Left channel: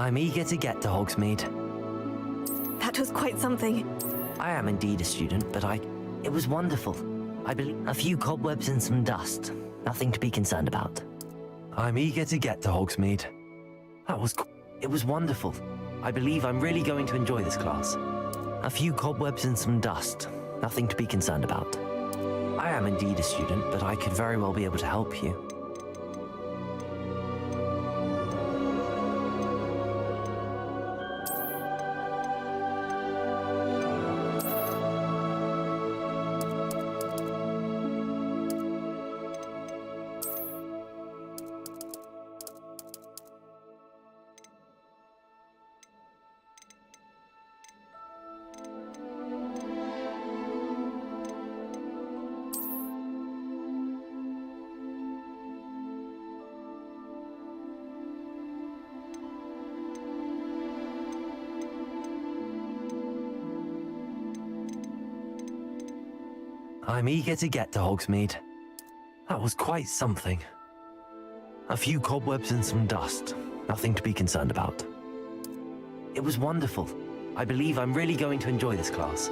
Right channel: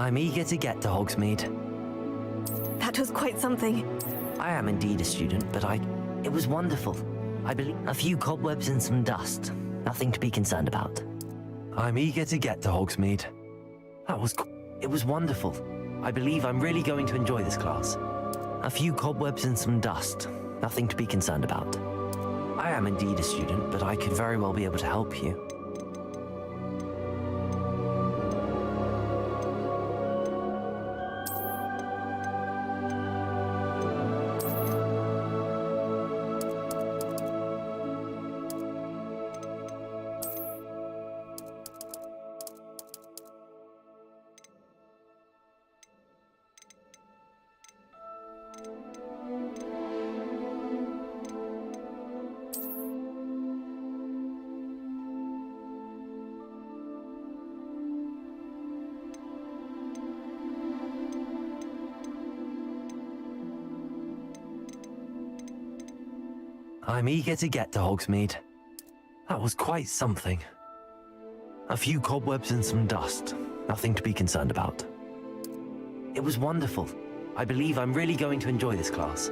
I'm eager to get to Hogsmeade. That was quite something. I am indeed a student, but it was wonderful. I believe a few cobwebs and some dust. Nothing to be concerned about. I'm eager to get to Hogsmeade. It was wonderful. I believe I'm really going to enjoy this class. A few cobwebs and some dust. Nothing to be concerned about. I am indeed a student, but I could very well be able to help you. I'm eager to get to Hogsmeade. That was quite something. A few cobwebs and some dust. Nothing to be concerned about. It was wonderful. I believe I'm really going to enjoy this class.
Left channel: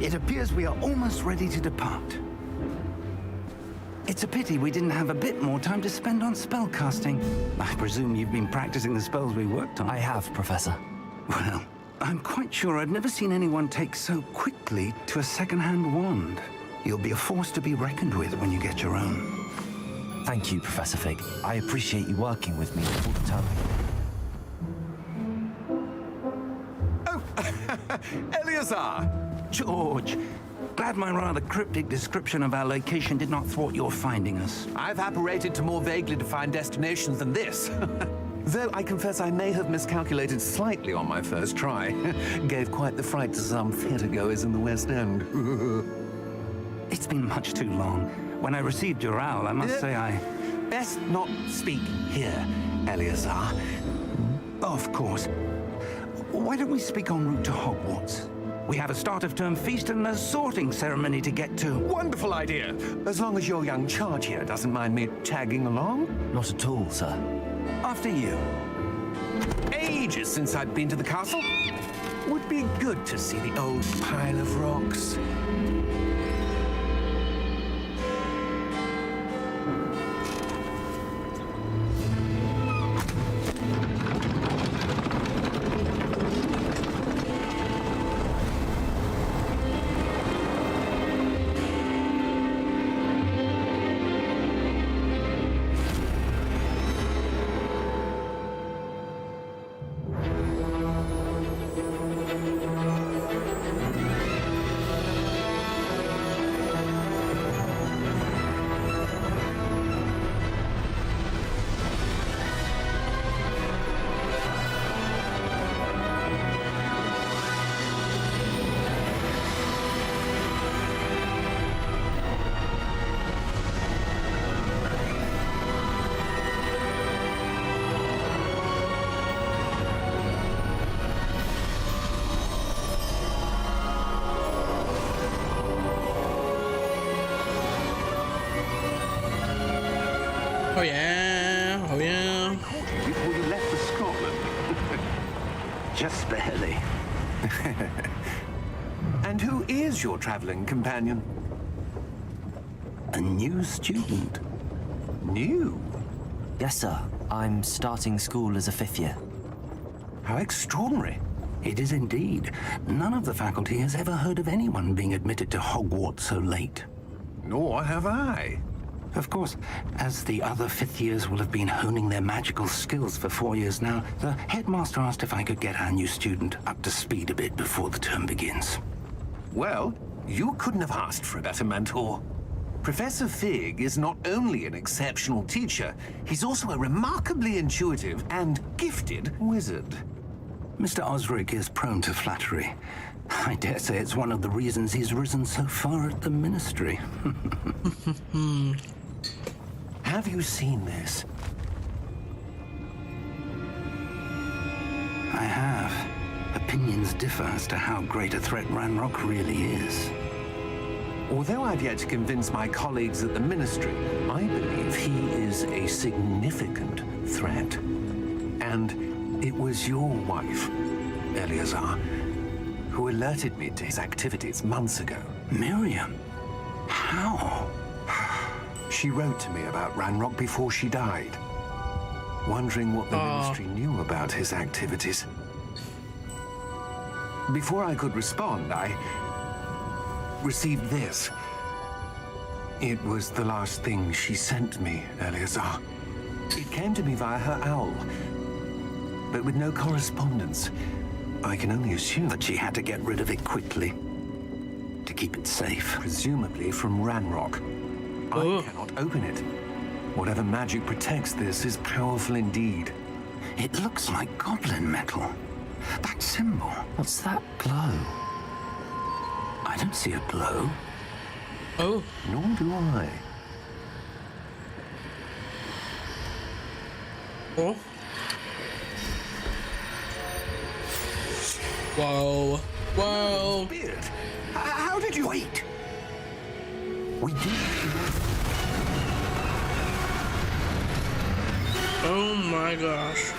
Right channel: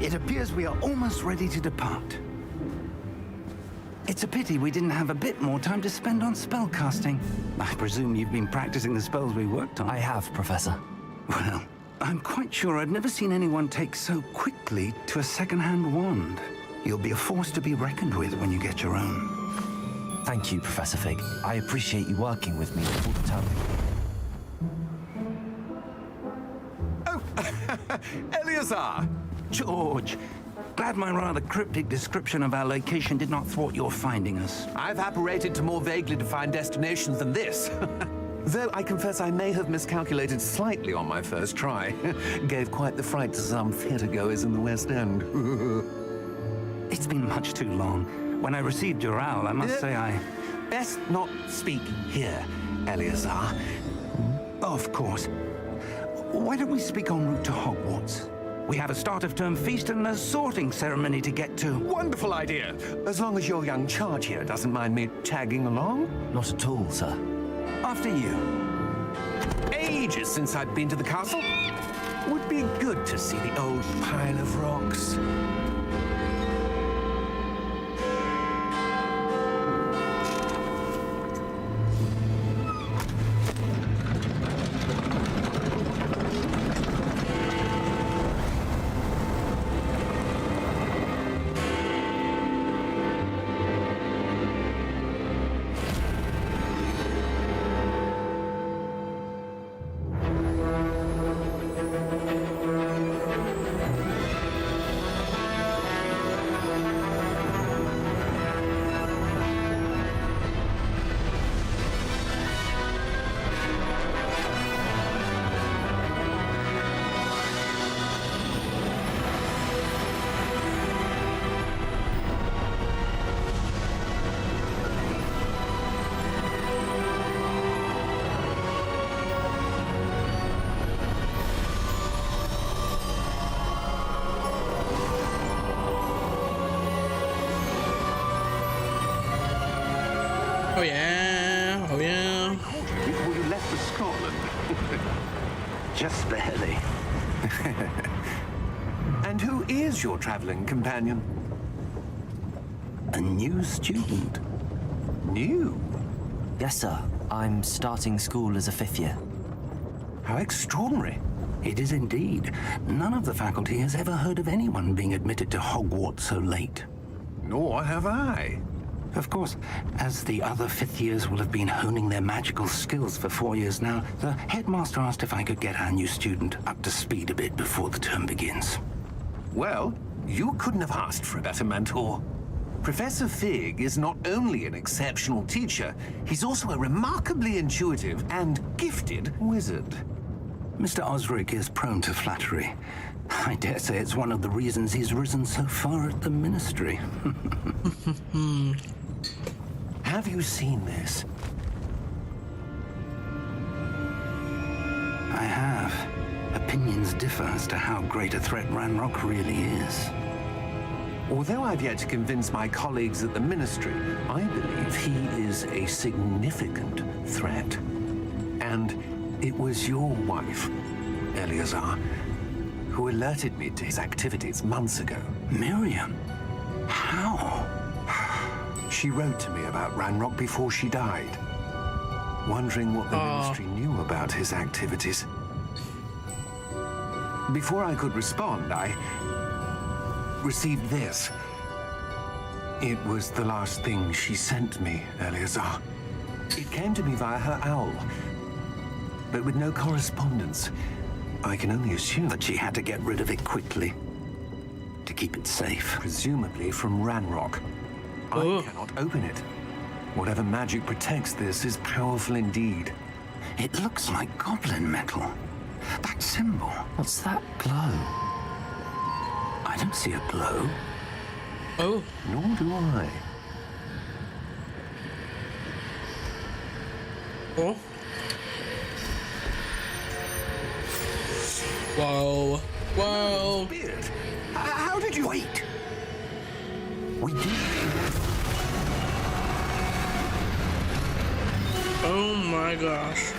It appears we are almost ready to depart. It's a pity we didn't have a bit more time to spend on spellcasting. I presume you've been practicing the spells we worked on. I have, Professor. Well, I'm quite sure I've never seen anyone take so quickly to a second-hand wand. You'll be a force to be reckoned with when you get your own. Thank you, Professor Fig. I appreciate you working with me all the time. Oh, Eleazar! George, glad my rather cryptic description of our location did not thwart your finding us. I've apparated to more vaguely defined destinations than this. Though I confess I may have miscalculated slightly on my first try. Gave quite the fright to some theatre-goers in the West End. It's been much too long. When I received your owl, I must say I... Best not speak here, Eleazar. Of course. Why don't we speak en route to Hogwarts? We have a start-of-term feast and a sorting ceremony to get to. Wonderful idea! As long as your young charge here doesn't mind me tagging along. Not at all, sir. After you. Ages since I'd been to the castle. Would be good to see the old pile of rocks. Oh yeah, oh yeah. I caught you before you left for Scotland. Just barely. And who is your traveling companion? A new student. New? Yes, sir. I'm starting school as a 5th year. How extraordinary. It is indeed. None of the faculty has ever heard of anyone being admitted to Hogwarts so late. Nor have I. Of course, as the other 5th years will have been honing their magical skills for 4 years now, the headmaster asked if I could get our new student up to speed a bit before the term begins. Well, you couldn't have asked for a better mentor. Professor Fig is not only an exceptional teacher, he's also a remarkably intuitive and gifted wizard. Mr. Osric is prone to flattery. I dare say it's one of the reasons he's risen so far at the ministry. Have you seen this? I have. Opinions differ as to how great a threat Ranrock really is. Although I've yet to convince my colleagues at the Ministry, I believe he is a significant threat. And it was your wife, Eleazar, who alerted me to his activities months ago. Miriam? How? She wrote to me about Ranrock before she died, wondering what the Ministry knew about his activities. Before I could respond, I received this. It was the last thing she sent me, Eleazar. It came to me via her owl, but with no correspondence. I can only assume That she had to get rid of it quickly to keep it safe. presumably from Ranrock. I cannot open it. Whatever magic protects this is powerful indeed. It looks like goblin metal. That symbol. What's that glow? I don't see a glow. Oh, Nor do I. oh. Whoa. Whoa. Beard, how did you... Wait! We did. Oh my gosh.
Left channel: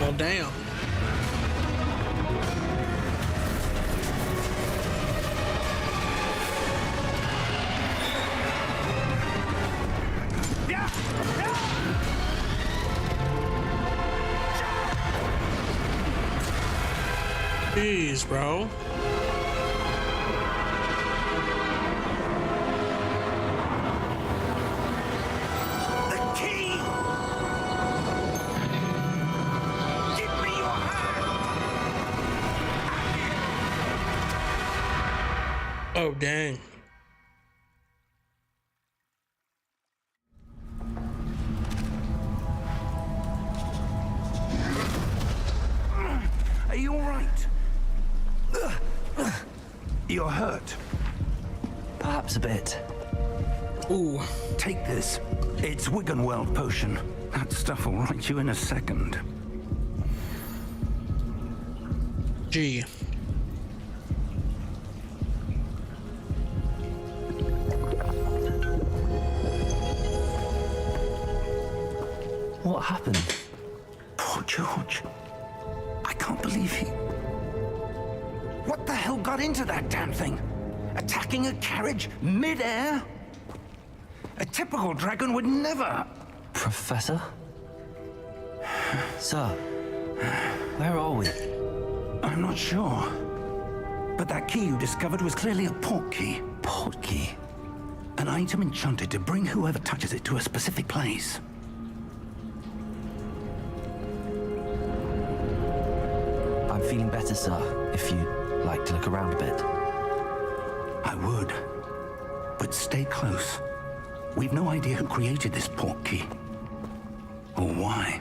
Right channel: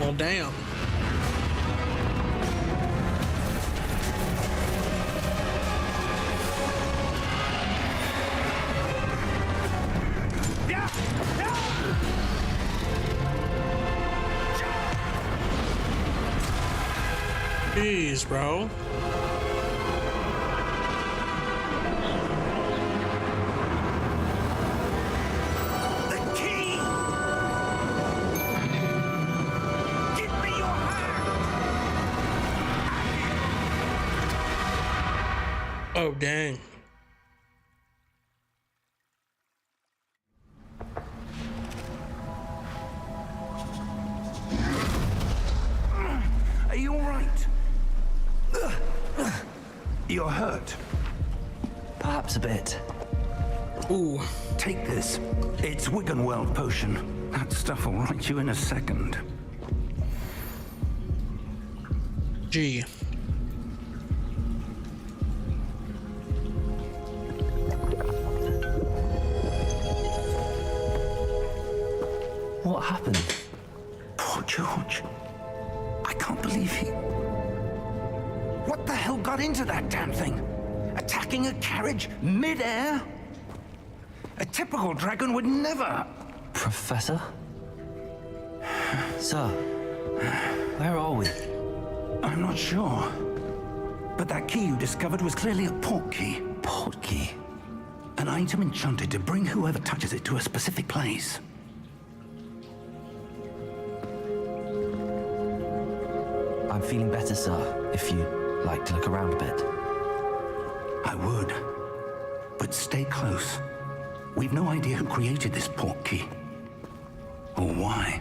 Well, damn. Jeez, bro. The key! Give me your hand! Oh, dang. Are you all right? You're hurt. Perhaps a bit. Ooh. Take this. It's Wiggenweld potion. That stuff will right you in a second. Gee. What happened? Poor George. I can't believe he... What the hell got into that damn thing? Attacking a carriage mid-air? A typical dragon would never... Professor? Sir, where are we? I'm not sure. But that key you discovered was clearly a port key. Port key? An item enchanted to bring whoever touches it to a specific place. I'm feeling better, sir, if you'd like to look around a bit. I would. But stay close. We've no idea who created this port key. Or why.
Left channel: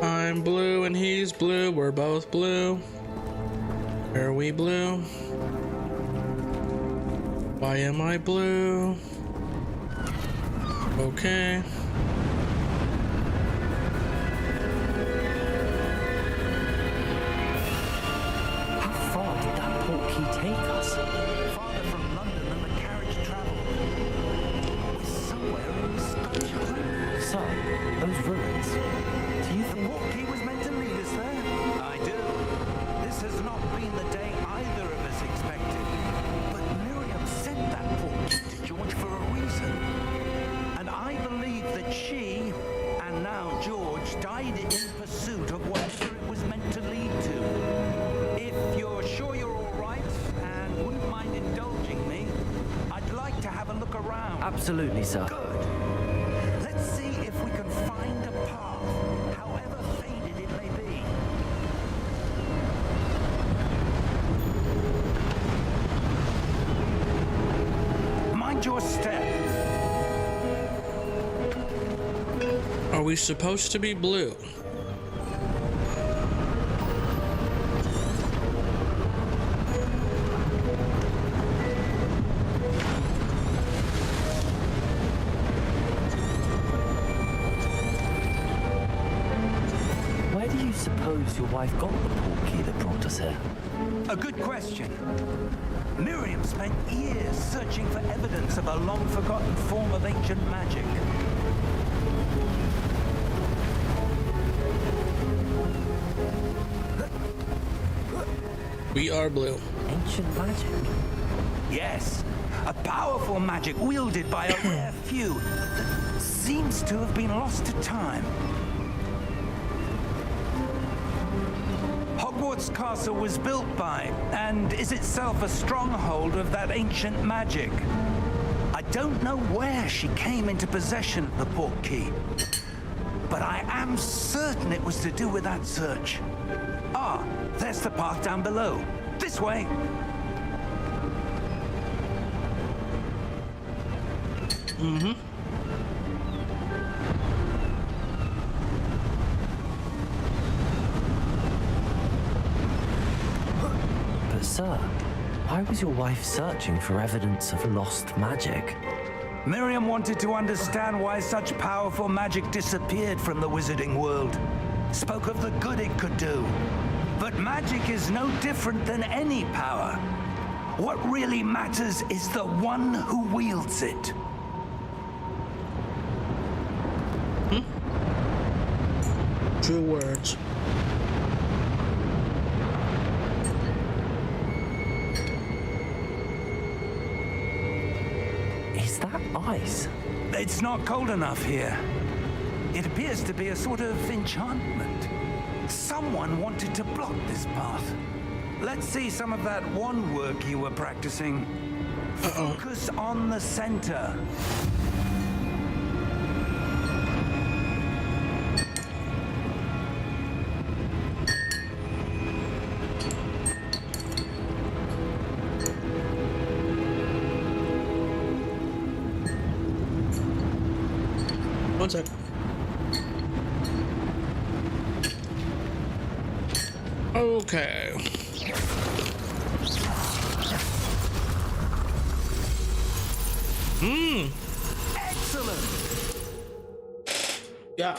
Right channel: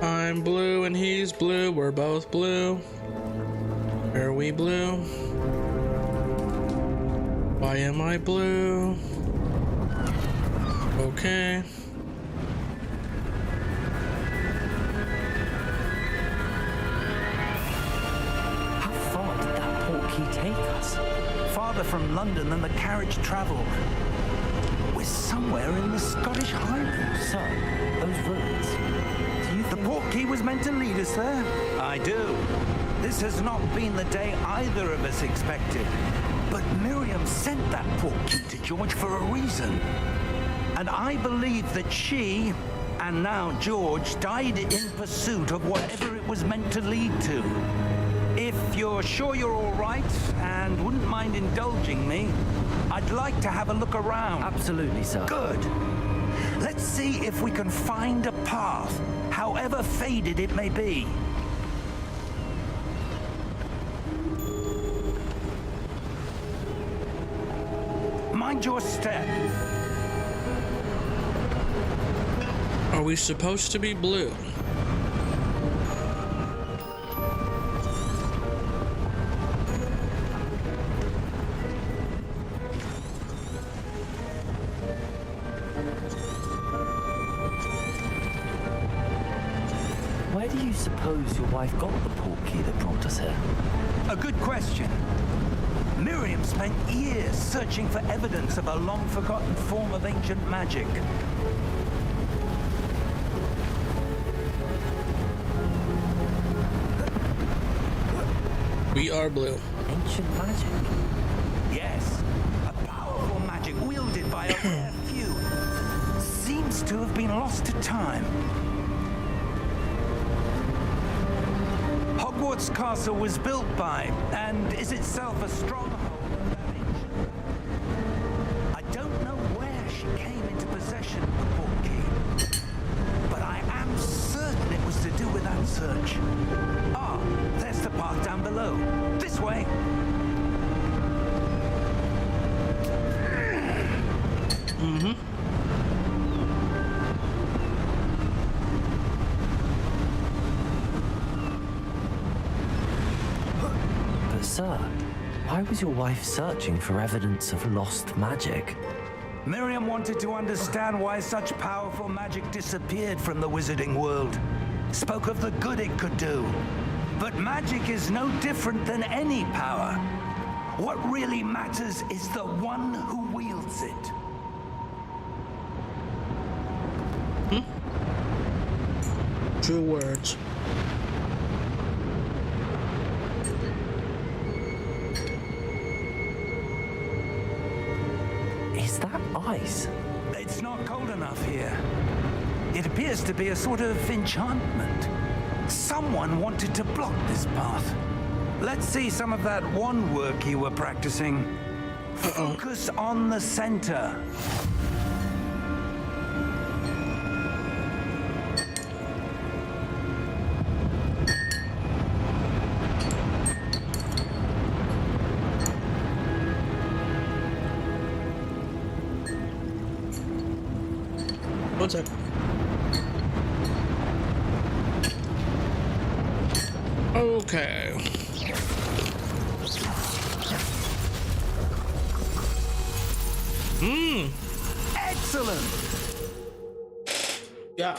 I'm blue and he's blue. We're both blue. Are we blue? Why am I blue? Okay. How far did that port key take us? Farther from London than the carriage traveled. We're somewhere in the Scottish Highlands. Sir, those ruins. Do you The think... port key was meant to lead us there? I do. This has not been the day either of us expected. But Miriam sent that port key to George for a reason. And I believe that she, and now George, died in pursuit of whatever it was meant to lead to. If you're sure you're all right and wouldn't mind indulging me, I'd like to have a look around. Absolutely, sir. Good. Let's see if we can find a path, however faded it may be. Mind your step. Are we supposed to be blue? Where do you suppose your wife got the portkey that brought us here? A good question. Miriam spent years searching for evidence of a long-forgotten form of ancient magic. We are blue. Ancient magic? Yes, a powerful magic wielded by a rare few that seems to have been lost to time. Hogwarts Castle was built by, and is itself a stronghold of that ancient magic. I don't know where she came into possession of the portkey, but I am certain it was to do with that search. Ah, there's the path down below. This way. But sir, why was your wife searching for evidence of lost magic? Miriam wanted to understand why such powerful magic disappeared from the wizarding world. Spoke of the good it could do. But magic is no different than any power. What really matters is the one who wields it. True words. Is that ice? It's not cold enough here. It appears to be a sort of enchantment. Someone wanted to block this path. Let's see some of that wand work you were practicing. Focus on the center. One sec. Okay. Excellent! Yeah.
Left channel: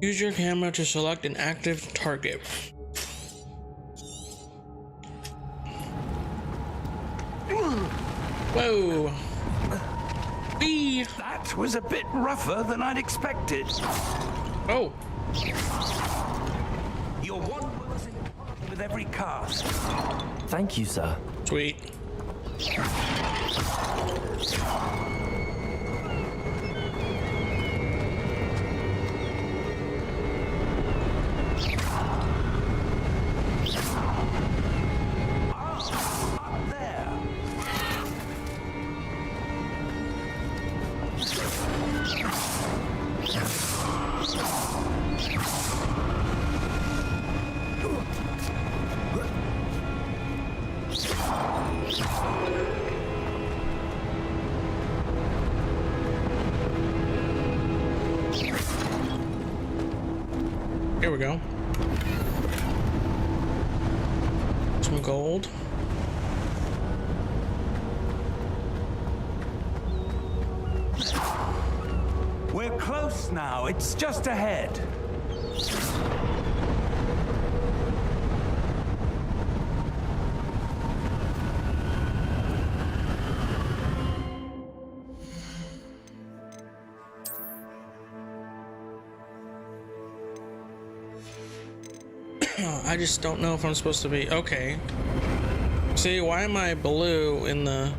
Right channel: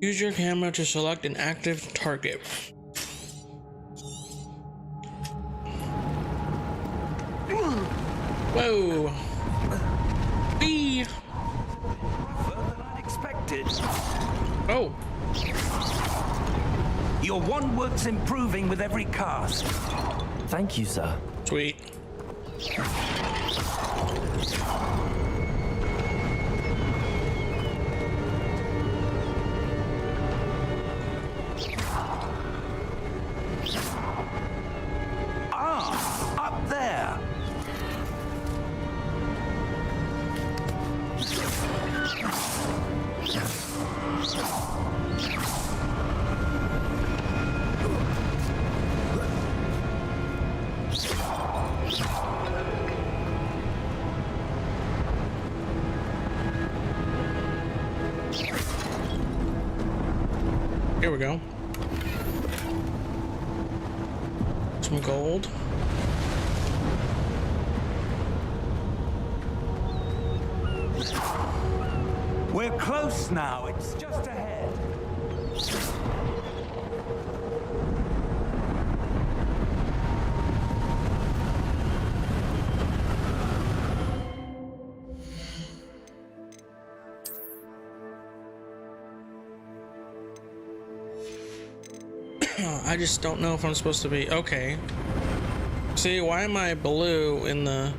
Use your camera to select an active target. Whoa. Whee. That was a bit rougher than I'd expected. Oh. Your wand work's improving with every cast. Thank you, sir. Sweet. Ah, up there. Here we go. Some gold. We're close now. It's just ahead. I just don't know if I'm supposed to be. Okay. See, why am I blue in the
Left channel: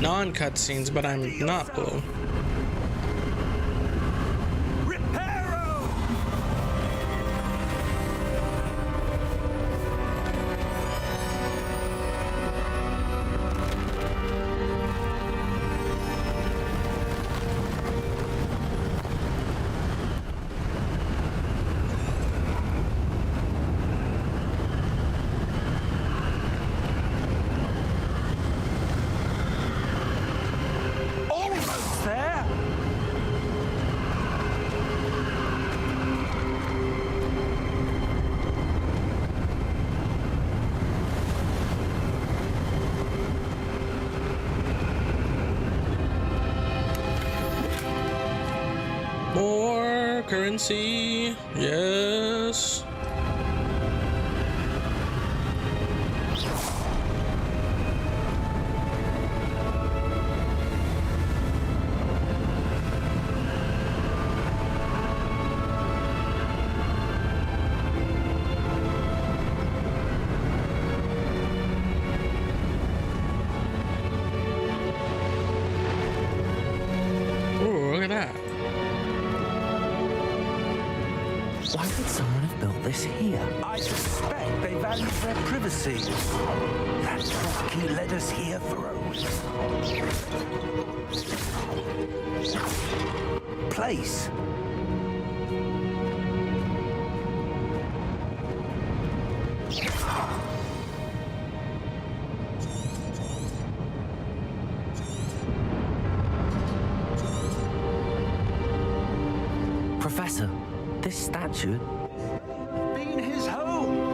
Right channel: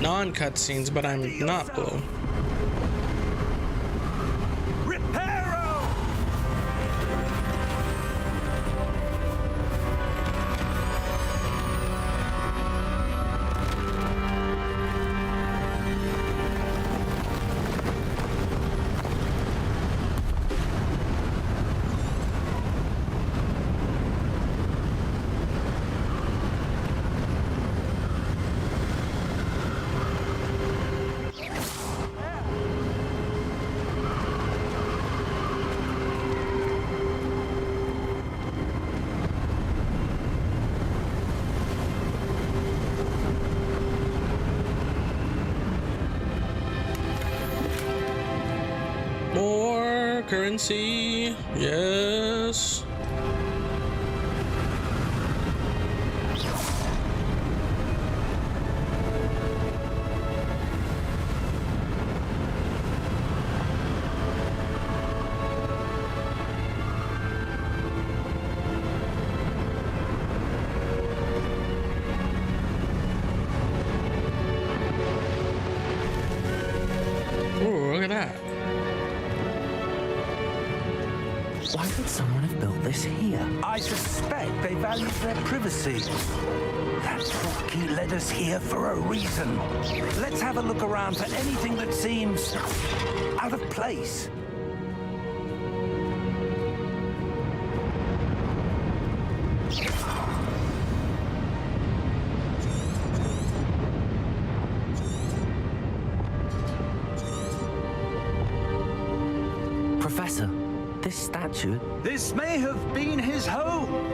non-cutscenes, but I'm not blue? Reparo! Almost there. currency. Yes. Ooh, look at that. Why would someone have built this here? I suspect they value their privacy. That portkey led us here for a reason. Let's have a look around for anything that seems out of place. Professor, this statue... This may have been his home.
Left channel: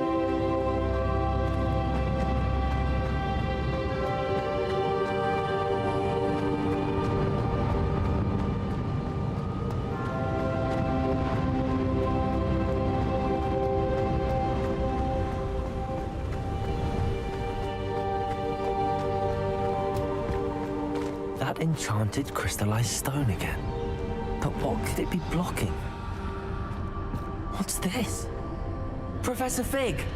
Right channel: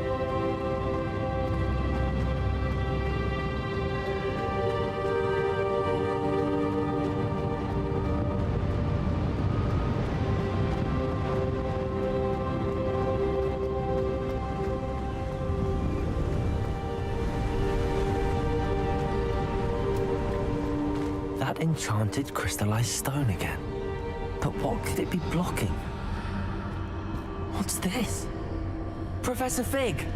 That enchanted crystallized stone again. But what could it be blocking? What's this? Professor Fig!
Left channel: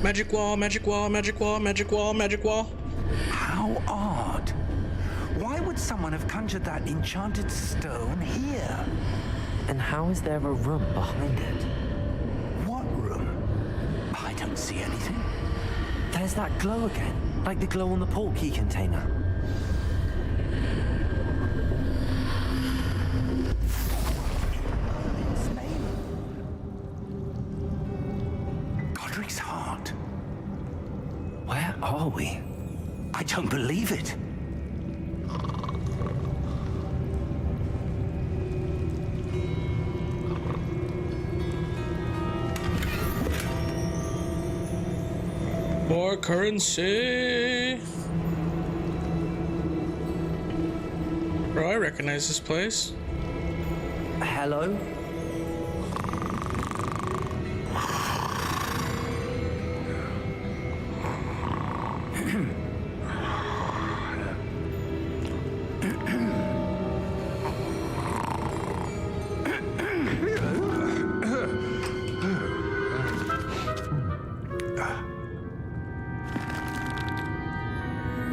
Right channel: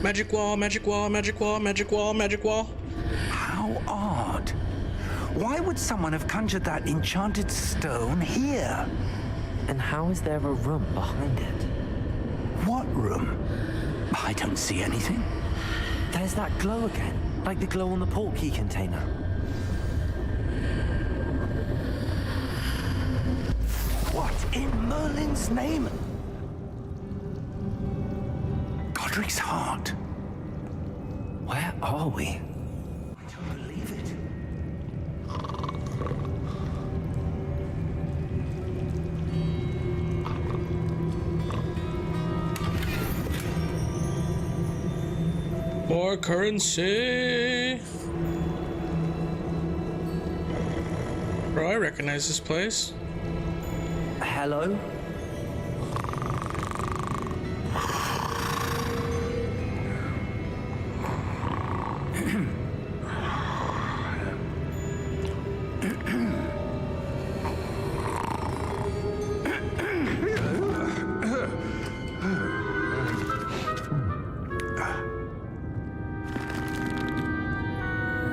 Magic wall, magic wall, magic wall, magic wall, magic wall. How odd. Why would someone have conjured that enchanted stone here? And how is there a room behind it? What room? I don't see anything. There's that glow again, like the glow on the portkey container. What in Merlin's name? Godric's heart. Where are we? I don't believe it. More currency. Bro, I recognize this place. Hello?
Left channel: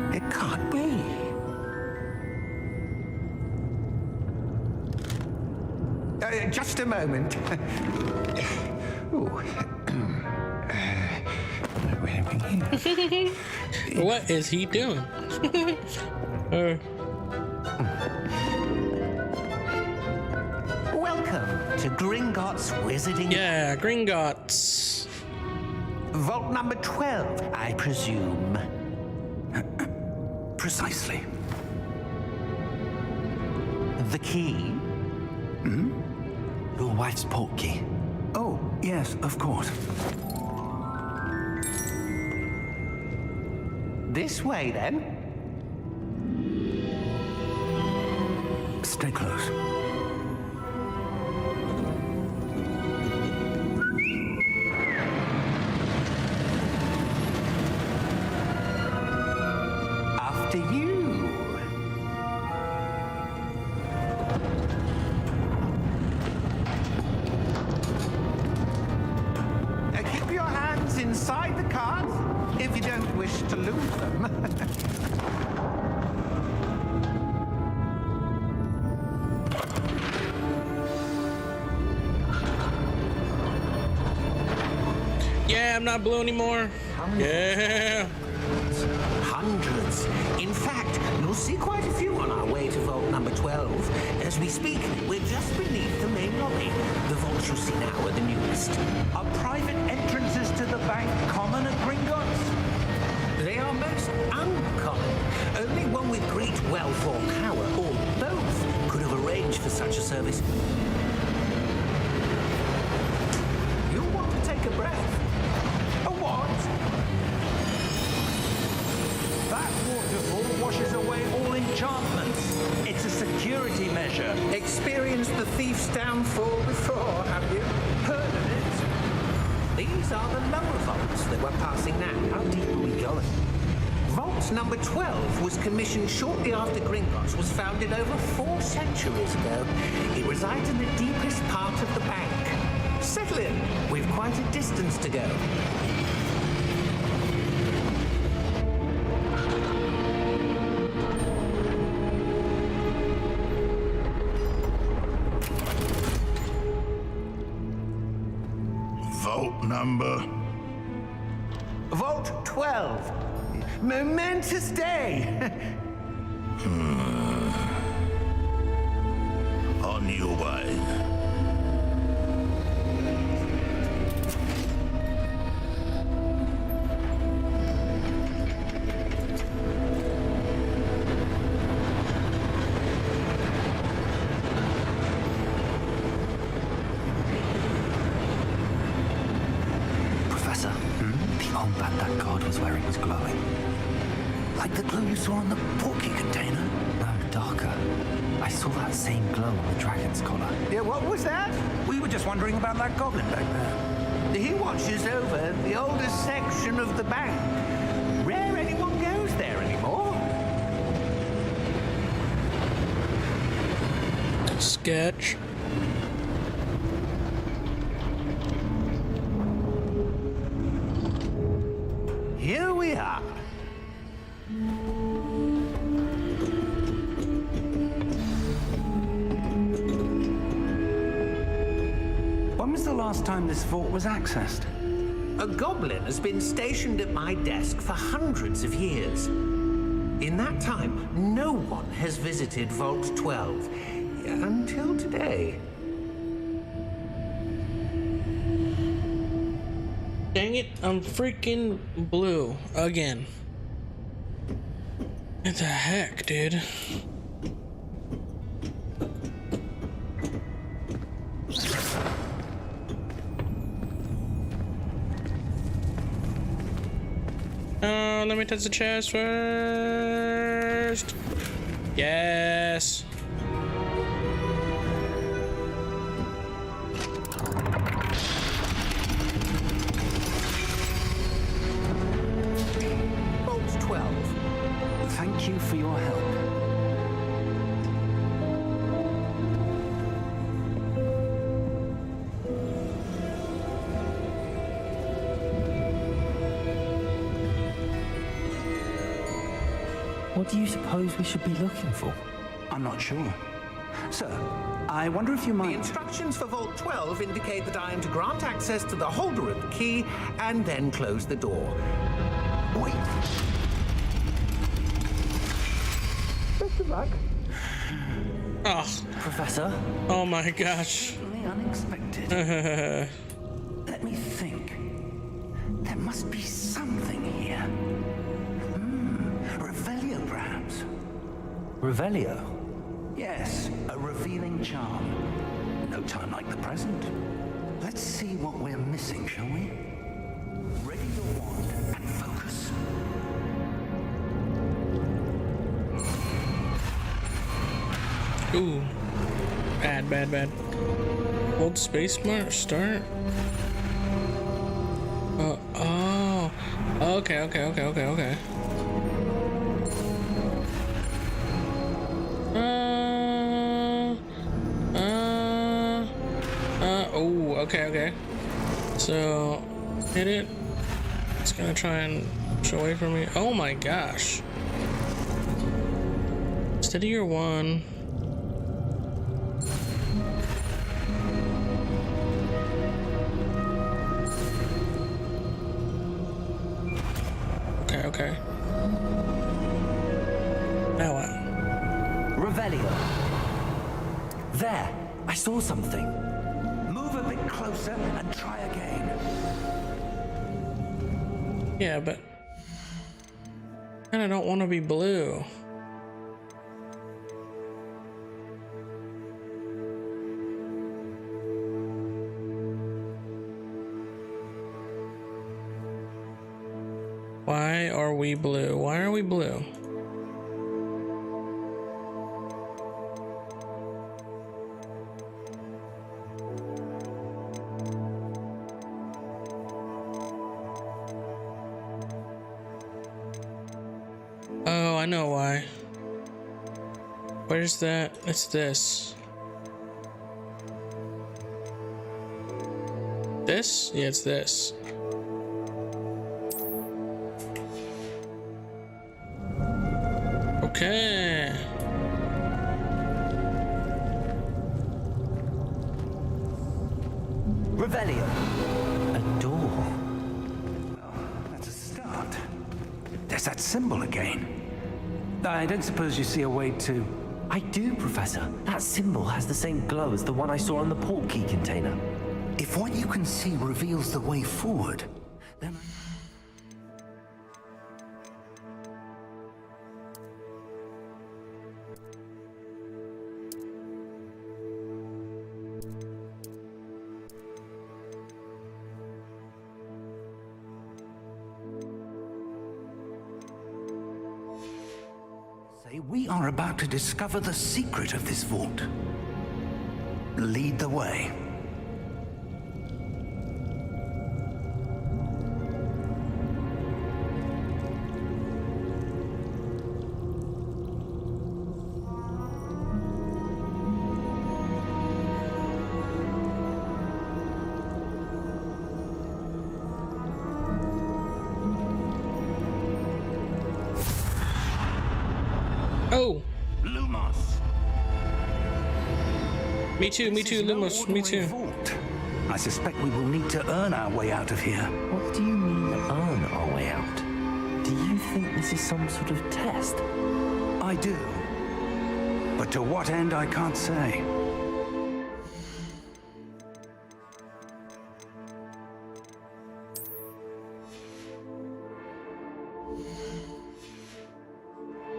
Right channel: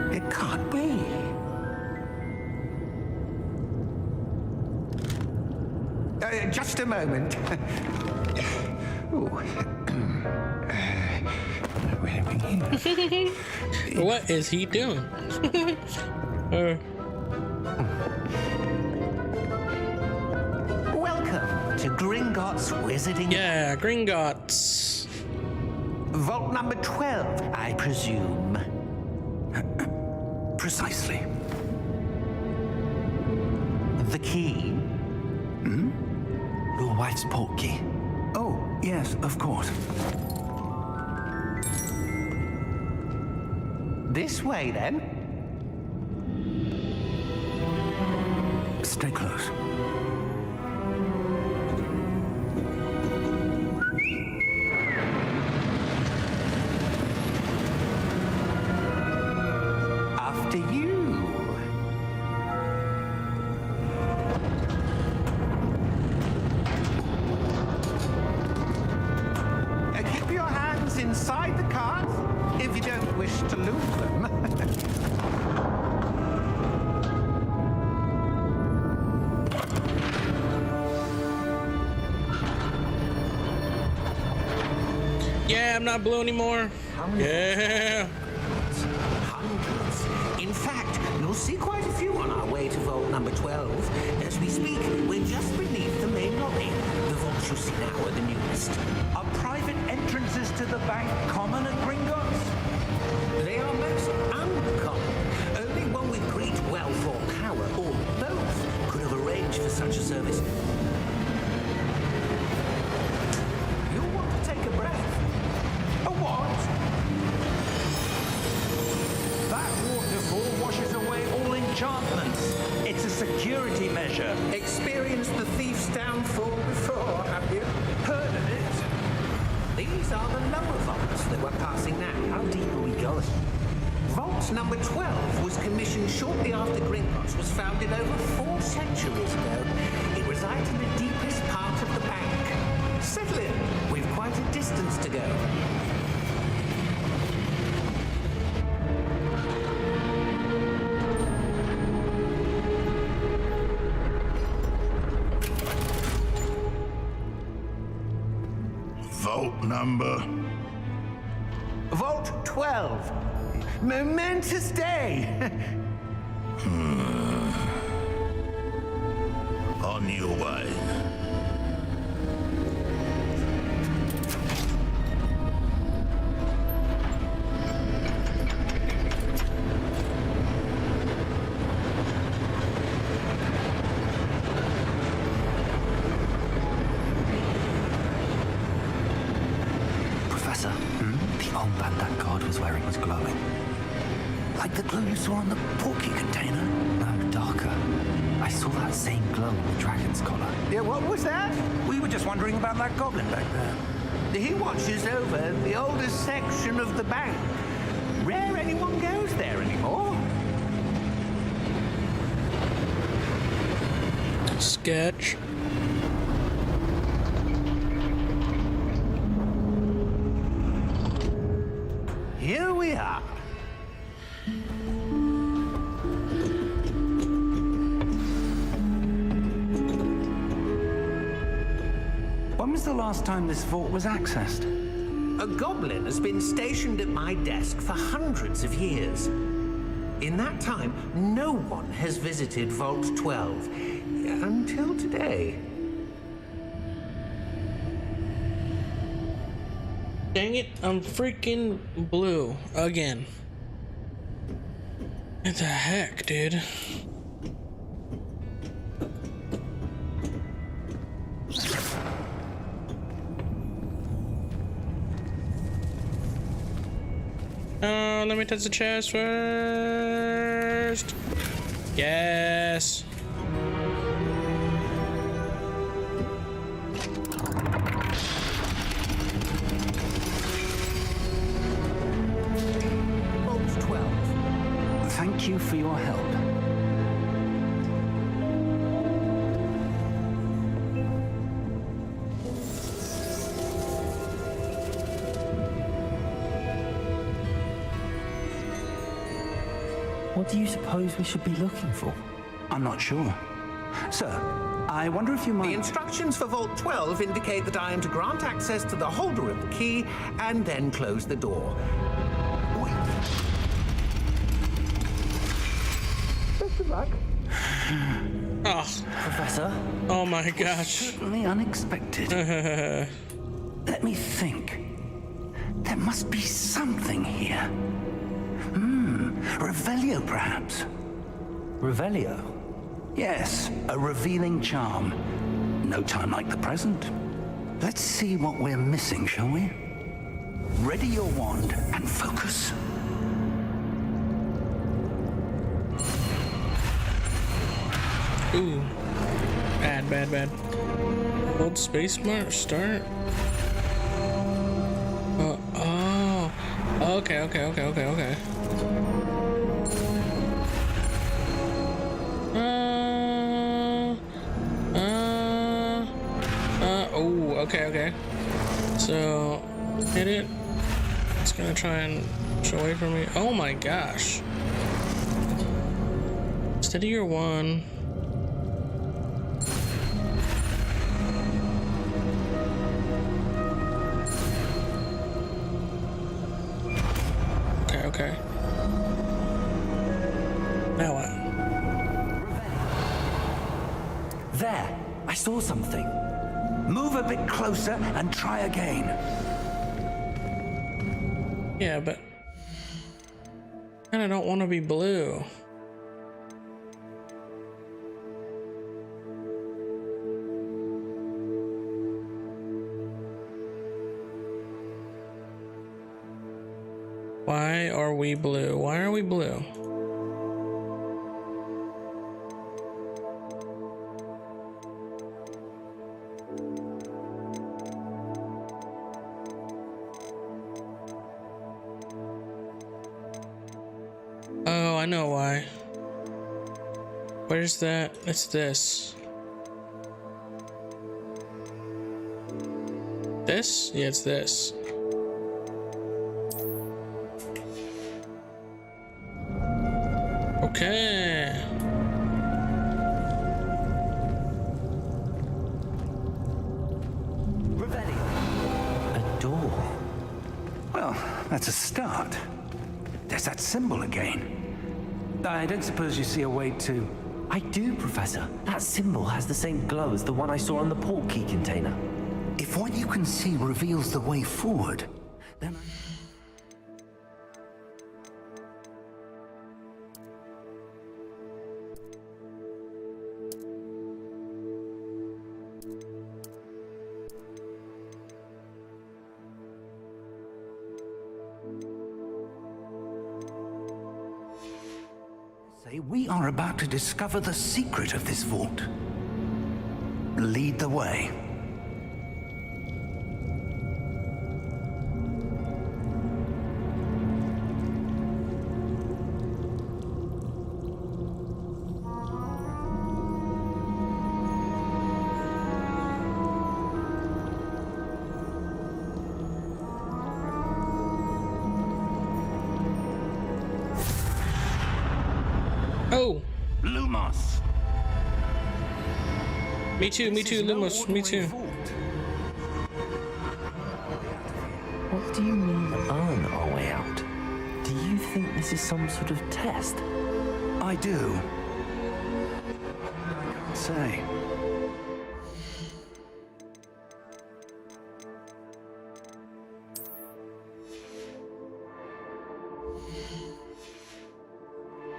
It can't be. Just a moment. Ooh. What have we here? What is he doing? Welcome to Gringotts Wizarding. Yeah, Gringotts. Vault number 12, I presume. Precisely. The key? Your wife's portkey. Oh, yes, of course. This way, then. Stay close. After you. Keep your hands inside the cart if you don't wish to lose them. Yeah, I'm not blue anymore. Yeah. Hundreds. In fact, you'll see quite a few on our way to vault number 12. As we speak, we're just beneath the main lobby. The vaults you see now are the newest. Are private entrances to the bank common at Gringotts? They are most uncommon. Only one with great wealth or power, or both, could have arranged for such a service. You'll want to take a breath. A what? That waterfall washes away all enchantments. It's a security measure. Experienced the thief's downfall before, have you? Heard of it? These are the lower vaults that we're passing now. How deep are we going? Vault number 12 was commissioned shortly after Gringotts was founded over 4 centuries ago. It resides in the deepest part of the bank. Settle in. We've quite a distance to go. Vault number. Vault 12. Momentous day. On your way. Professor, the armband that guard was wearing was glowing. Like the glue you saw on the porky container? No, darker. I saw that same glow on the dragon's collar. Yeah, what was that? We were just wondering about that goblin back there. He watches over the oldest section of the bank. Rare anyone goes there anymore. Sketch. Here we are. When was the last time this vault was accessed? A goblin has been stationed at my desk for hundreds of years. In that time, no one has visited Vault 12 until today. Dang it, I'm freaking blue again. What the heck, dude? Let me touch the chest first. Yes. Vault 12. Thank you for your help. What do you suppose we should be looking for? I'm not sure. Sir, I wonder if you The might... instructions for Vault 12 indicate that I am to grant access to the holder of the key and then close the door. Wait. Best of luck. Oh, Professor? oh my gosh. Certainly unexpected. Let me think. There must be something here. Revelio, perhaps? Revelio? Yes, a revealing charm. No time like the present. Let's see what we're missing, shall we? Ready your wand and focus. Ooh. Bad, bad, bad. Hold space bar, start. Oh. Okay. Oh, okay. So, hit it. It's gonna try and push away from me. Oh my gosh. Steady your one. Okay. Now what? Revelio. There! I saw something. Move a bit closer and try again. Yeah, but I kinda don't want to be blue. Why are we blue? Why are we blue? Oh, I know why. Where's that? It's this. This? Yeah, it's this. Okay. Revelio. A door. Well, that's a start. There's that symbol again. I don't suppose you see a way to... I do, Professor. That symbol has the same glow as the one I saw on the port key container. If what you can see reveals the way forward, then... We are about to discover the secret of this vault. Lead the way. Oh, Lumos. me too, Lumos, me too. Vault. I suspect we will need to earn our way out of here. What do you mean, earn our way out? Do you think this is some sort of test? I do. But to what end, I can't say.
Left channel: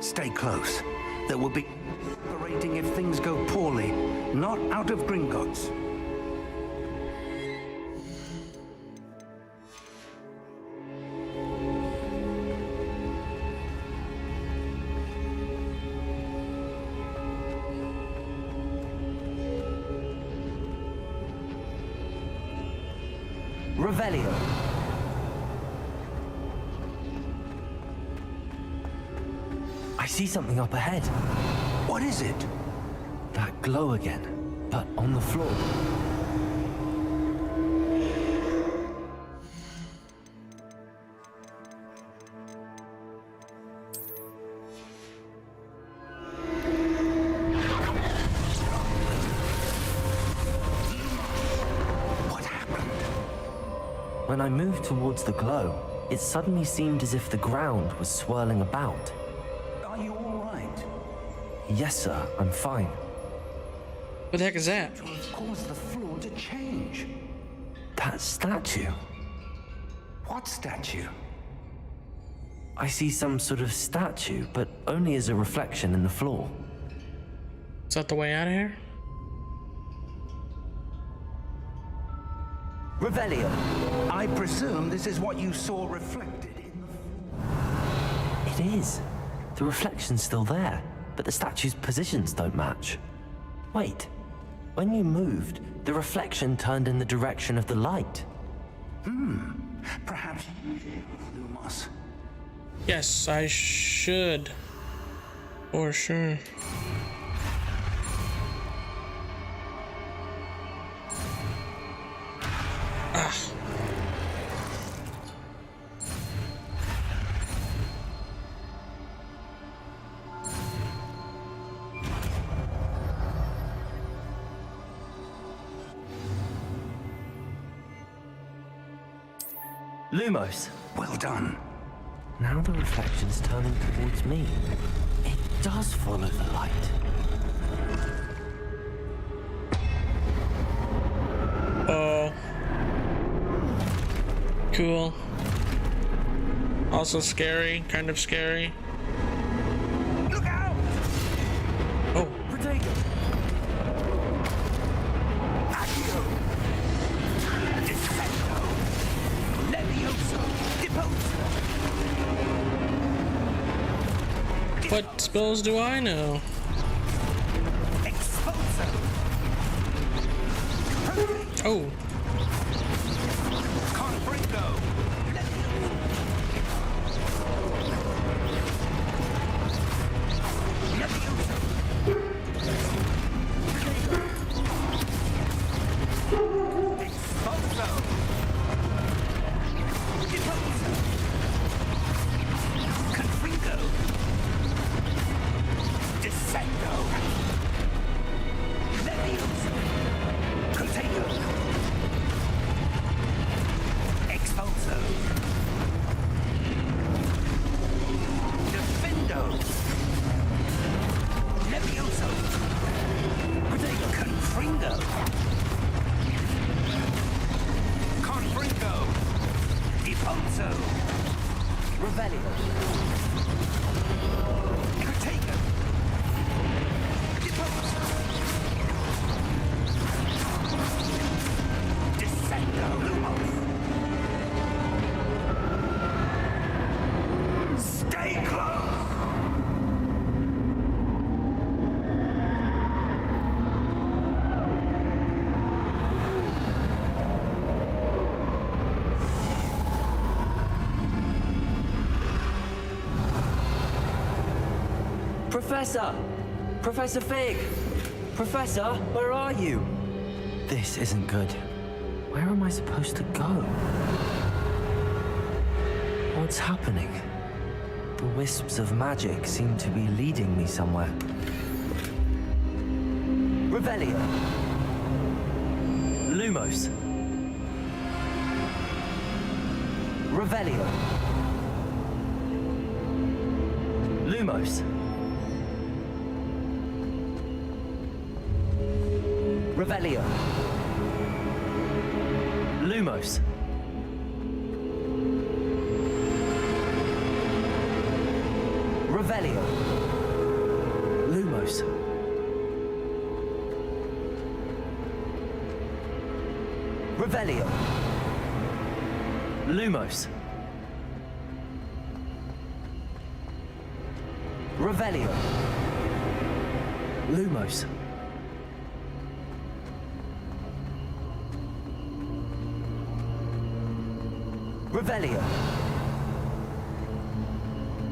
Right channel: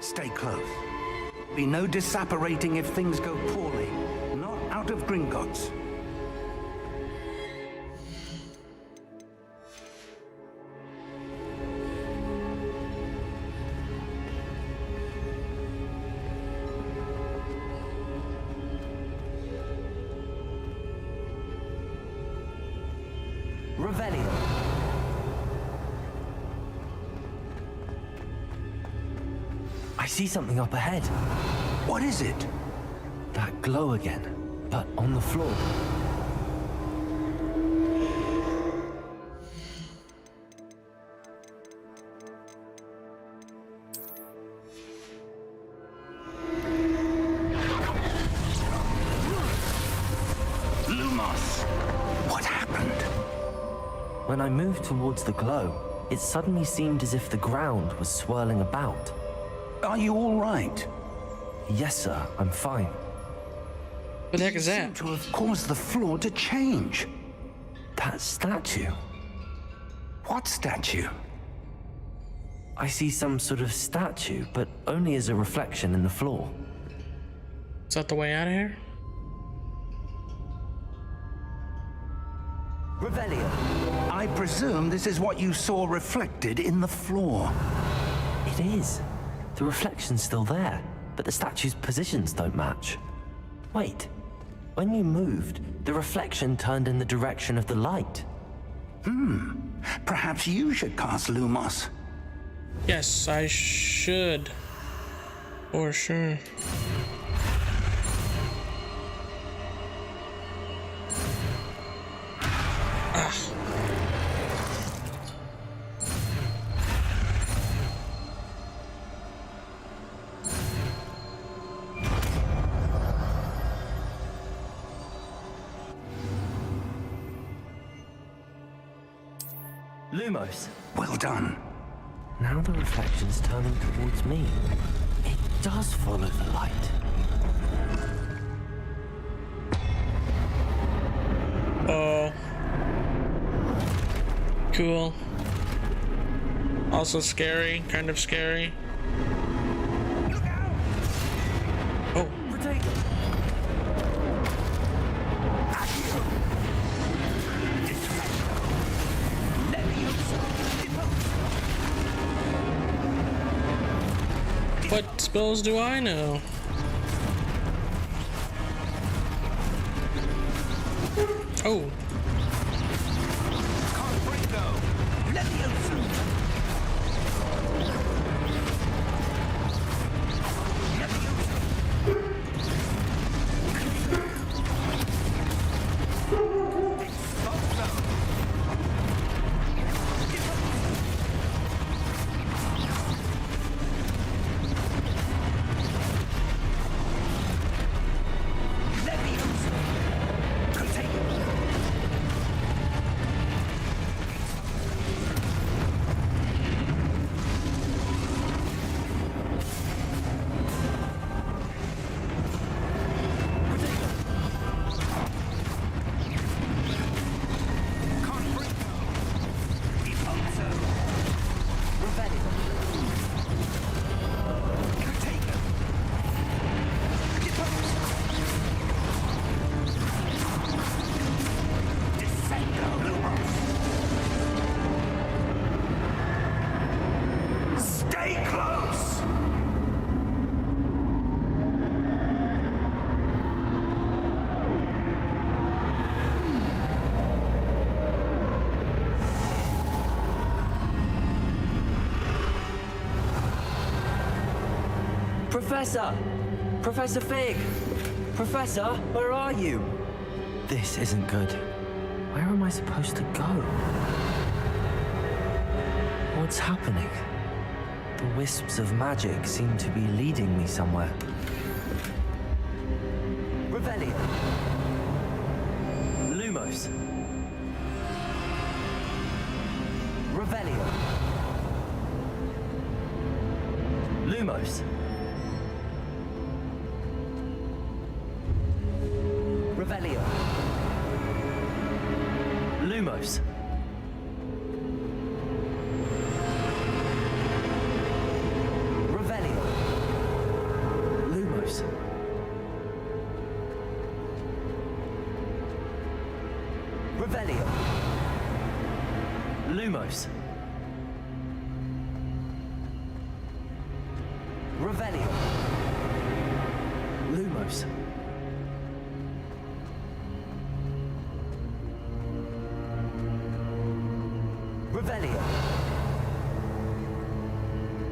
Stay close. There will be no disapparating if things go poorly. Not out of Gringotts. Revelio. I see something up ahead. What is it? That glow again, but on the floor. Lumos! What happened? When I moved towards the glow, it suddenly seemed as if the ground was swirling about. Are you all right? Yes, sir, I'm fine. What the heck is that? To have caused the floor to change. That statue. What statue? I see some sort of statue, but only as a reflection in the floor. Is that the way out of here? Revelio. I presume this is what you saw reflected in the floor. It is. The reflection's still there, but the statue's positions don't match. Wait. When you moved, the reflection turned in the direction of the light. Perhaps you should cast Lumos. Yes, I should. For sure. Ah. Lumos. Well done. Now the reflection's turning towards me. It does follow the light. Oh. Cool. Also scary, kind of scary. Look out! Oh. Protego. Accio! Defendo! Levioso! Deposo! What spells do I know? Oh. Stay close! Professor! Professor Fig! Professor, where are you? This isn't good. Where am I supposed to go? What's happening? The wisps of magic seem to be leading me somewhere. Revelio. Lumos. Revelio. Lumos. Revelio. Lumos. Revelio. Lumos. Revelio. Lumos. Revelio. Lumos. Revelio.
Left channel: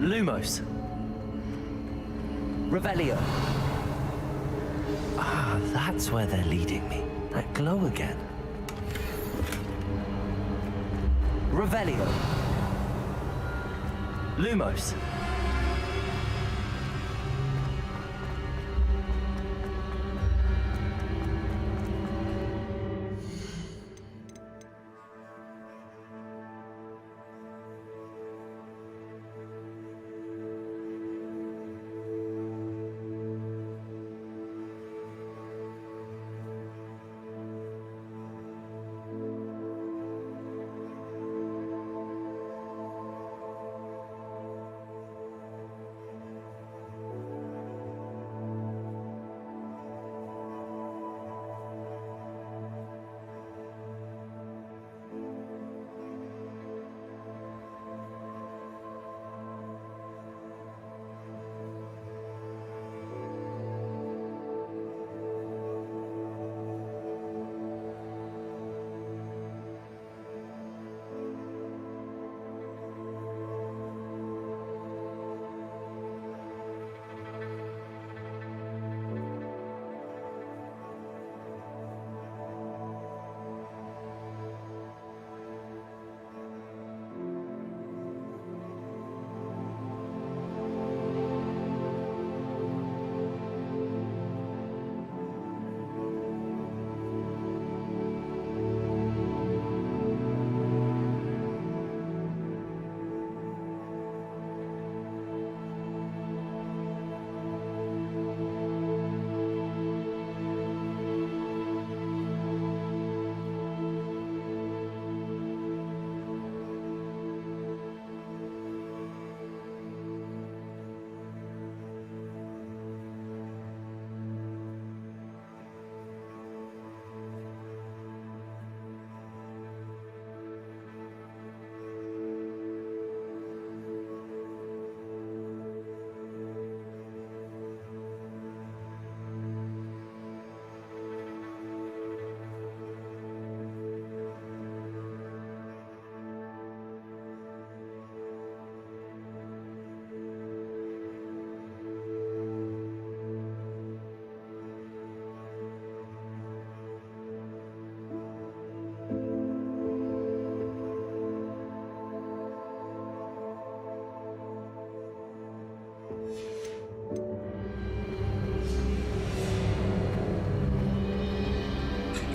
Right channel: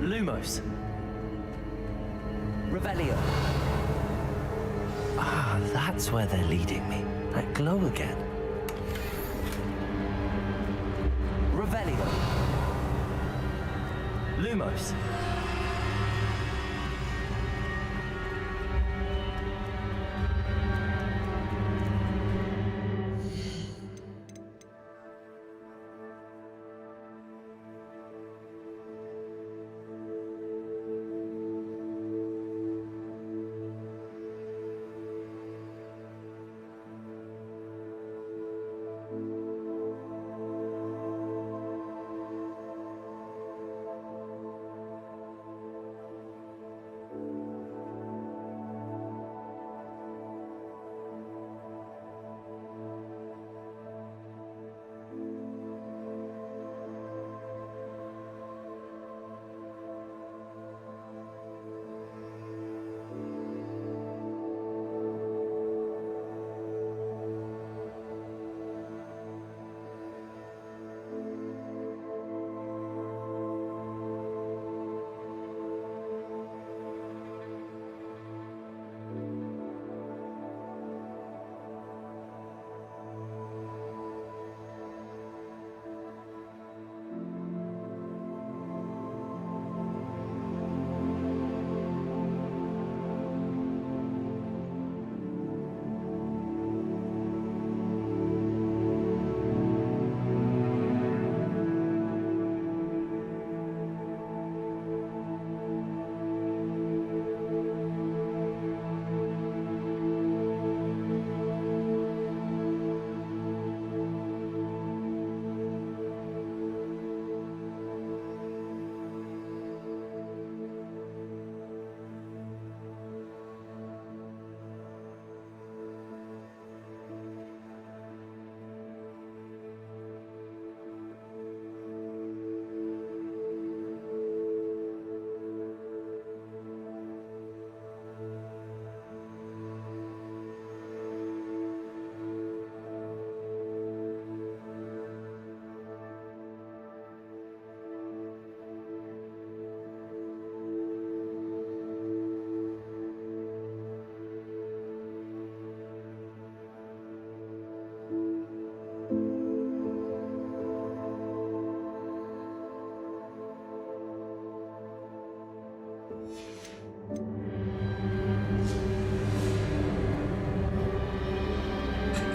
Lumos. Revelio. Ah, that's where they're leading me. That glow again. Revelio. Lumos.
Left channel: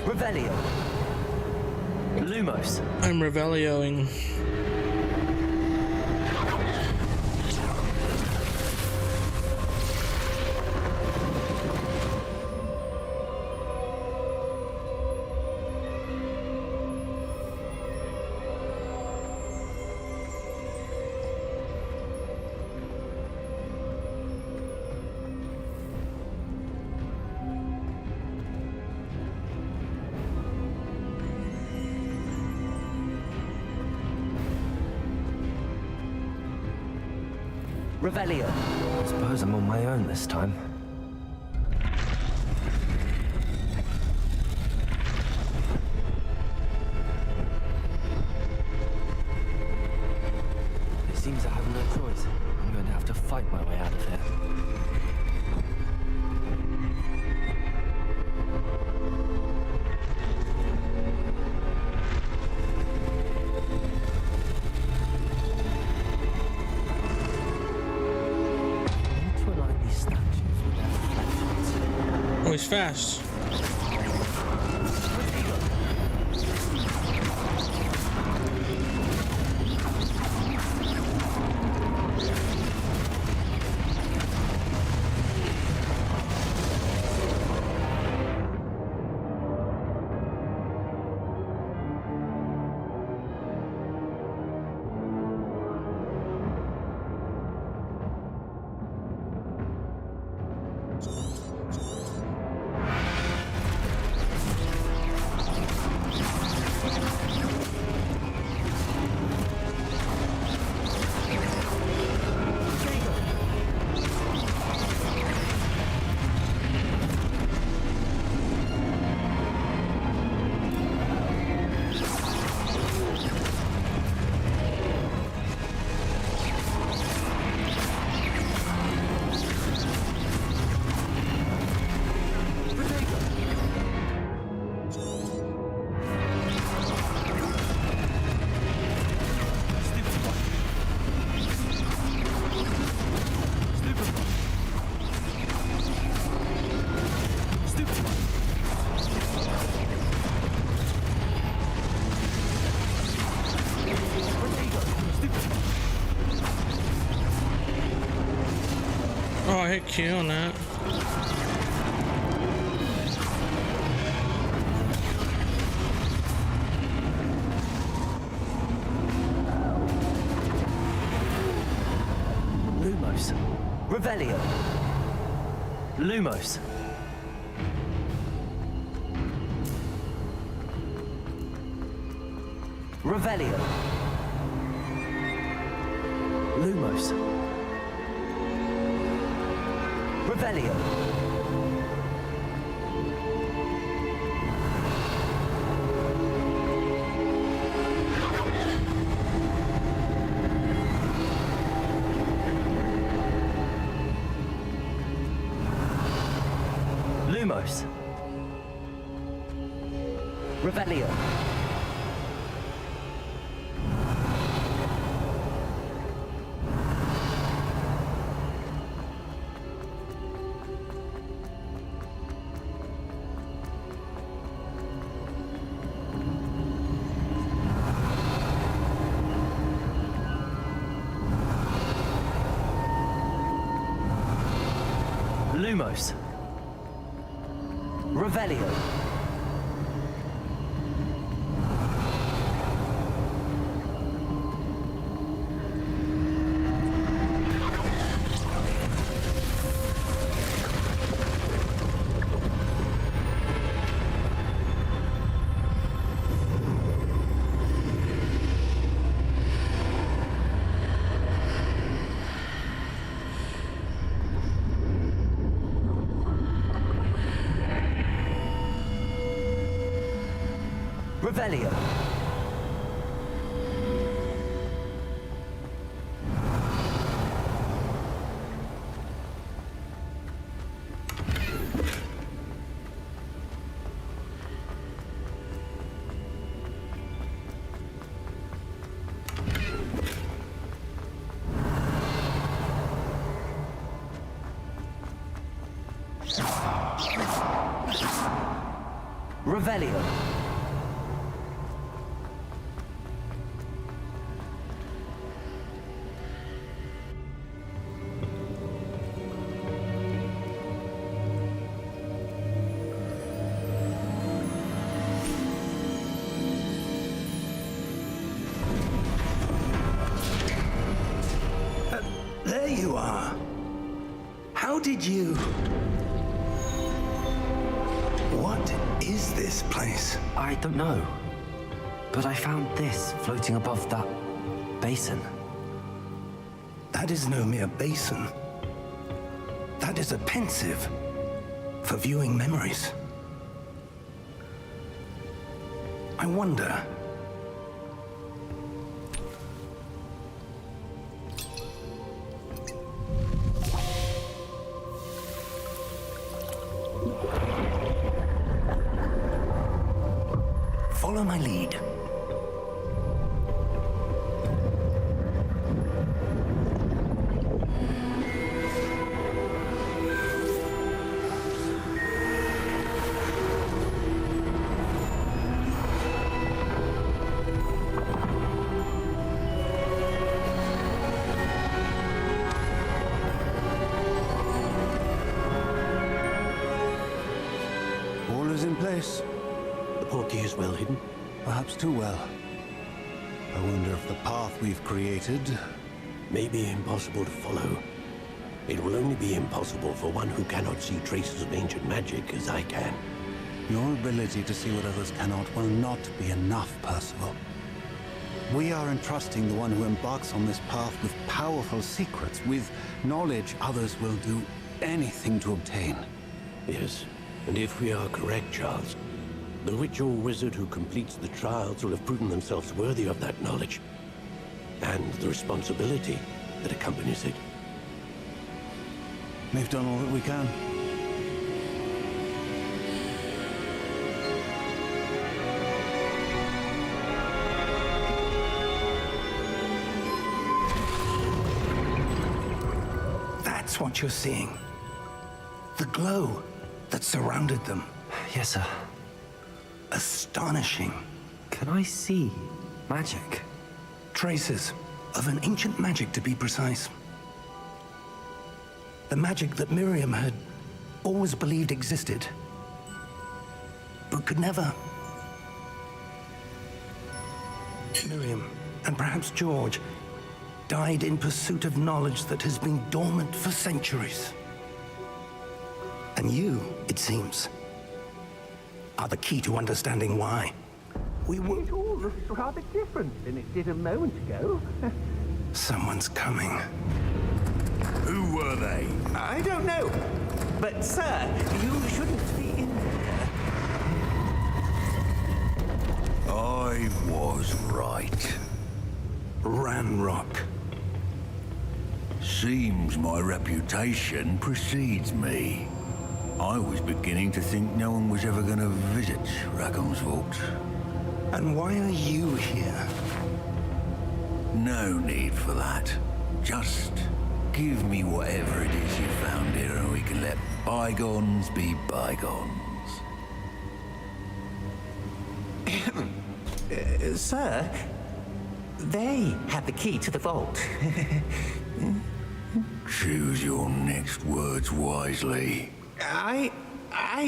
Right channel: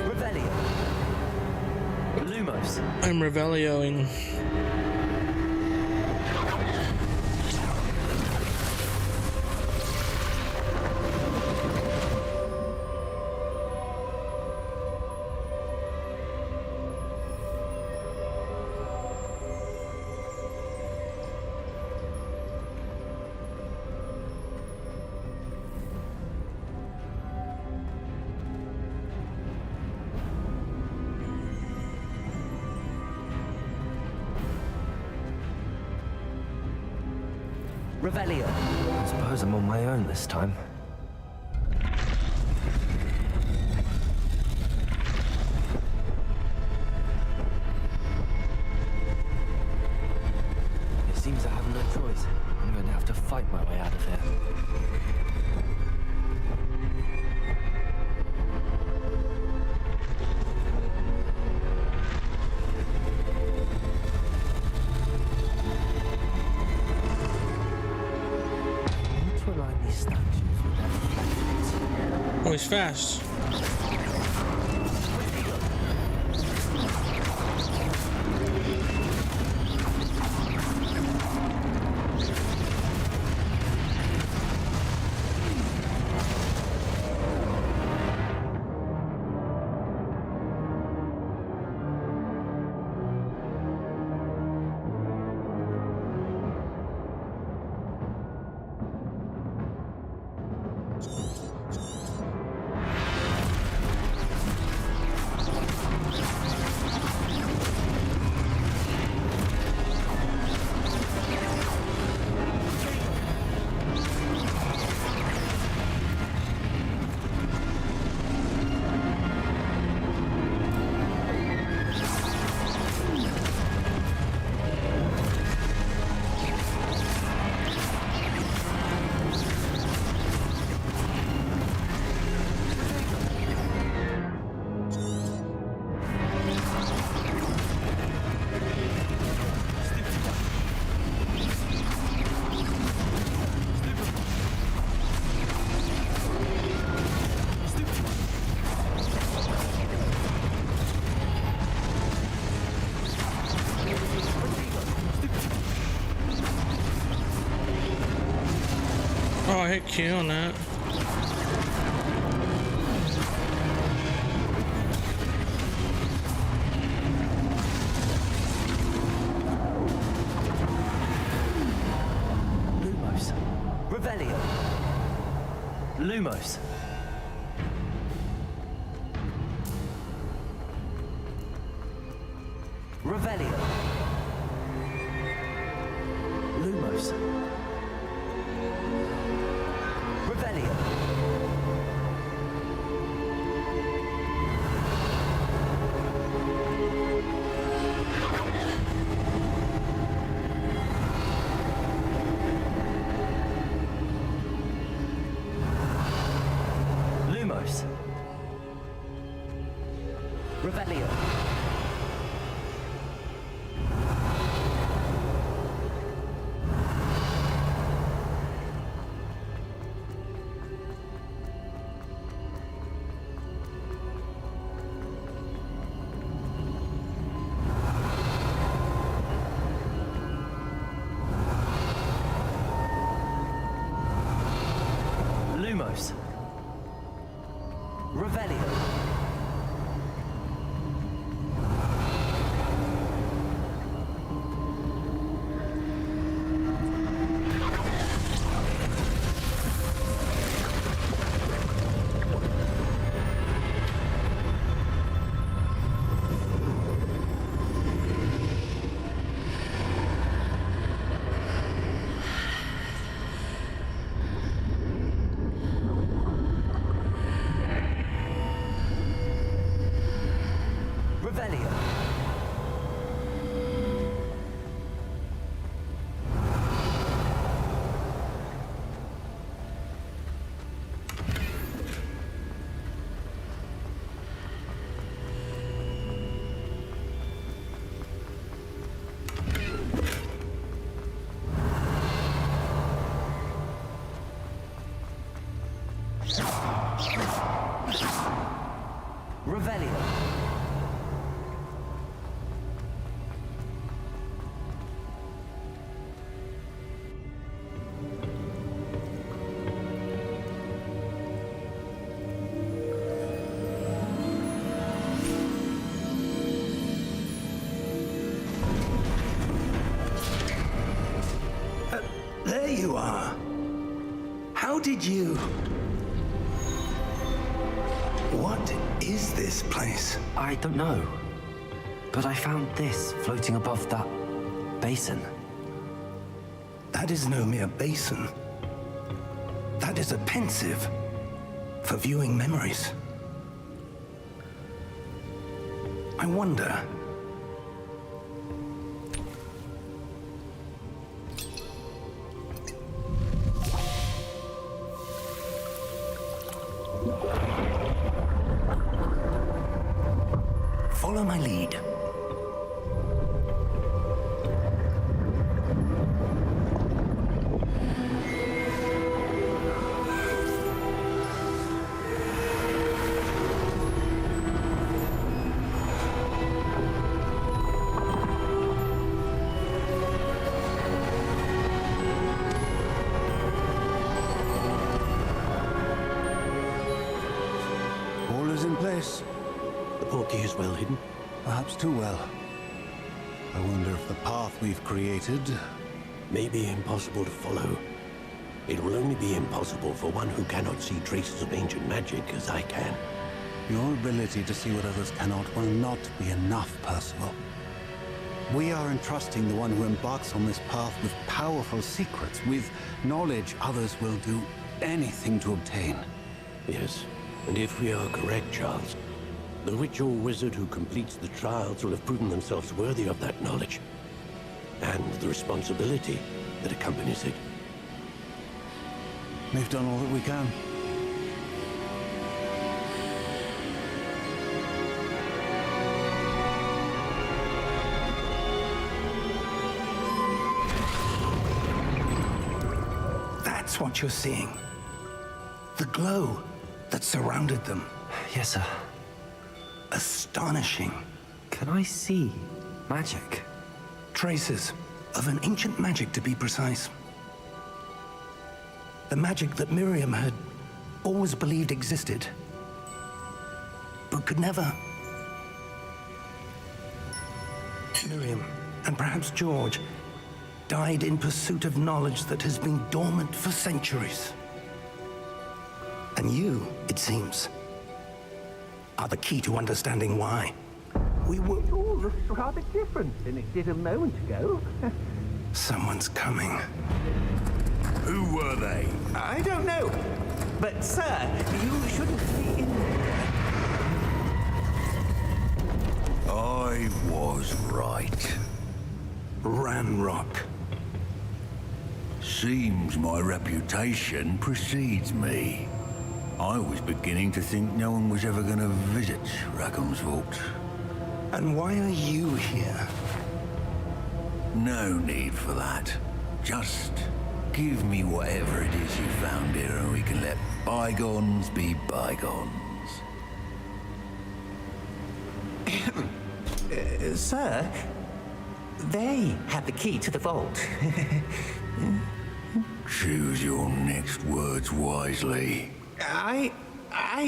Revelio. Lumos. I'm Revelioing. Revelio. I suppose I'm on my own this time. It seems I have no choice. I'm going to have to fight my way out of here. Oh, he's fast. Oh, I hit Q on that. Lumos. Revelio. Lumos. Revelio. Lumos. Revelio. Lumos. Revelio. Lumos. Revelio. Revelio. Revelio. There you are. How did you... What is this place? I don't know. But I found this floating above that basin. That is no mere basin. That is a pensive for viewing memories. I wonder... Follow my lead. All is in place. The portkey is well hidden. Perhaps too well. I wonder if the path we've created... May be impossible to follow. It will only be impossible for one who cannot see traces of ancient magic as I can. Your ability to see what others cannot will not be enough, Percival. We are entrusting the one who embarks on this path with powerful secrets, with knowledge others will do anything to obtain. Yes, and if we are correct, Charles, the witch or wizard who completes the trials will have proven themselves worthy of that knowledge, and the responsibility that accompanies it. We've done all that we can. That's what you're seeing. The glow that surrounded them. Yes, sir. Astonishing. Can I see magic? Traces of an ancient magic, to be precise. The magic that Miriam had always believed existed, but could never. Miriam, and perhaps George, died in pursuit of knowledge that has been dormant for centuries. And you, it seems, are the key to understanding why. It all looks rather different than it did a moment ago. Someone's coming. Who were they? I don't know. But, sir, you shouldn't be in there. I was right. Ranrock. Seems my reputation precedes me. I was beginning to think no one was ever going to visit Rackham's vault. And why are you here? No need for that. Just give me whatever it is you found here and we can let bygones be bygones. Sir, they have the key to the vault. Choose your next words wisely. I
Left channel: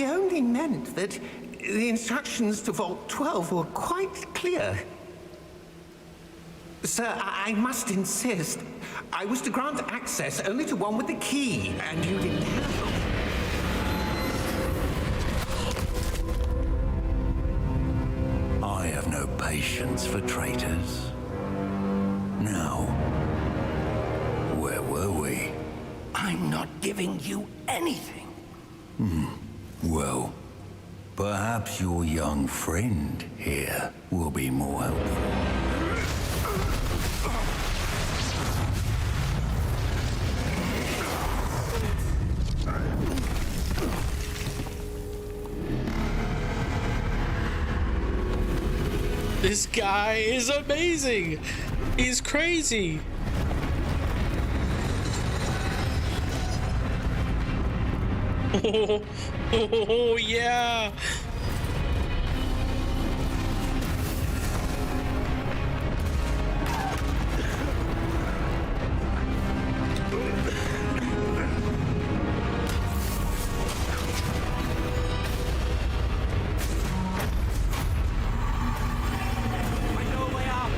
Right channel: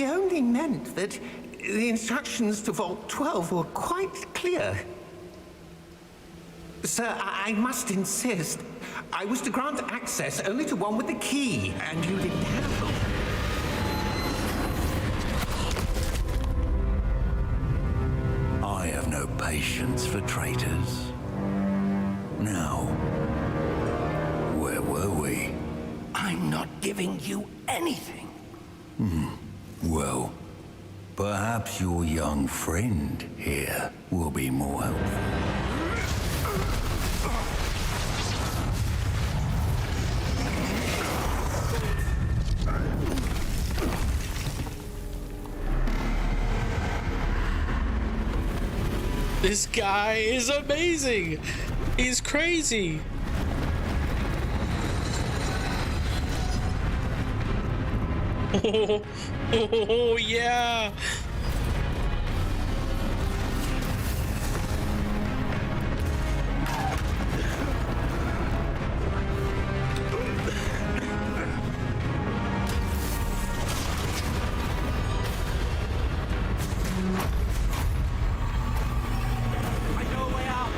only meant that the instructions to Vault 12 were quite clear. Sir, I must insist. I was to grant access only to one with the key, and you didn't have them. I have no patience for traitors. Now, where were we? I'm not giving you anything. Well, perhaps your young friend here will be more helpful. This guy is amazing. He's crazy. Oh, yeah. I know a way out.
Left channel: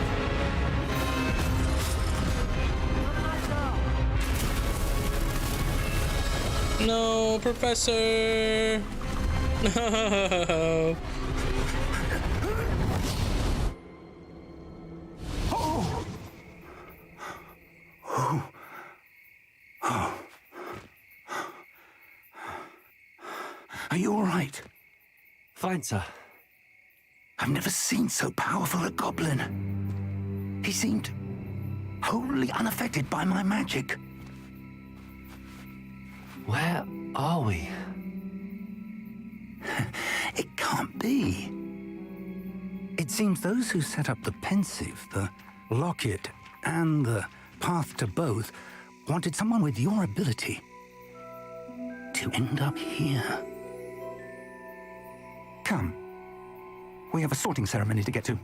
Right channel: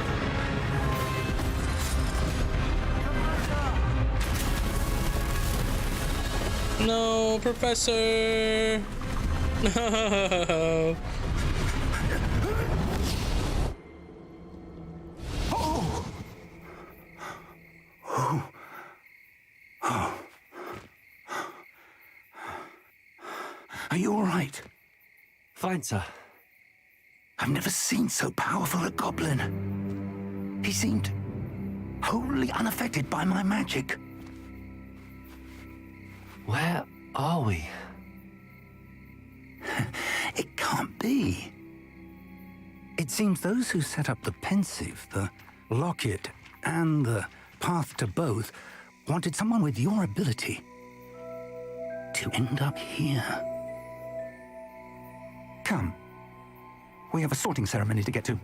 No, Professor. No. Are you all right? Fine, sir. I've never seen so powerful a goblin. He seemed wholly unaffected by my magic. Where are we? It can't be. It seems those who set up the pensive, the locket, and the path to both wanted someone with your ability to end up here. Come. We have a sorting ceremony to get to.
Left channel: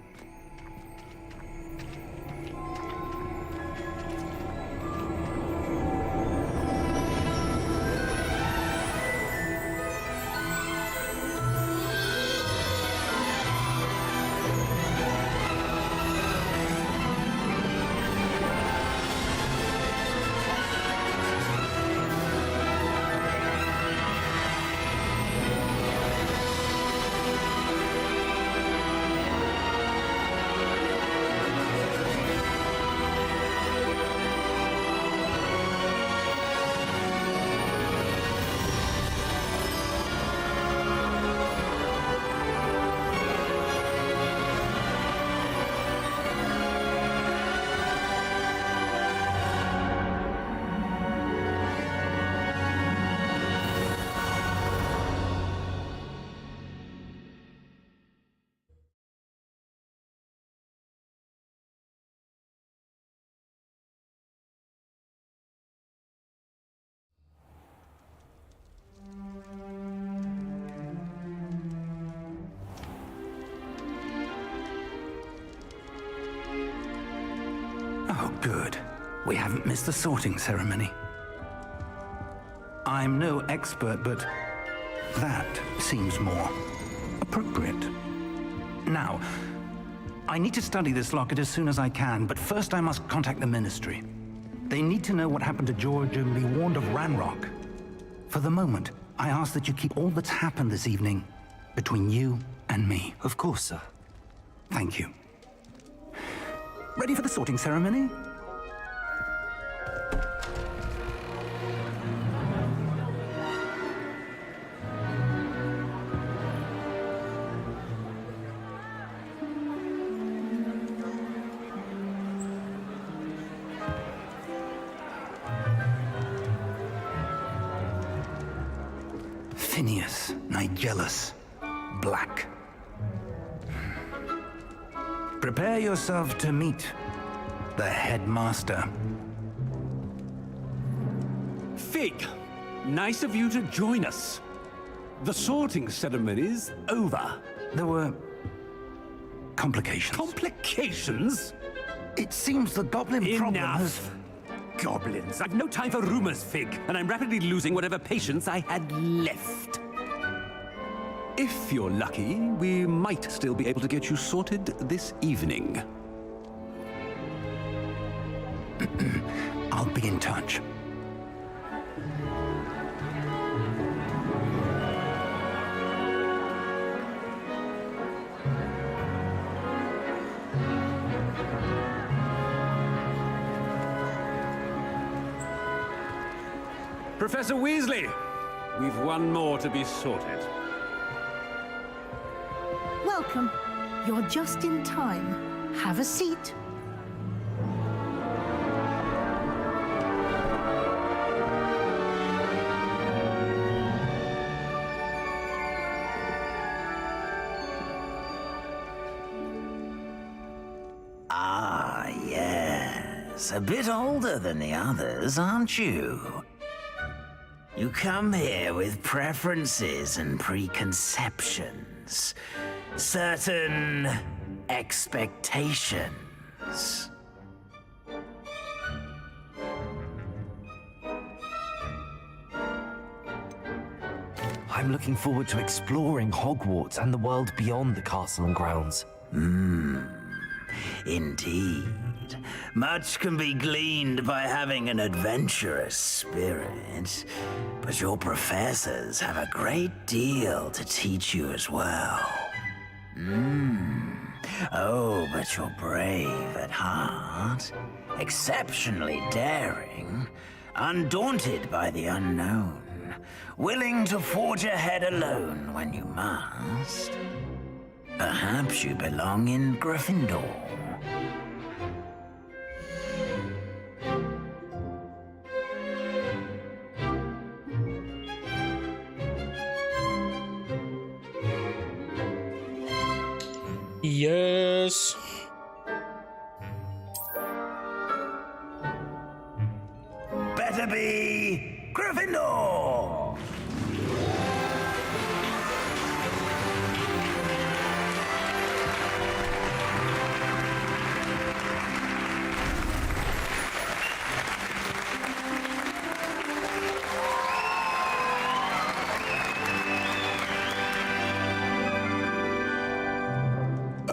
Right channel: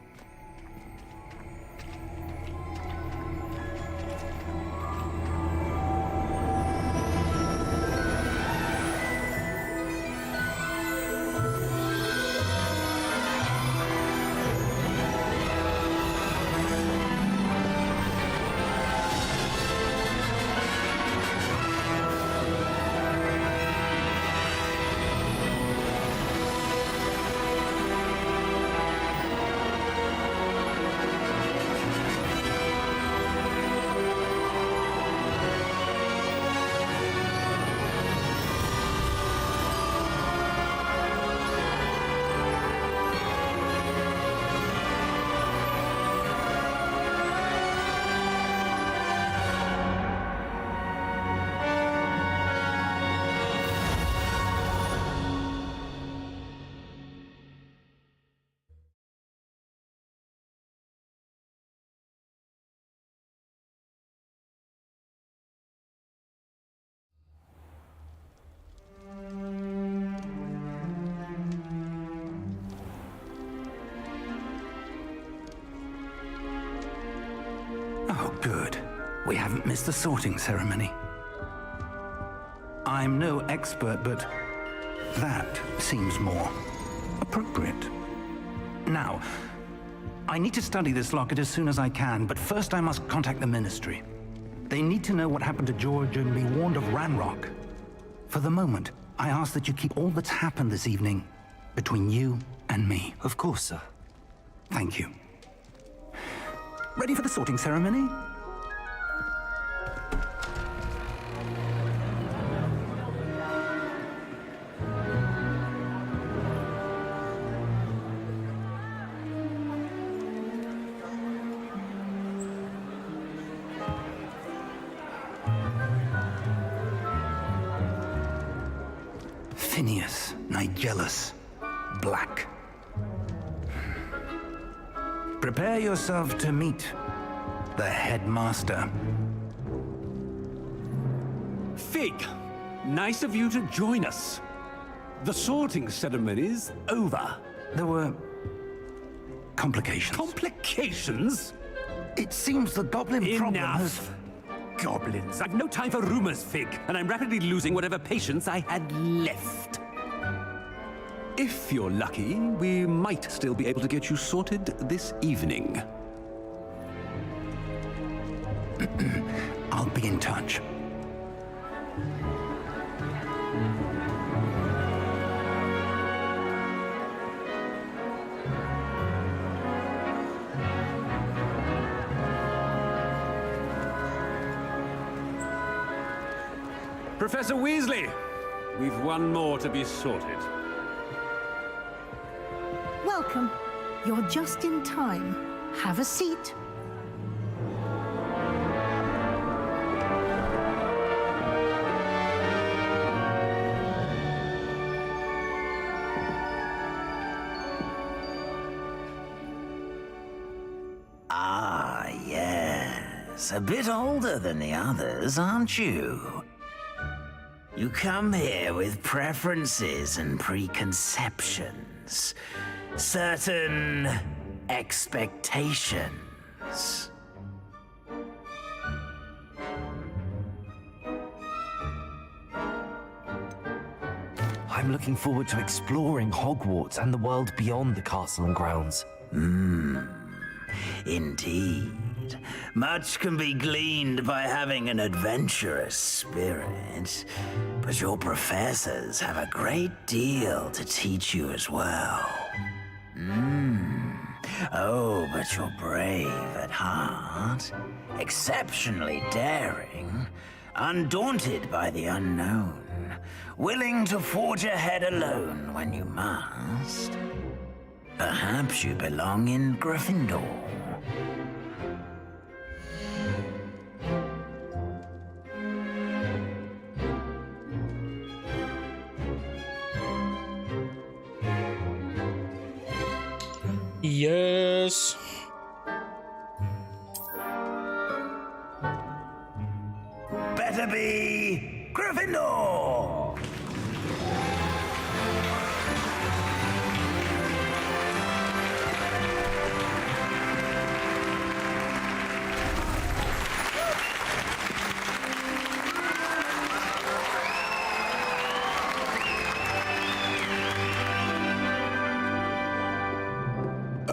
Oh, good. We haven't missed the sorting ceremony. I'm no expert, but that seems more appropriate. Now, I need to study this locket as soon as I can, but first I must contact the Ministry. They need to know what happened to George and be warned of Ranrock. For the moment, I ask that you keep all that's happened this evening between you and me. Of course, sir. Thank you. Ready for the sorting ceremony? Phineas, Nigellus, Black. Prepare yourself to meet the headmaster. Fig, nice of you to join us. The sorting ceremony's over. There were complications. Complications? It seems the goblin problem has... Enough. Goblins. I've no time for rumors, Fig, and I'm rapidly losing whatever patience I had left. If you're lucky, we might still be able to get you sorted this evening. I'll be in touch. Professor Weasley, we've one more to be sorted. Welcome. You're just in time. Have a seat. Ah, yes. A bit older than the others, aren't you? You come here with preferences and preconceptions. Certain expectations. I'm looking forward to exploring Hogwarts and the world beyond the castle and grounds. Indeed. Much can be gleaned by having an adventurous spirit, but your professors have a great deal to teach you as well. Oh, but you're brave at heart, exceptionally daring, undaunted by the unknown, willing to forge ahead alone when you must. Perhaps you belong in Gryffindor. Yes. Better be Gryffindor!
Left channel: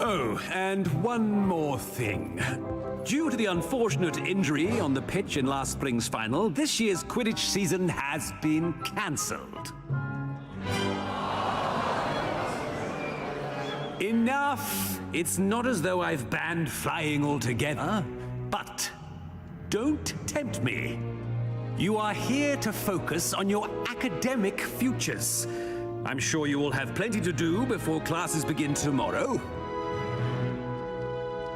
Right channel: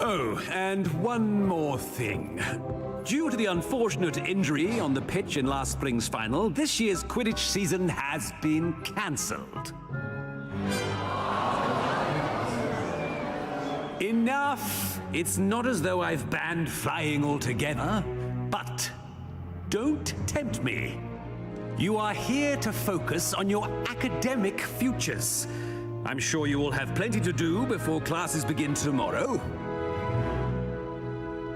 Oh, and one more thing. Due to the unfortunate injury on the pitch in last spring's final, this year's Quidditch season has been cancelled. Enough! It's not as though I've banned flying altogether, but don't tempt me. You are here to focus on your academic futures. I'm sure you will have plenty to do before classes begin tomorrow.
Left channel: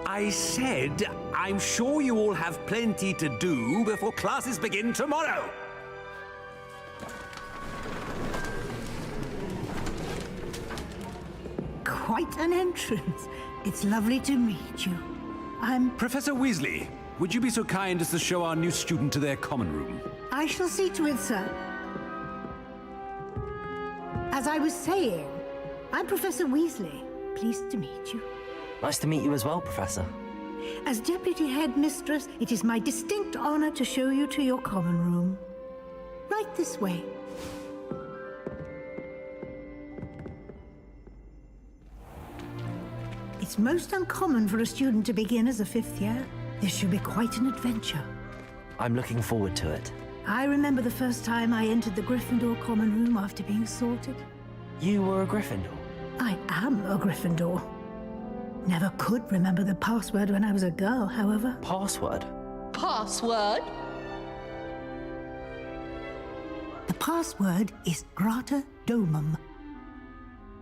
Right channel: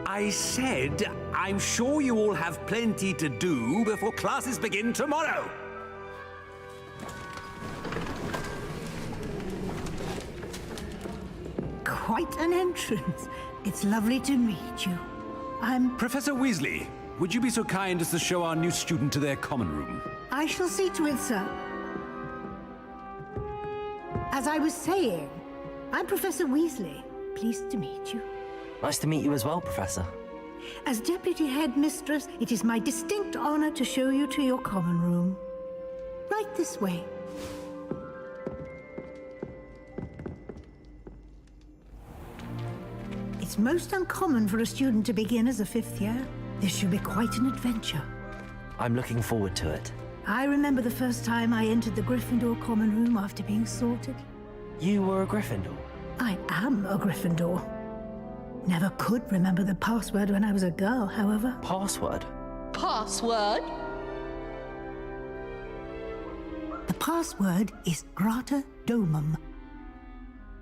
I said, I'm sure you all have plenty to do before classes begin tomorrow. Quite an entrance. It's lovely to meet you. I'm... Professor Weasley, would you be so kind as to show our new student to their common room? I shall see to it, sir. As I was saying, I'm Professor Weasley. Pleased to meet you. Nice to meet you as well, Professor. As Deputy Headmistress, it is my distinct honor to show you to your common room. Right this way. It's most uncommon for a student to begin as a fifth year. This should be quite an adventure. I'm looking forward to it. I remember the first time I entered the Gryffindor common room after being sorted. You were a Gryffindor? I am a Gryffindor. Never could remember the password when I was a girl, however. Password? Password? The password is Grata Domum.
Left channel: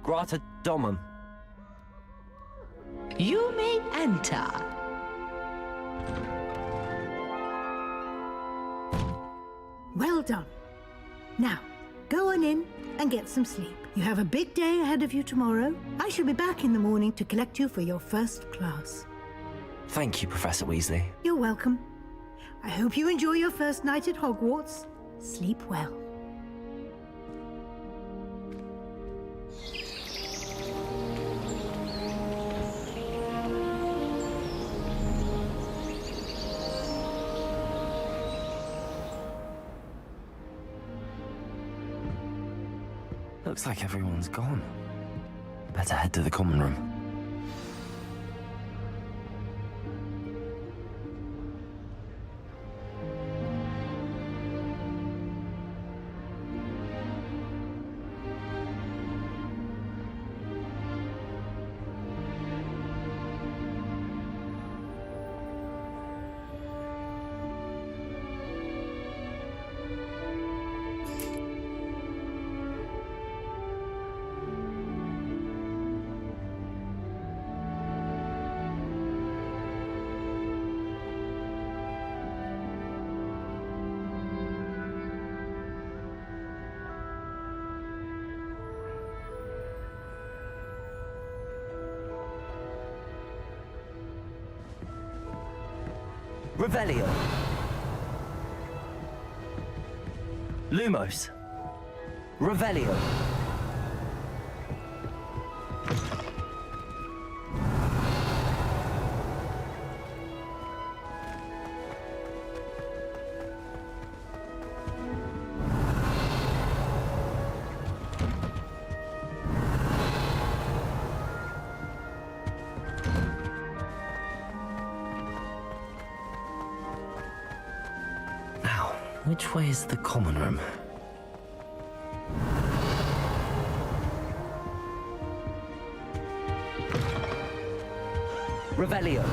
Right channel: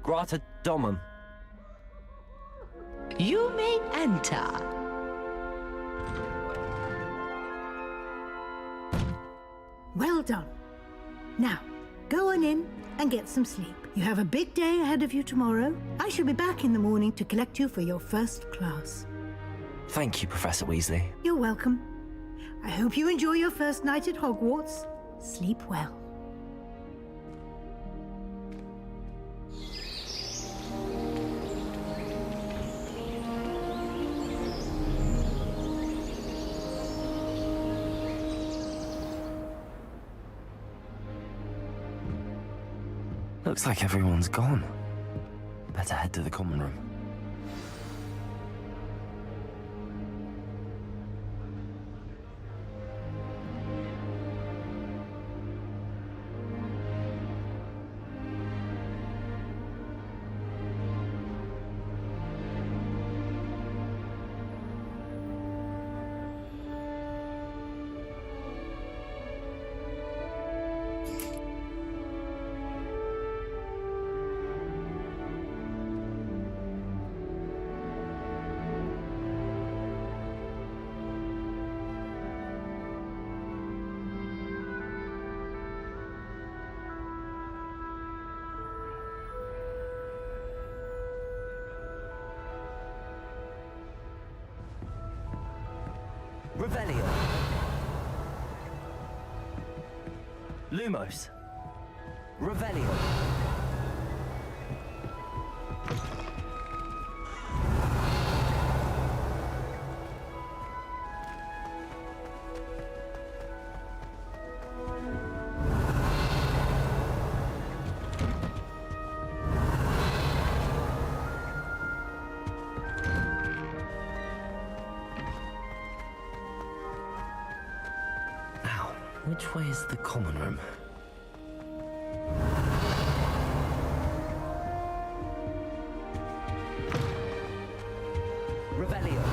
Grata Domum. You may enter. Well done. Now, go on in and get some sleep. You have a big day ahead of you tomorrow. I shall be back in the morning to collect you for your first class. Thank you, Professor Weasley. You're welcome. I hope you enjoy your first night at Hogwarts. Sleep well. Looks like everyone's gone. Better head to the common room. Revelio. Lumos. Revelio. Now, which way is the common room? Revelio.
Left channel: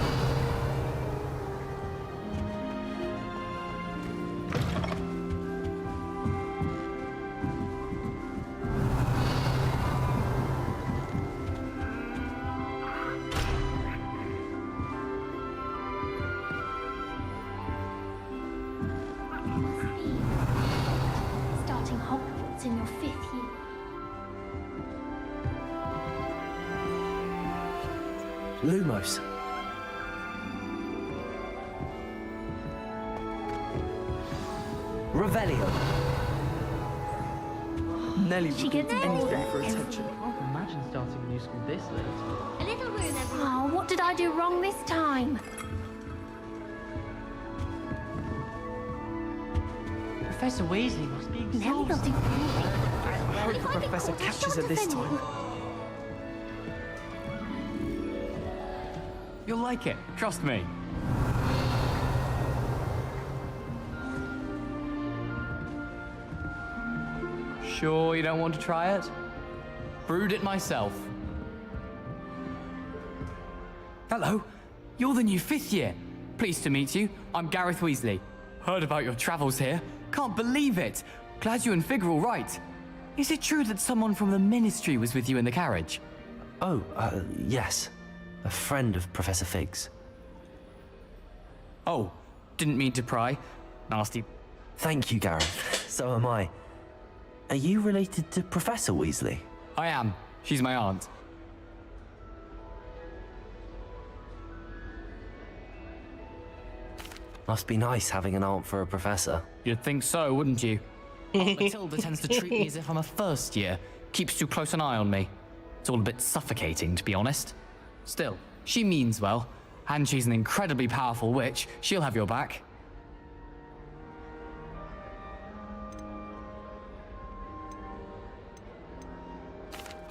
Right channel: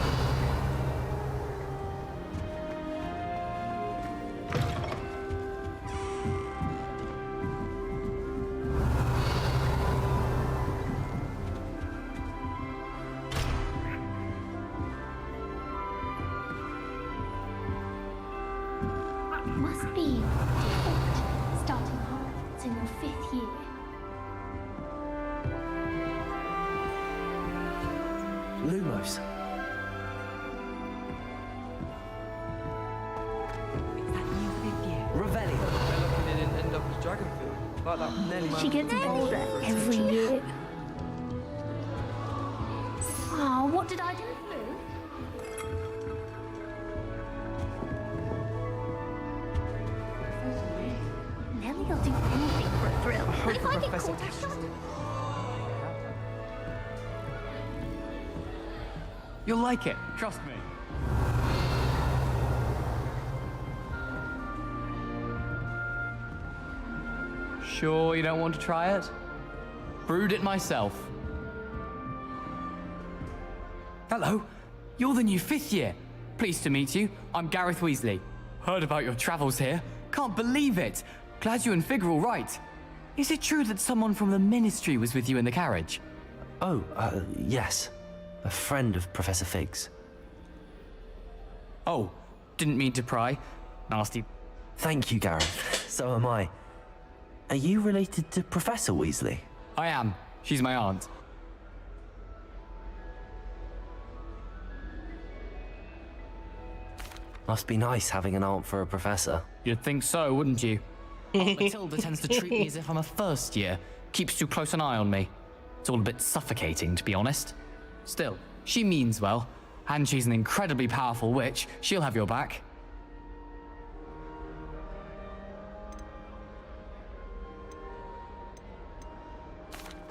Must be starting Hogwarts in your 5th year. Lumos. Revelio. She gets older every year. Oh, what did I do wrong this time? Professor Weasley must be Nellie will do anything for a thrill. I hope If the I get Professor caught, I'm catches sure her to this defend time. me. You'll like it, trust me. Sure you don't want to try it? Brewed it myself. Hello, you're the new 5th year. Pleased to meet you. I'm Gareth Weasley. Heard about your travels here. Can't believe it. Glad you and Fig are all right. Is it true that someone from the Ministry was with you in the carriage? Oh, yes. A friend of Professor Fig's. Oh, didn't mean to pry. Nasty. Thank you, Gareth. So am I. Are you related to Professor Weasley? I am. She's my aunt. Must be nice having an aunt for a professor. You'd think so, wouldn't you? Aunt Matilda tends to treat me as if I'm a first year. Keeps too close an eye on me. It's all a bit suffocating, to be honest. Still, she means well. And she's an incredibly powerful witch. She'll have your back.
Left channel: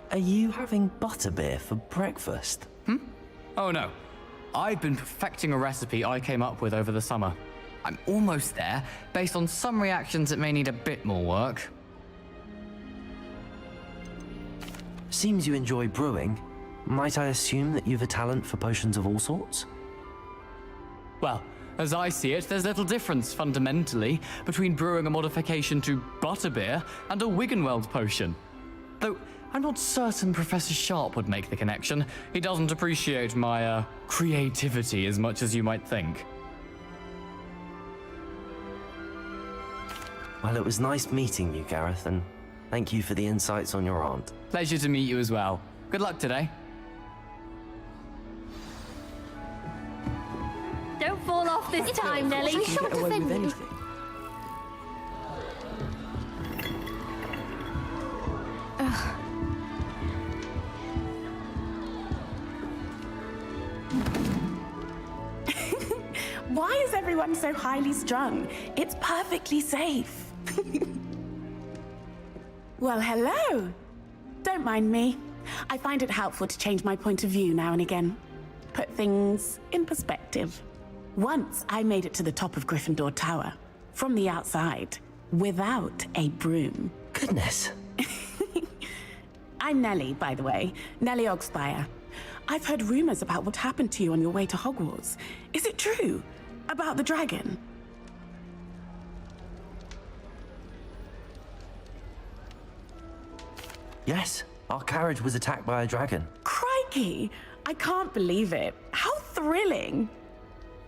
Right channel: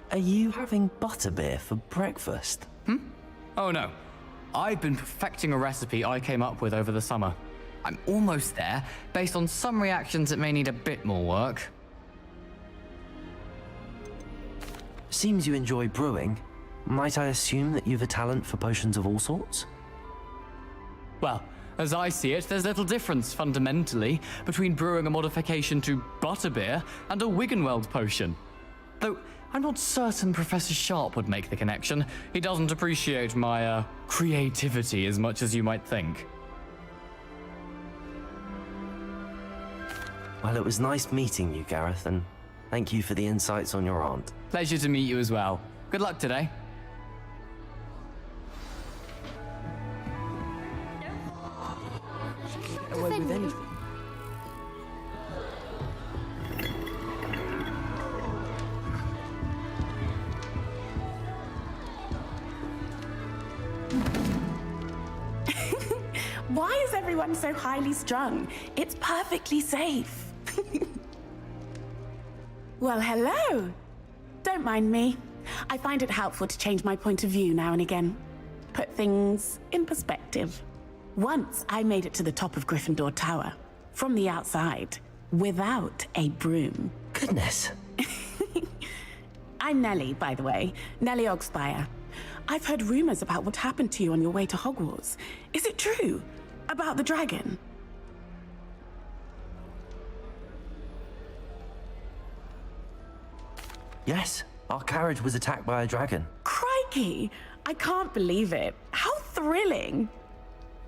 Are you having butterbeer for breakfast? Oh no. I've been perfecting a recipe I came up with over the summer. I'm almost there, based on some reactions that may need a bit more work. Seems you enjoy brewing. Might I assume that you've a talent for potions of all sorts? Well, as I see it, there's little difference, fundamentally, between brewing a modification to butterbeer and a Wiggenweld potion. Though, I'm not certain Professor Sharp would make the connection. He doesn't appreciate my, creativity as much as you might think. Well, it was nice meeting you, Gareth, and thank you for the insights on your aunt. Pleasure to meet you as well. Good luck today. Don't fall off this time, Nellie. I'm sure Get to away defend with you. anything. Why is everyone so highly strung? It's perfectly safe. Well, hello. Don't mind me. I find it helpful to change my point of view now and again. Put things in perspective. Once I made it to the top of Gryffindor Tower, from the outside, without a broom. Goodness. I'm Nellie, by the way. Nellie Ogspire. I've heard rumors about what happened to you on your way to Hogwarts. Is it true? About the dragon? Yes, our carriage was attacked by a dragon. Crikey! I can't believe it. How thrilling!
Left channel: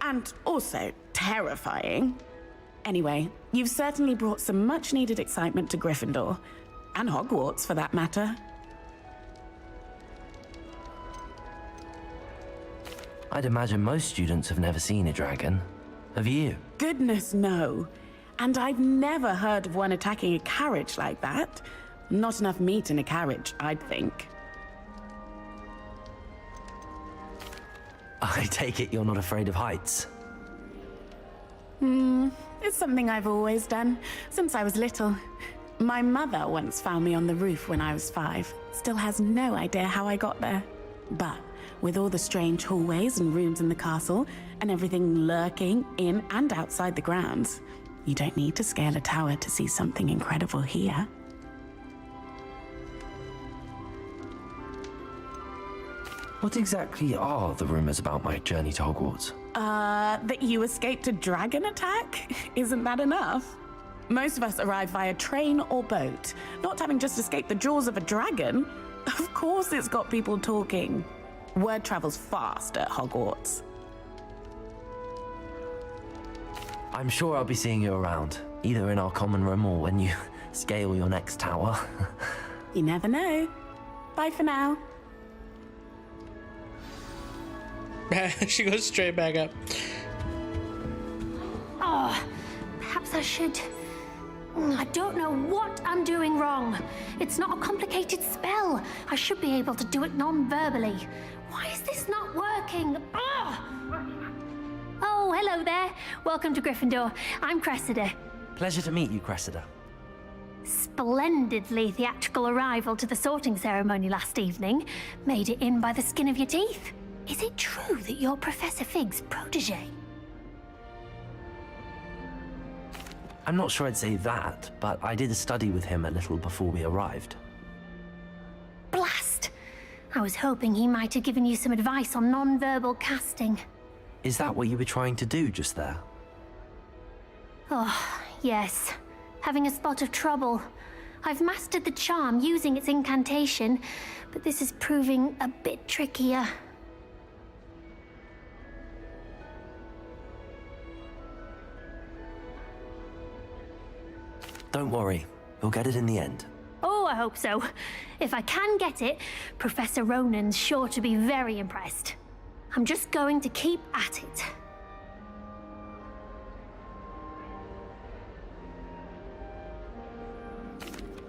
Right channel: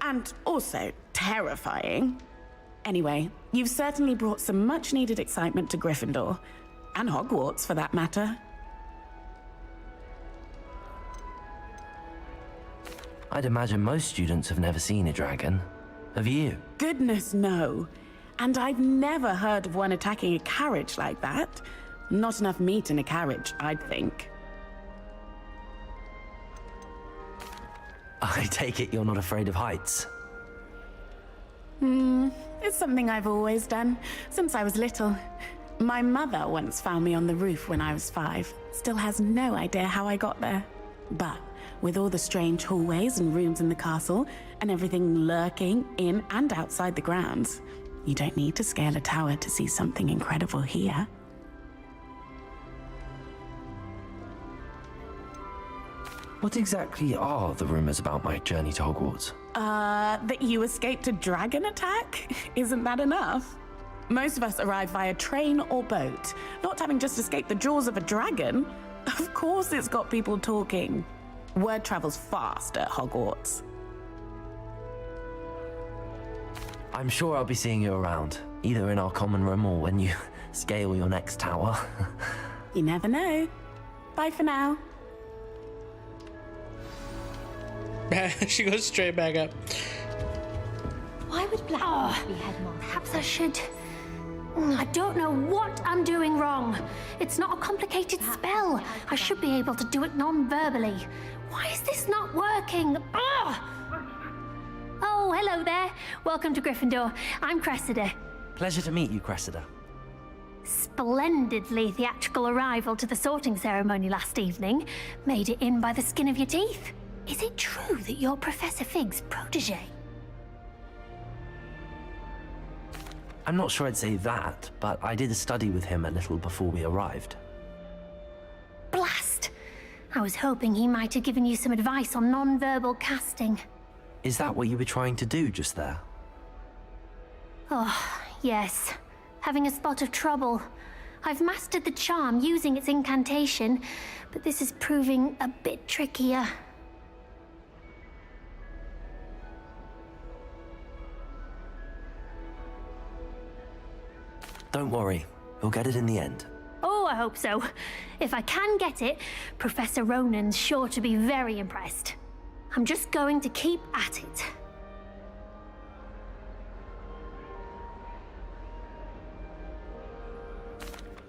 And also terrifying. Anyway, you've certainly brought some much-needed excitement to Gryffindor. And Hogwarts, for that matter. I'd imagine most students have never seen a dragon. Have you? Goodness, no. And I've never heard of one attacking a carriage like that. Not enough meat in a carriage, I'd think. I take it you're not afraid of heights. It's something I've always done, since I was little. My mother once found me on the roof when I was 5. Still has no idea how I got there. But with all the strange hallways and rooms in the castle, and everything lurking in and outside the grounds, you don't need to scale a tower to see something incredible here. What exactly are the rumors about my journey to Hogwarts? That you escaped a dragon attack? Isn't that enough? Most of us arrive via train or boat, not having just escaped the jaws of a dragon. Of course it's got people talking. Word travels fast at Hogwarts. I'm sure I'll be seeing you around, either in our common room or when you scale your next tower. You never know. Bye for now. She goes straight back up. Why would Black... perhaps I should... I don't know what I'm doing wrong. It's not a complicated spell. I should be able to do it non-verbally. Why is this not working? Oh, hello there. Welcome to Gryffindor. I'm Cressida. Pleasure to meet you, Cressida. Splendidly theatrical arrival to the sorting ceremony last evening. Made it in by the skin of your teeth. Is it true that you're Professor Fig's protege? I'm not sure I'd say that, but I did study with him a little before we arrived. Blast! I was hoping he might have given you some advice on non-verbal casting. Is that what you were trying to do just there? Oh, yes. Having a spot of trouble. I've mastered the charm using its incantation, but this is proving a bit trickier. Don't worry, you'll get it in the end. Oh, I hope so. If I can get it, Professor Ronan's sure to be very impressed. I'm just going to keep at it.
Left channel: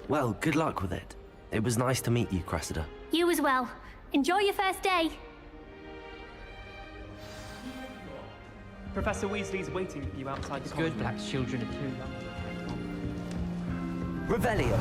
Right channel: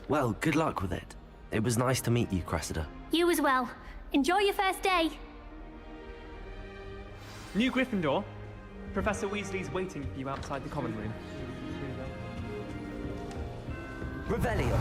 Well, good luck with it. It was nice to meet you, Cressida. You as well. Enjoy your first day. New Gryffindor. Professor Weasley's waiting for you outside the common room. Perhaps children are too young. Revelio.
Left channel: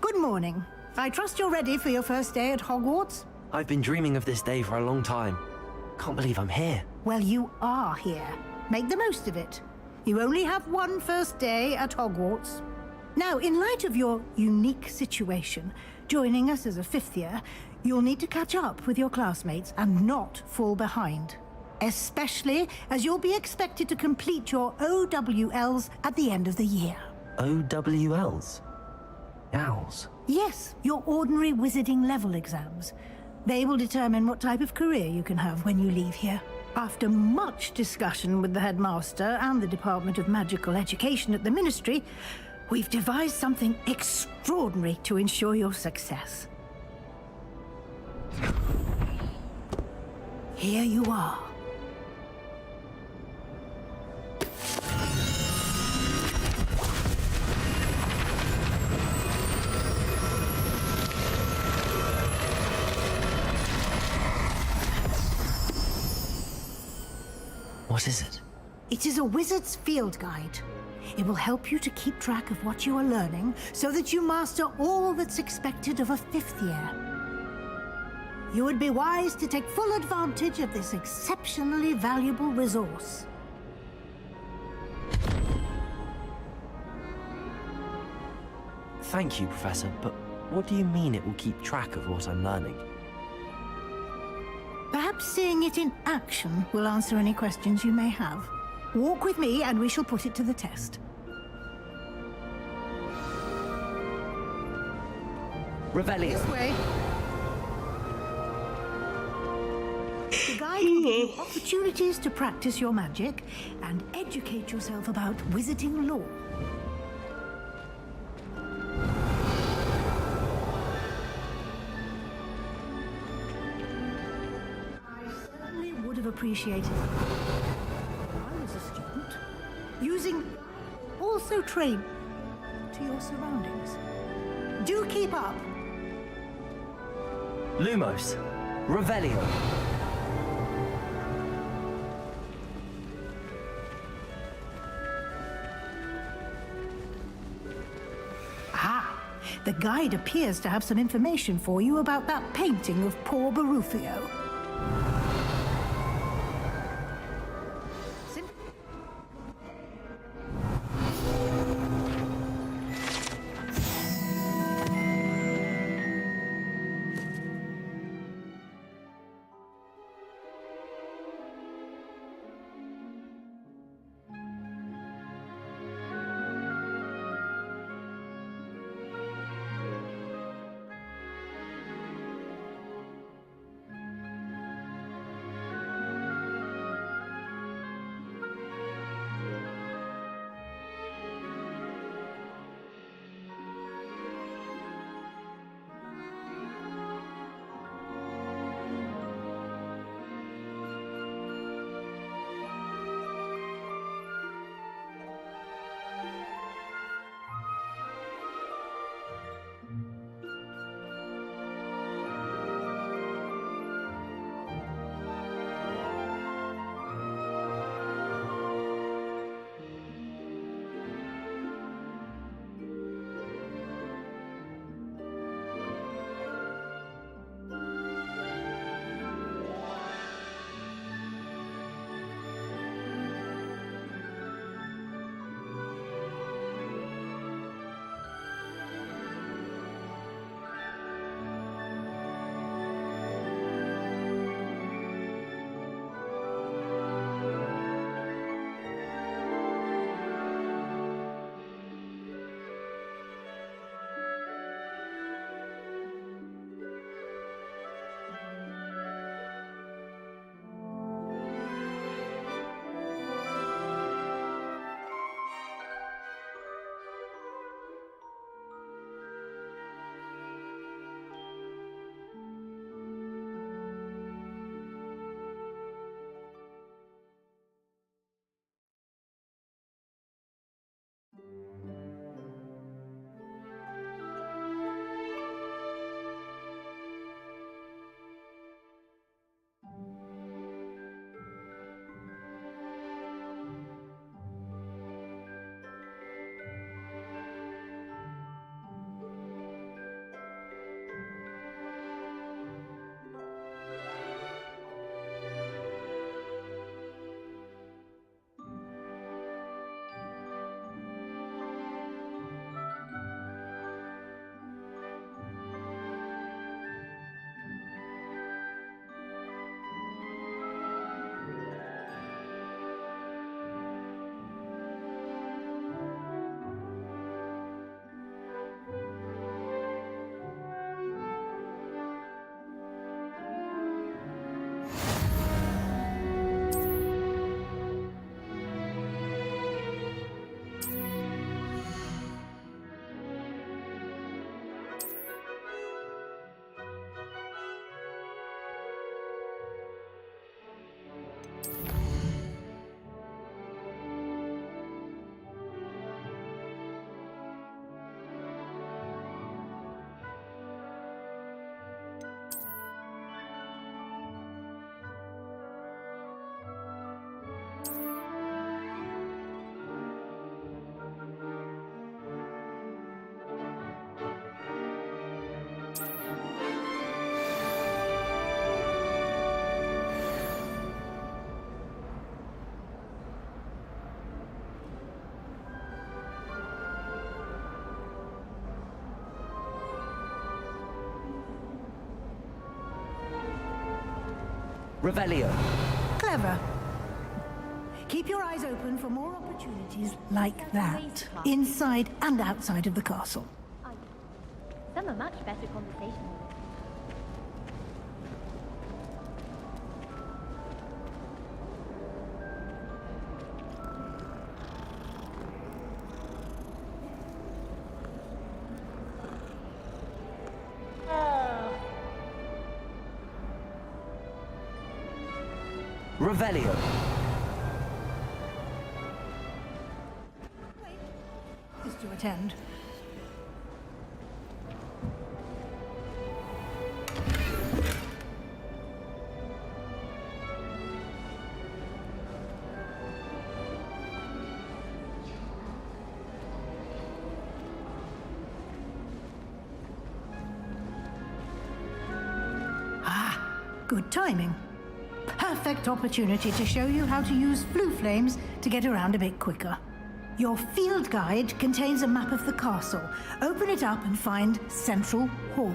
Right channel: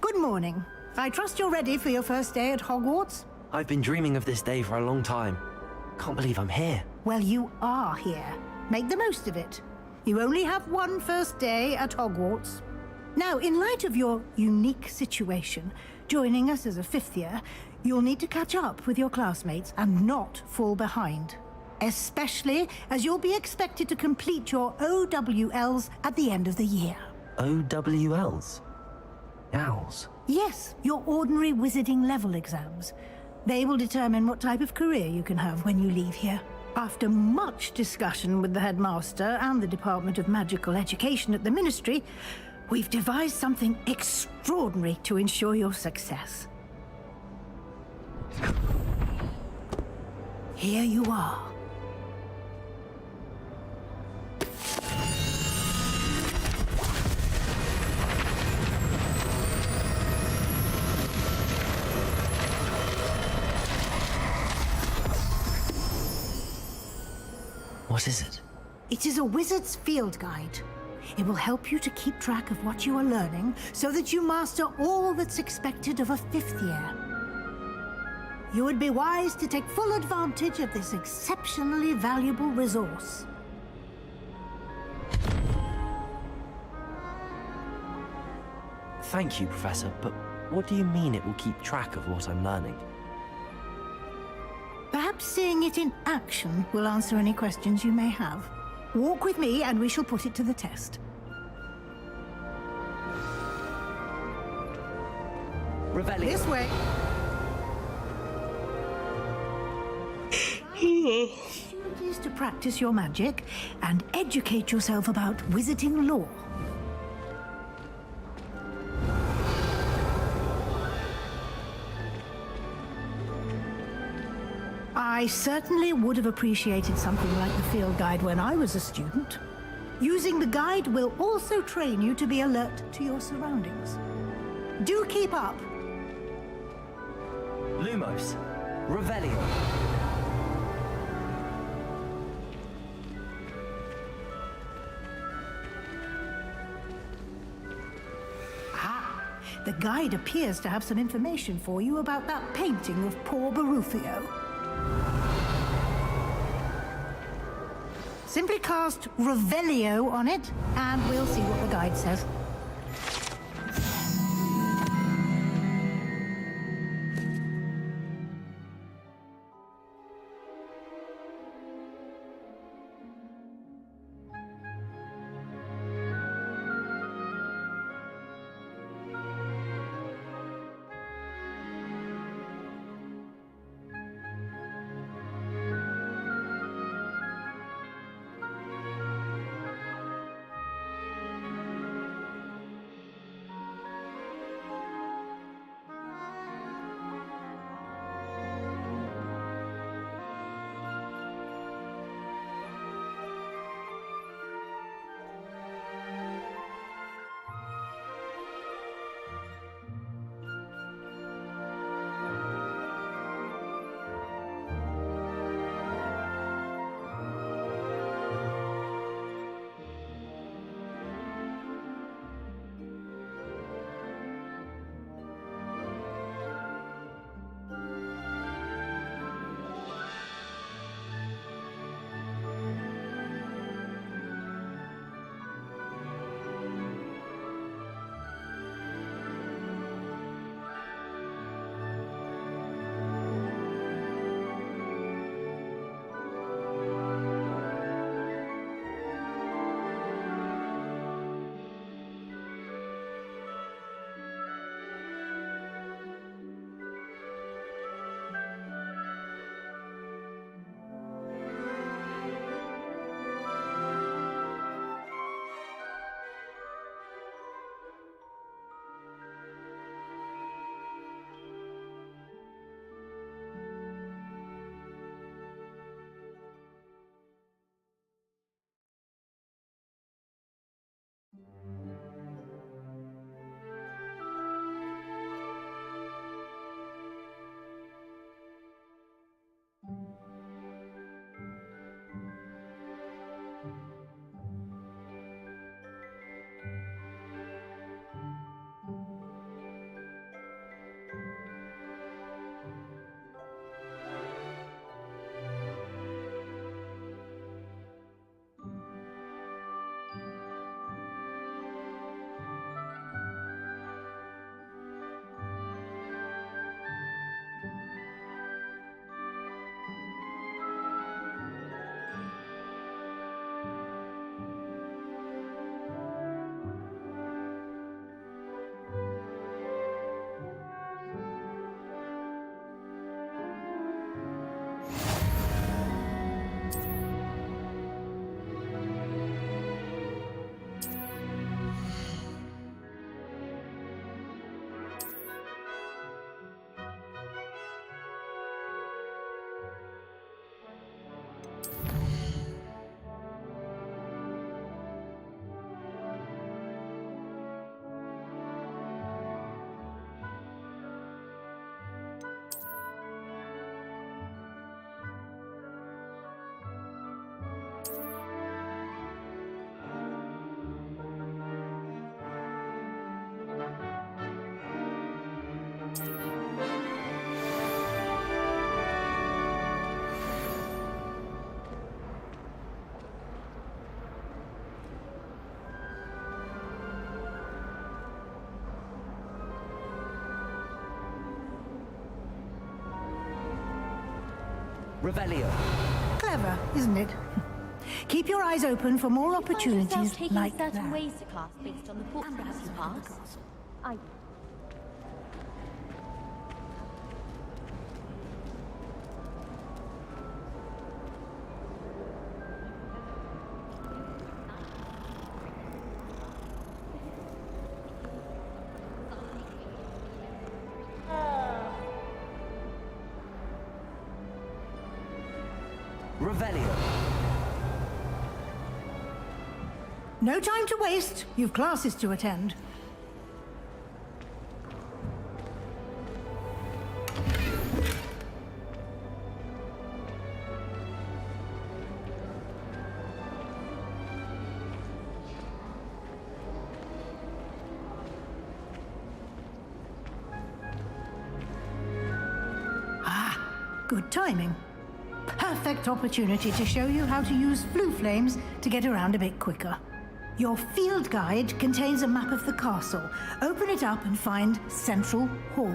Good morning. I trust you're ready for your first day at Hogwarts? I've been dreaming of this day for a long time. Can't believe I'm here. Well, you are here. Make the most of it. You only have one first day at Hogwarts. Now, in light of your unique situation, joining us as a 5th year, you'll need to catch up with your classmates and not fall behind. Especially as you'll be expected to complete your OWLs at the end of the year. OWLs? Owls? Yes, your ordinary wizarding level exams. They will determine what type of career you can have when you leave here. After much discussion with the headmaster and the Department of Magical Education at the Ministry, we've devised something extraordinary to ensure your success. Here you are. What is it? It is a wizard's field guide. It will help you to keep track of what you are learning so that you master all that's expected of a 5th year. You would be wise to take full advantage of this exceptionally valuable resource. Thank you, Professor, but What do you mean it will keep track of what I'm learning? Perhaps seeing it in action will answer any questions you may have. Walk with me and we shall put it to the test. Revelio. This way. The guide will give you opportunities to practice your magic and educate yourself about wizarding lore. I certainly would have appreciated something like the field guide when I was a student. Using the guide will also train you to be alert to your surroundings. Do keep up. Lumos. Revelio. Ah, the guide appears to have some information for you about that painting of poor Barufio. Simply cast Revelio on it, and we'll see what the guide says. Revelio. Clever, isn't it? Keep your eyes open for more opportunities like that, inside and outside of the castle. Some are much better conversations. Revelio. No time to waste. You've classes to attend. Ah, good timing. Perfect opportunity to show you how to use flue flames to get around a bit quicker. Your field guide contains a map of the castle. Open it up and find Central Hall.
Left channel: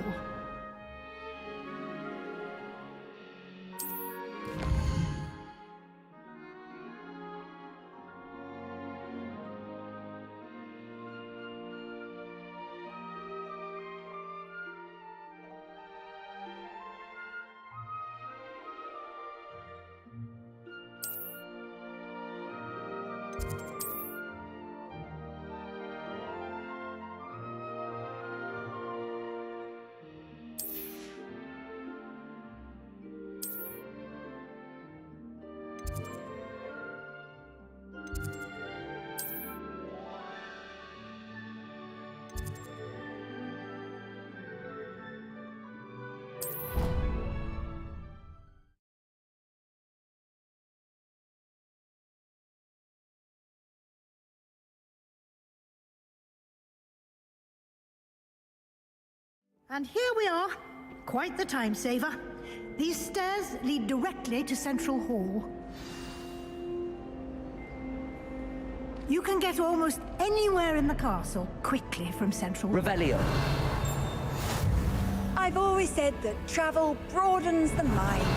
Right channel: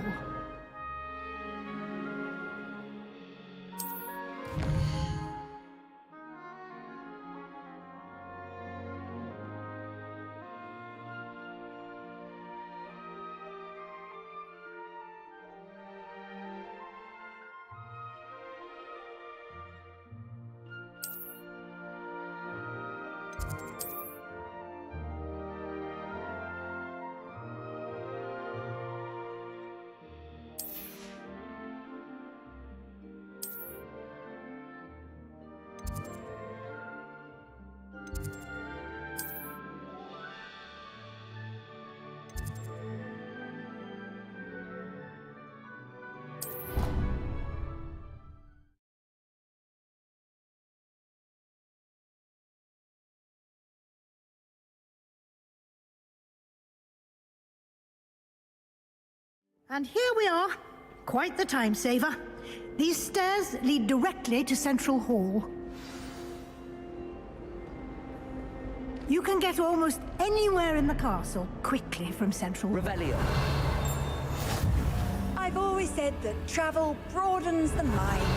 And here we are. Quite the time saver. These stairs lead directly to Central Hall. You can get almost anywhere in the castle quickly from Central Hall. Revelio. I've always said that travel broadens the mind.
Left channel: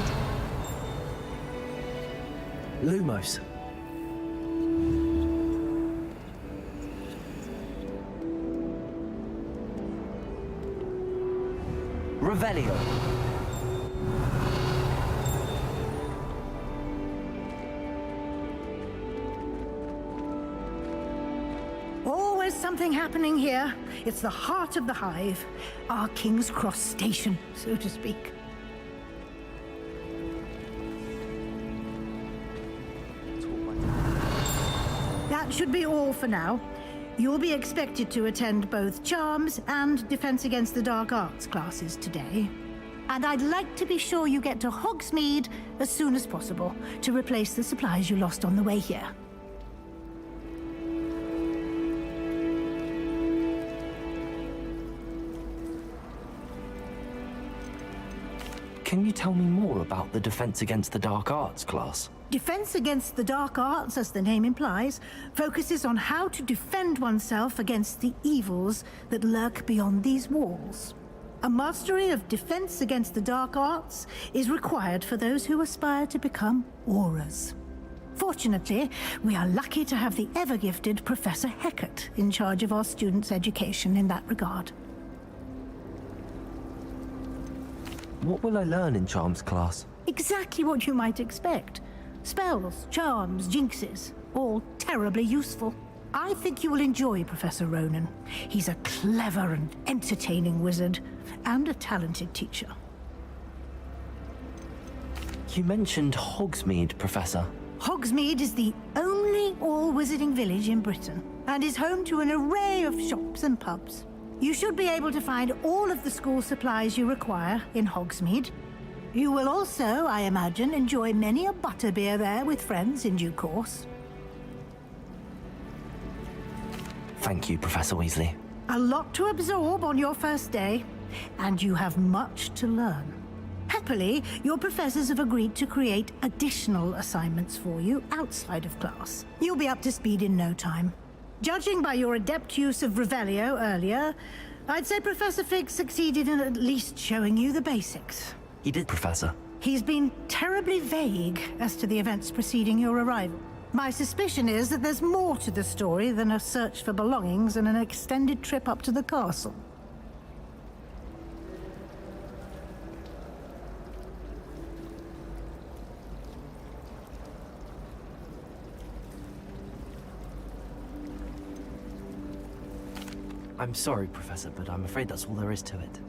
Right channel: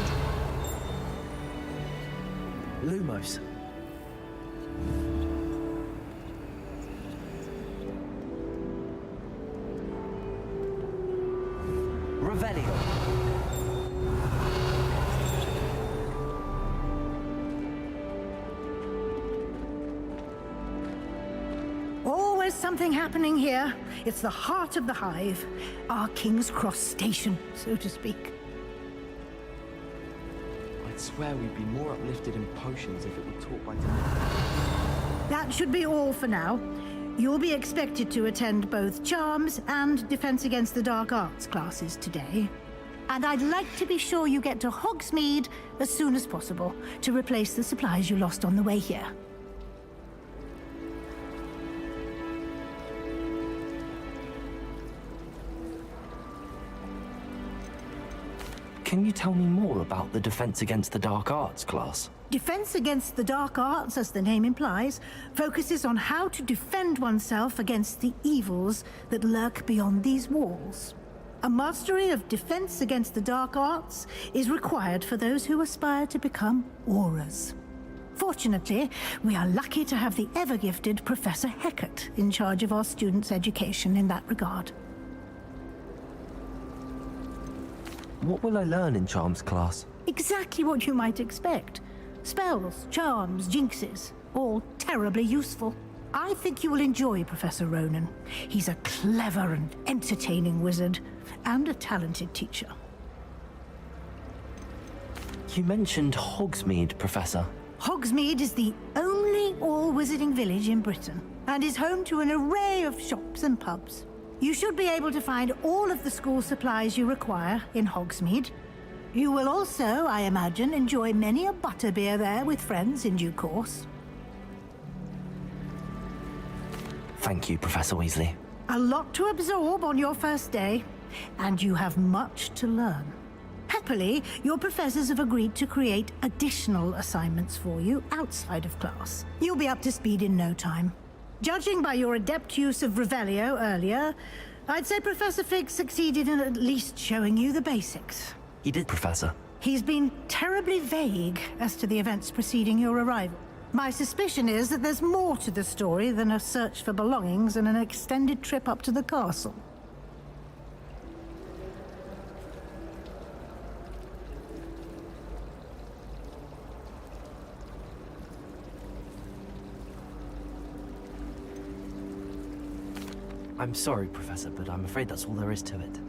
Lumos. Revelio. Always something happening here. It's the heart of the hive. Our King's Cross station, so to speak. I swear we'd be more uplifted in potions if we were taught by... That should be all for now. You'll be expected to attend both Charms and Defense Against the Dark Arts classes today. And I'd like to be sure you get to Hogsmeade as soon as possible to replace the supplies you lost on the way here. Can you tell me more about the Defense Against the Dark Arts class? Defense Against the Dark Arts, as the name implies, focuses on how to defend oneself against the evils that lurk beyond these walls. A mastery of Defense Against the Dark Arts is required for those who aspire to become Aurors. Fortunately, we are lucky to have the ever-gifted Professor Hecat in charge of our students' education in that regard. What will I learn in Charms class? Exactly what you might expect. Spells, charms, jinxes, all terribly useful. I think you will enjoy Professor Ronan. He's a clever and entertaining wizard, and a talented teacher. You mentioned Hogsmeade, Professor. Hogsmeade is the only all-wizarding village in Britain, and is home to an array of shops and pubs. You should be able to find all of the school supplies you require in Hogsmeade. You will also, I imagine, enjoy many a butterbeer there with friends in due course. Thank you, Professor Weasley. A lot to absorb on your first day, and you have much to learn. Happily, your professors have agreed to create additional assignments for you outside of class. You'll be up to speed in no time. Judging by your adept use of Revelio earlier, I'd say Professor Fig succeeded in at least showing you the basics. He did, Professor. He's been terribly vague as to the events preceding your arrival. My suspicion is that there's more to the story than a search for belongings and an extended trip up to the castle. I'm sorry, Professor, but I'm afraid that's all there is to it.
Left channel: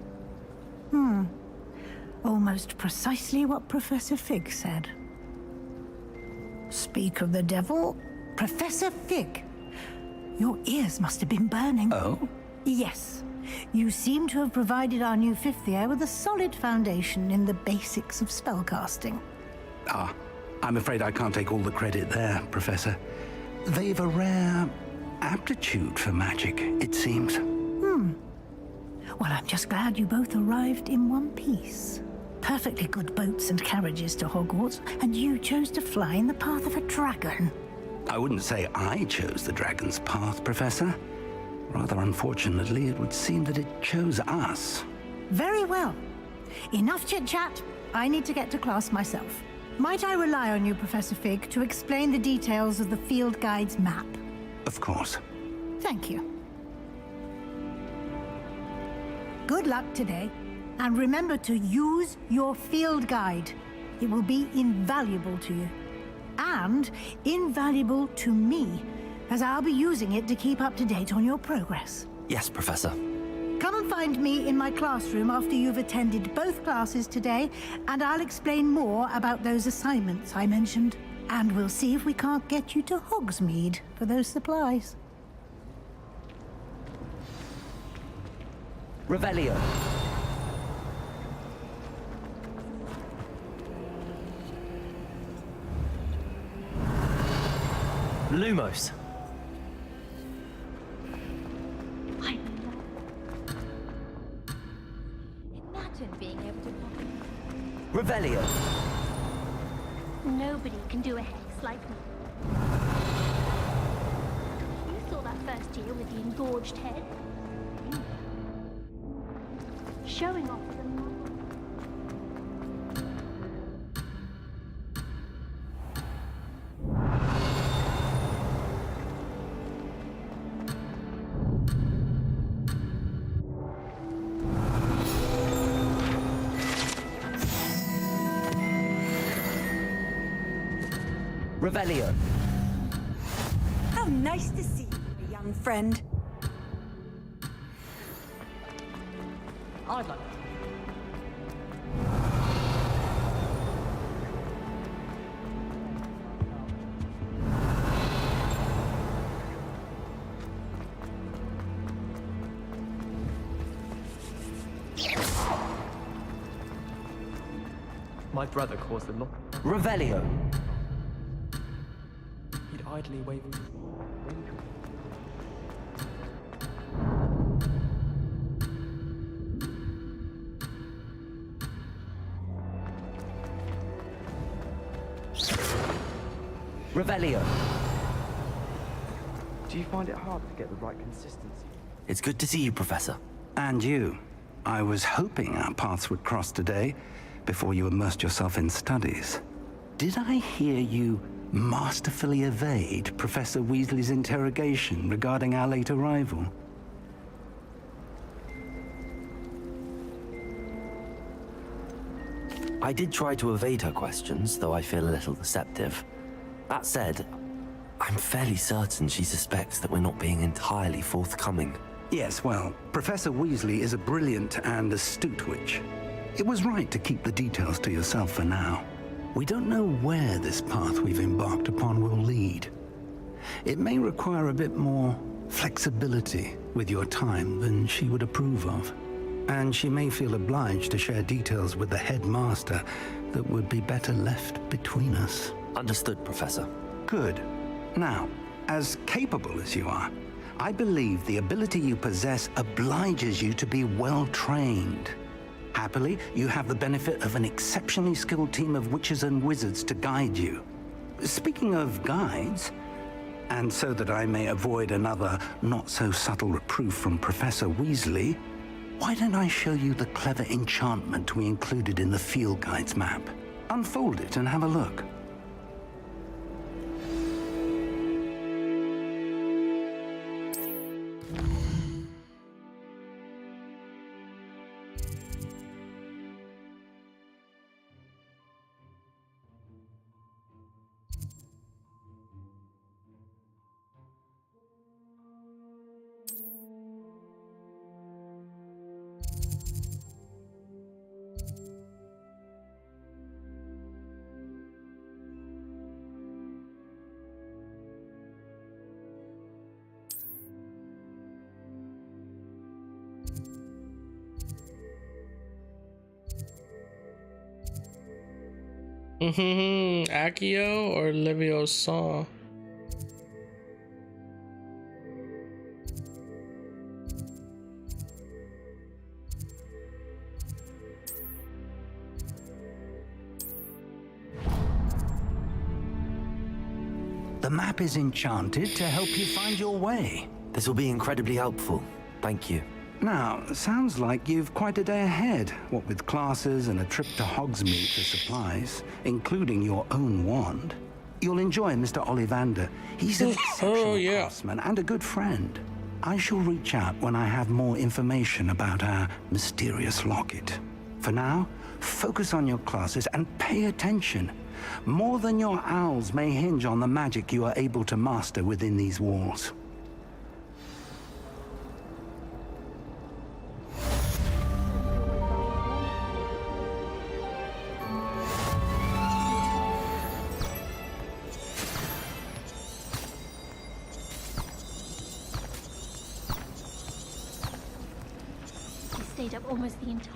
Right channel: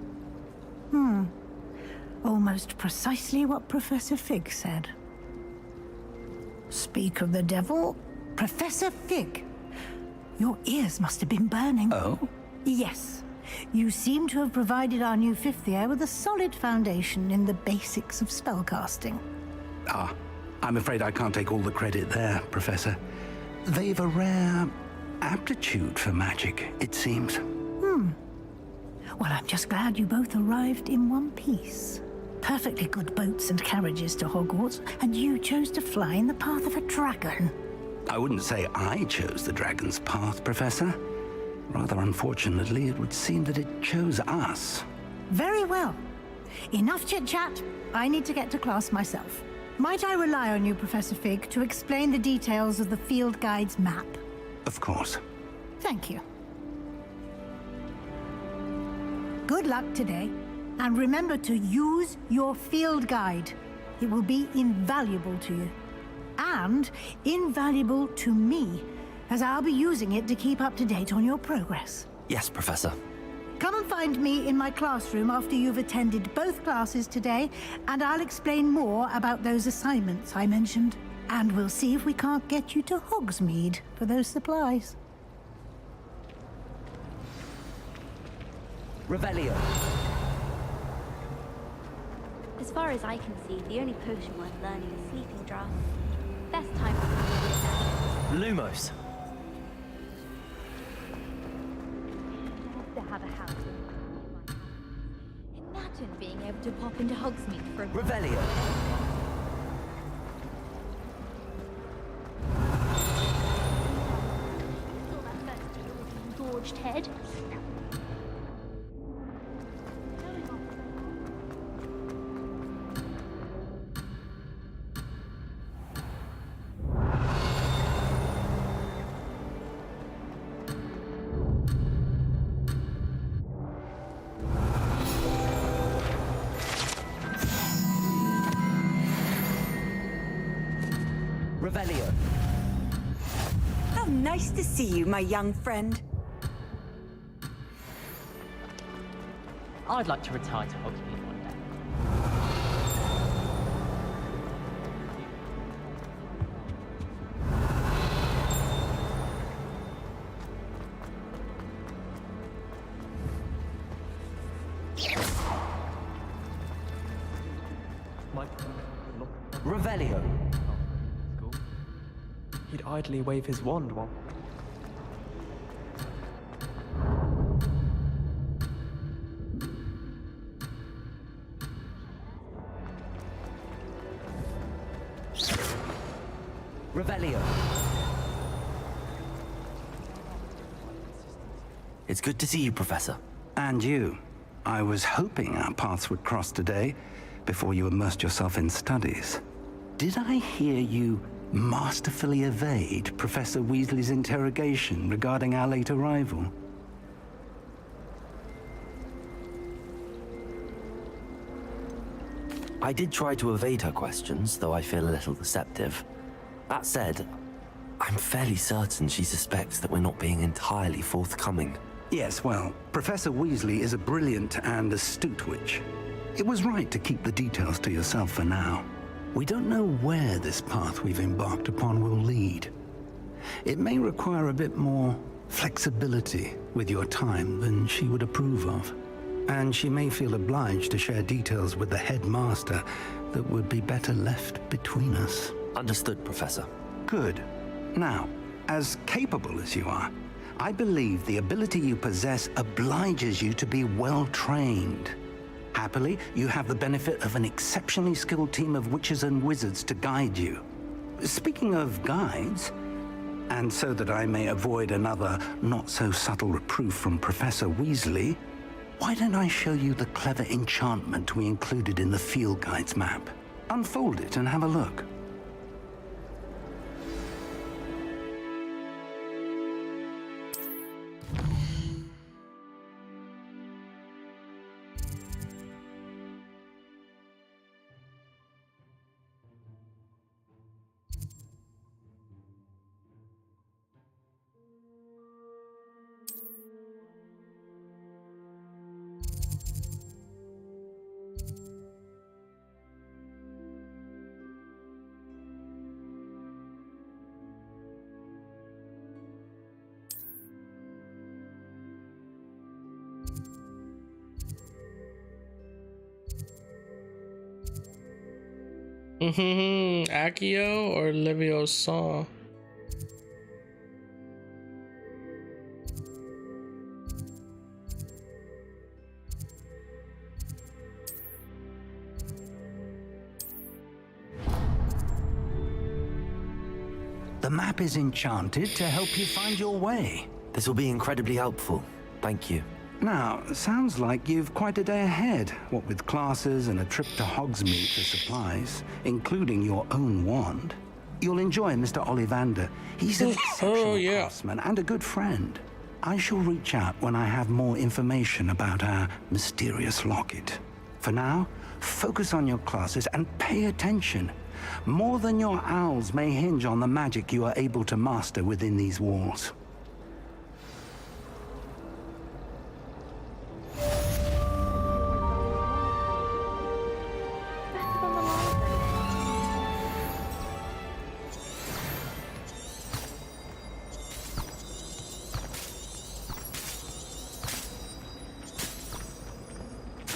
Almost precisely what Professor Fig said. Speak of the devil, Professor Fig. Your ears must have been burning. Oh? Yes. You seem to have provided our new fifth year with a solid foundation in the basics of spellcasting. Ah, I'm afraid I can't take all the credit there, Professor. They've a rare aptitude for magic, it seems. Well, I'm just glad you both arrived in one piece. Perfectly good boats and carriages to Hogwarts, and you chose to fly in the path of a dragon. I wouldn't say I chose the dragon's path, Professor. Rather unfortunately, it would seem that it chose us. Very well. Enough chit-chat. I need to get to class myself. Might I rely on you, Professor Fig, to explain the details of the field guide's map? Of course. Thank you. Good luck today, and remember to use your field guide. It will be invaluable to you, and invaluable to me, as I'll be using it to keep up to date on your progress. Yes, Professor. Come and find me in my classroom after you've attended both classes today, and I'll explain more about those assignments I mentioned. And we'll see if we can't get you to Hogsmeade for those supplies. Revelio. As far as I can see, the only potion worth learning is Sleepy Draft. Best time. Lumos. I'd love to have a house. Imagine being able to pop into Hogsmeade for a Revelio. Nobody can do a hex like me. You saw that first year with the engorged head. Showing off the Revelio. How nice to see you, my young friend. I'd like to retire to Hogwarts. My brother caused the lock. Revelio. He'd idly wave his wand while Revelio. Do you find it hard to get the right consistency? It's good to see you, Professor. And you. I was hoping our paths would cross today, before you immersed yourself in studies. Did I hear you masterfully evade Professor Weasley's interrogation regarding our late arrival? I did try to evade her questions, though I feel a little deceptive. That said, I'm fairly certain she suspects that we're not being entirely forthcoming. Yes, well, Professor Weasley is a brilliant and astute witch. It was right to keep the details to yourself for now. We don't know where this path we've embarked upon will lead. It may require a bit more flexibility with your time than she would approve of. And she may feel obliged to share details with the headmaster that would be better left between us. Understood, Professor. Good. Now, as capable as you are, I believe the ability you possess obliges you to be well trained. Happily, you have the benefit of an exceptionally skilled team of witches and wizards to guide you. Speaking of guides, and so that I may avoid another not-so-subtle reproof from Professor Weasley, why don't I show you the clever enchantment we included in the field guide's map? Unfold it and have a look. Accio or Leviosa? The map is enchanted to help you find your way. This will be incredibly helpful. Thank you. Now, sounds like you've quite a day ahead, what with classes and a trip to Hogsmeade for supplies, including your own wand. You'll enjoy Mr. Ollivander. He's an exceptional craftsman and a good friend. I shall reach out when I have more information about our mysterious locket. For now, focus on your classes and pay attention. More than your owls may hinge on the magic you are able to master within these walls.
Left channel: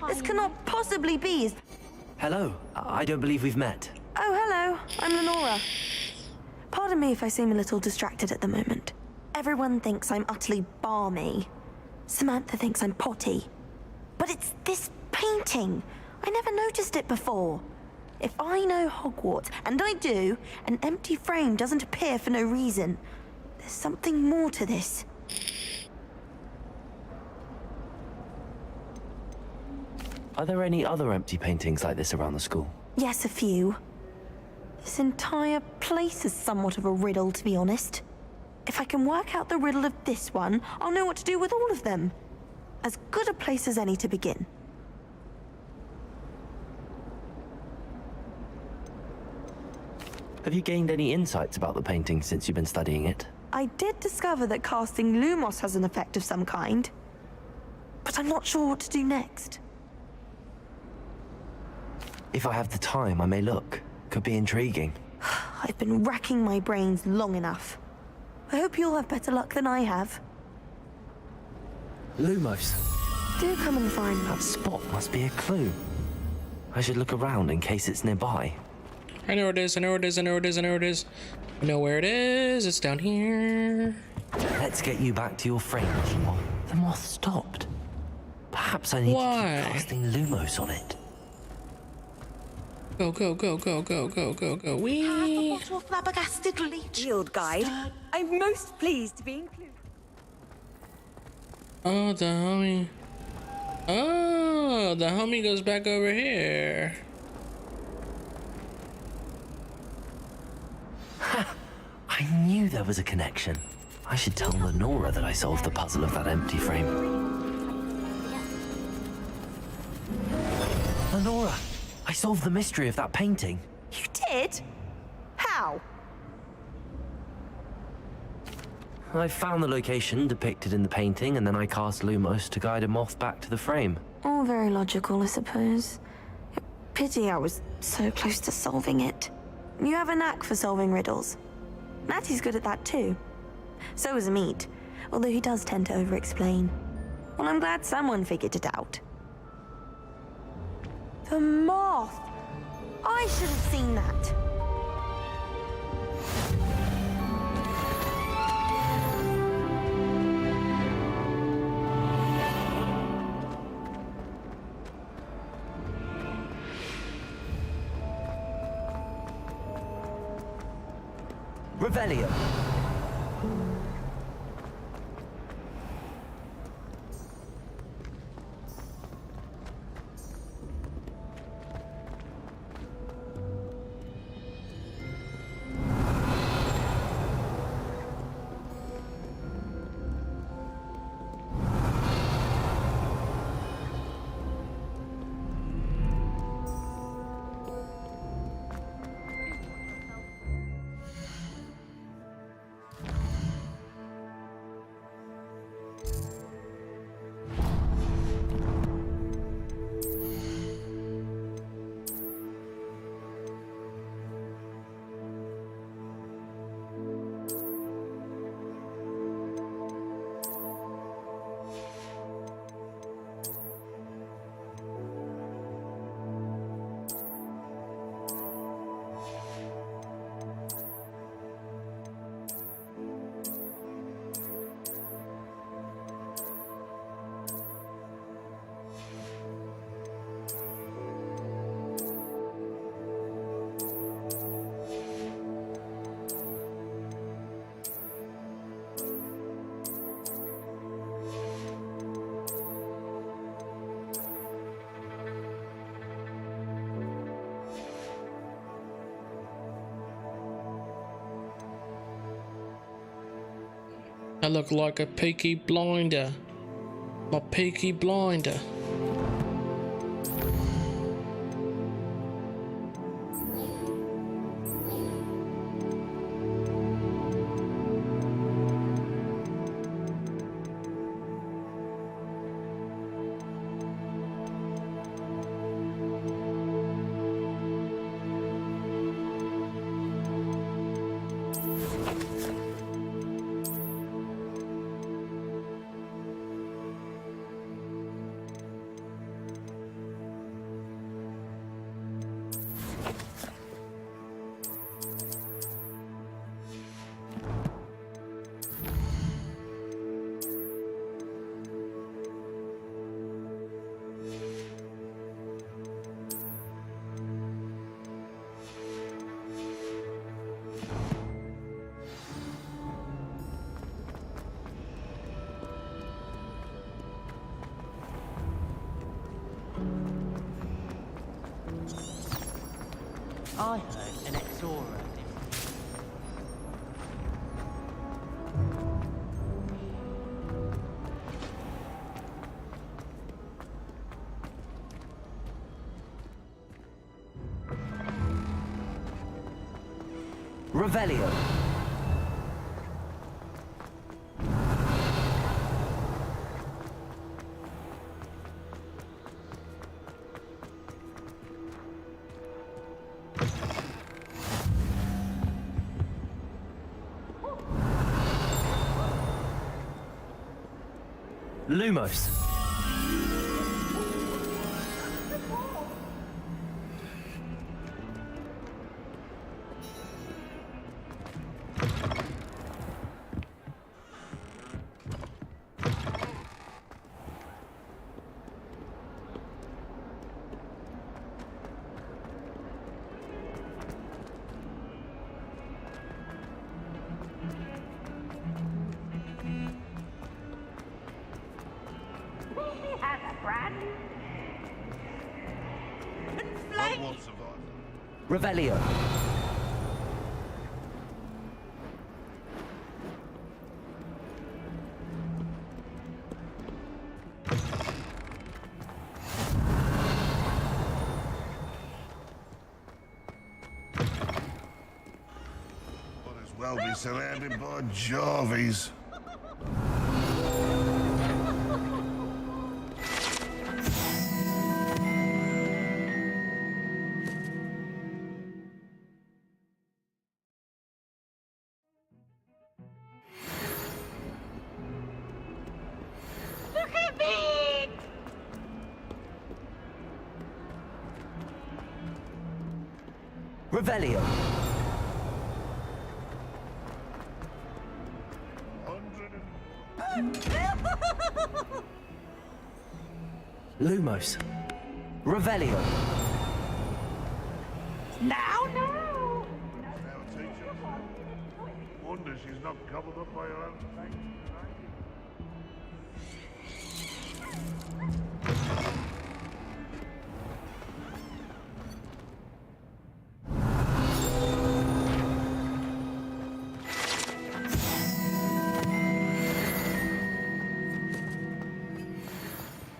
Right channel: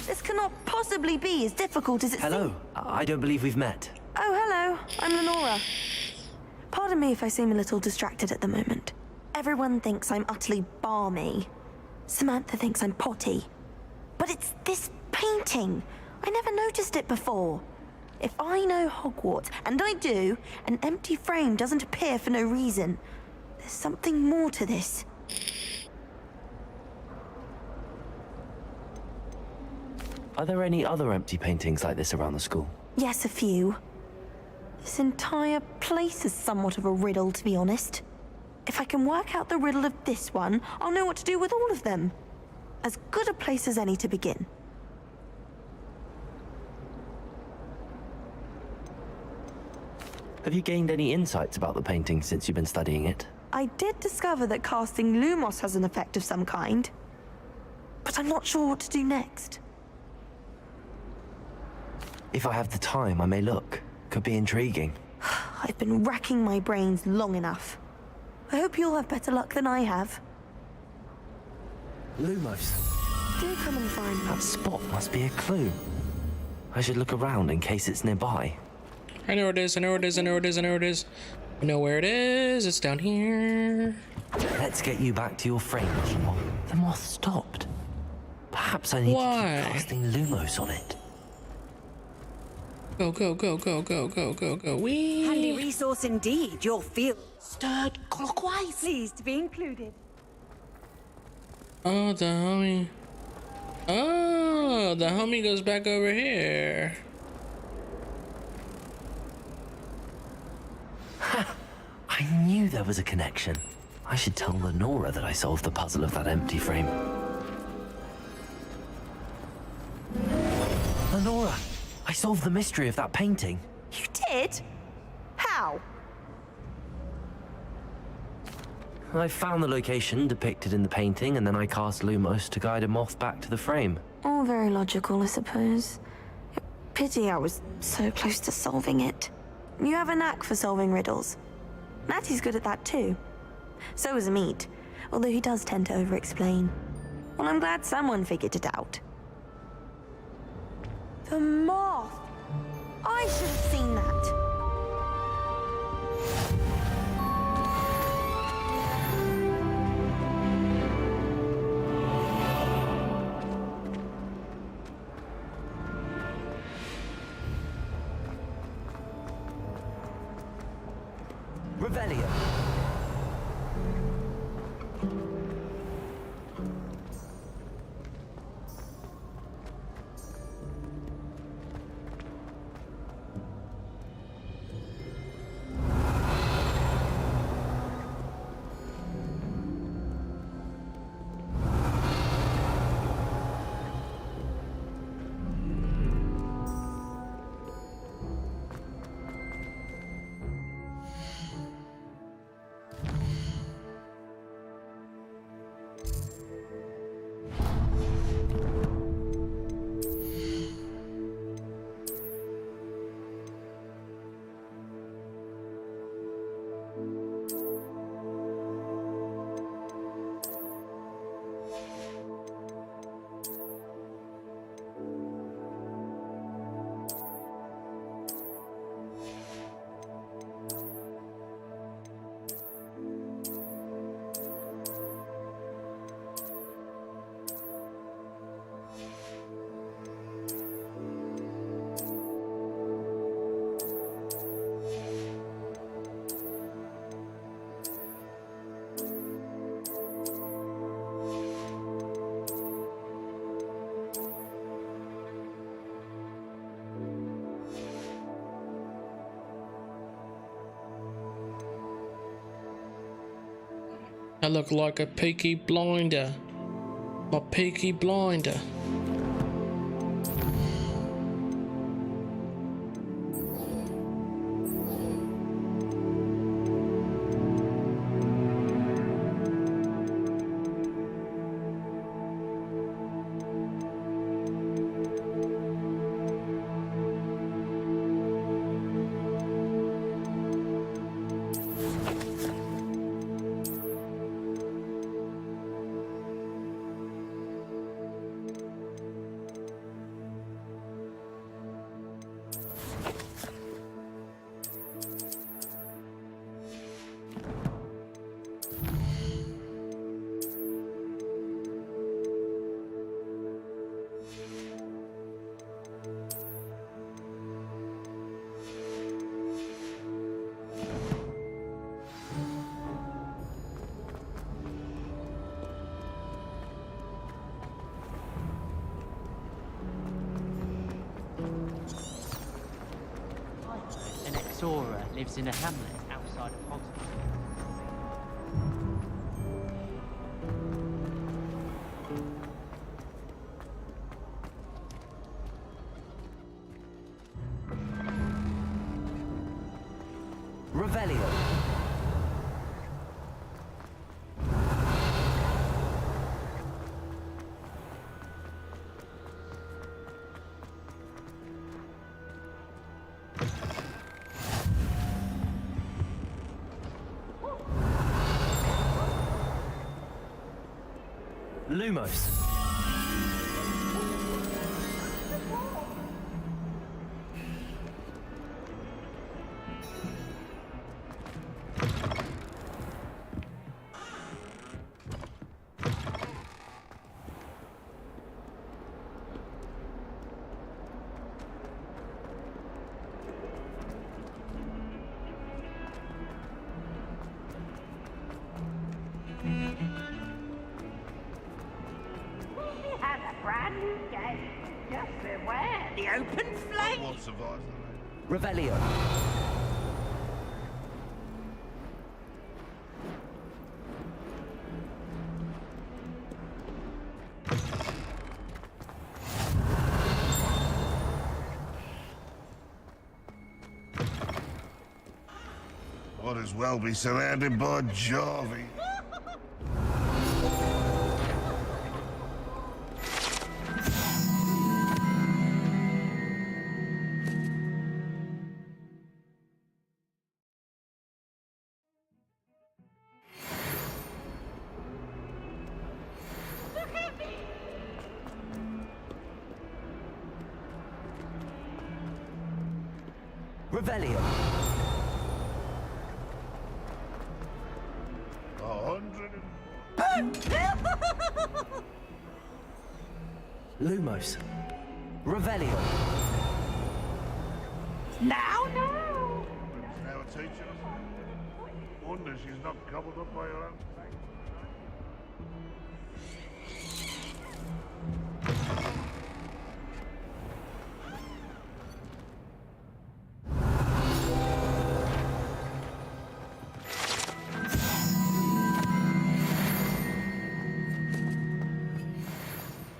This cannot possibly be as difficult as it Hello. I don't believe we've met. Oh, hello. I'm Lenora. Pardon me if I seem a little distracted at the moment. Everyone thinks I'm utterly balmy. Samantha thinks I'm potty. But it's this painting. I never noticed it before. If I know Hogwarts, and I do, an empty frame doesn't appear for no reason. There's something more to this. Are there any other empty paintings like this around the school? Yes, a few. This entire place is somewhat of a riddle, to be honest. If I can work out the riddle of this one, I'll know what to do with all of them. As good a place as any to begin. Have you gained any insights about the painting since you've been studying it? I did discover that casting Lumos has an effect of some kind. But I'm not sure what to do next. If I have the time, I may look. Could be intriguing. I've been racking my brains long enough. I hope you'll have better luck than I have. Lumos. Do come and find me. That spot must be a clue. I should look around in case it's nearby. I know where it is, I know where it is, I know where it is, I know where it is. I know where it is, it's down here. Let's get you back to your frame. The moth stopped. Perhaps I need to keep casting Lumos on it. Go, go, go, go, go, go, go, go. Whee! Resource indeed, your field guide. I'm most pleased to be included. Oh, the homie. Oh, the homie goes back over here. I knew there was a connection. I should tell Lenora that I solved the puzzle of that empty frame. Lenora, I solved the mystery of that painting. You did? How? I found the location depicted in the painting, and then I cast Lumos to guide a moth back to the frame. All very logical, I suppose. Pity I was so close to solving it. You have a knack for solving riddles. Matty's good at that too. So is Amit, although he does tend to over-explain. Well, I'm glad someone figured it out. The moth! I should have seen that. Revelio. I look like a peaky blinder. My peaky blinder. I heard an ex-Aura lives in a hamlet outside of Hogwarts. Revelio. Lumos. Has a brand new day. Just beware the open flame. Revelio. Might as well be surrounded by Jarvies. Look at me! Revelio. Lumos. Revelio. Now, no! Now, teacher. Wonder she's not gobbled up by her own tank.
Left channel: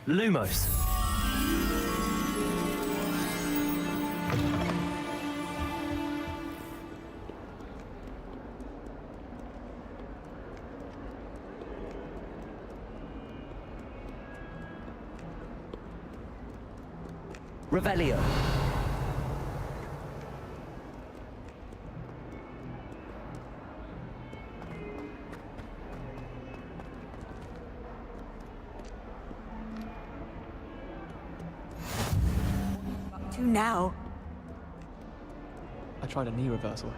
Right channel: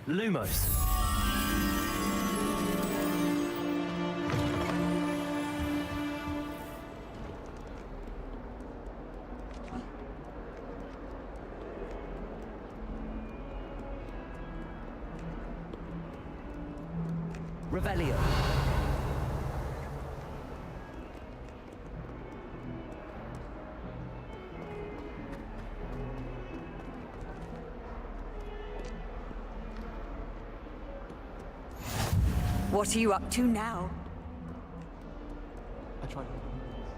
Lumos. Revelio. What are you up to now? I tried a knee reversal.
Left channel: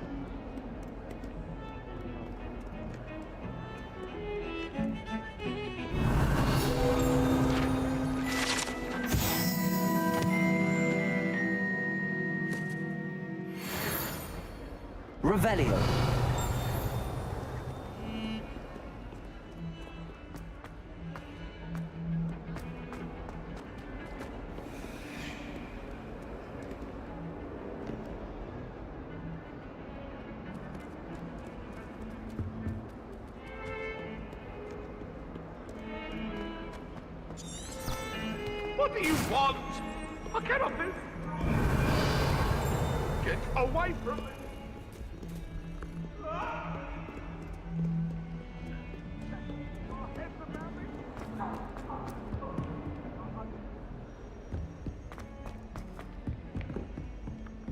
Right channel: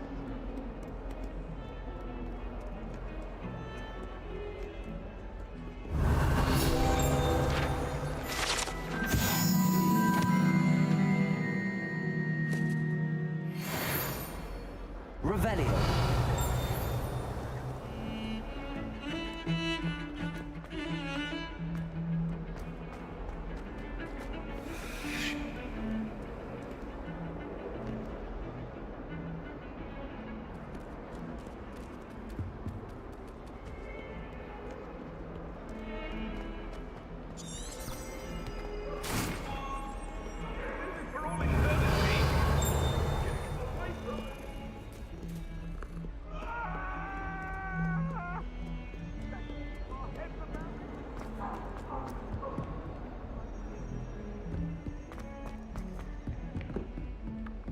Revelio. away from me!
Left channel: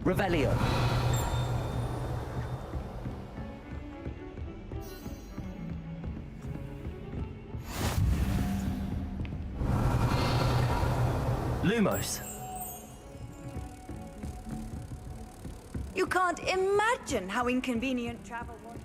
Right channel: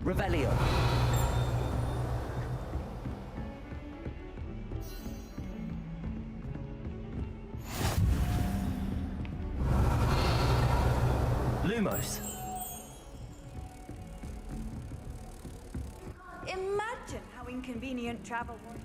Revelio. Lumos. You can't imagine how inconvenient travel was.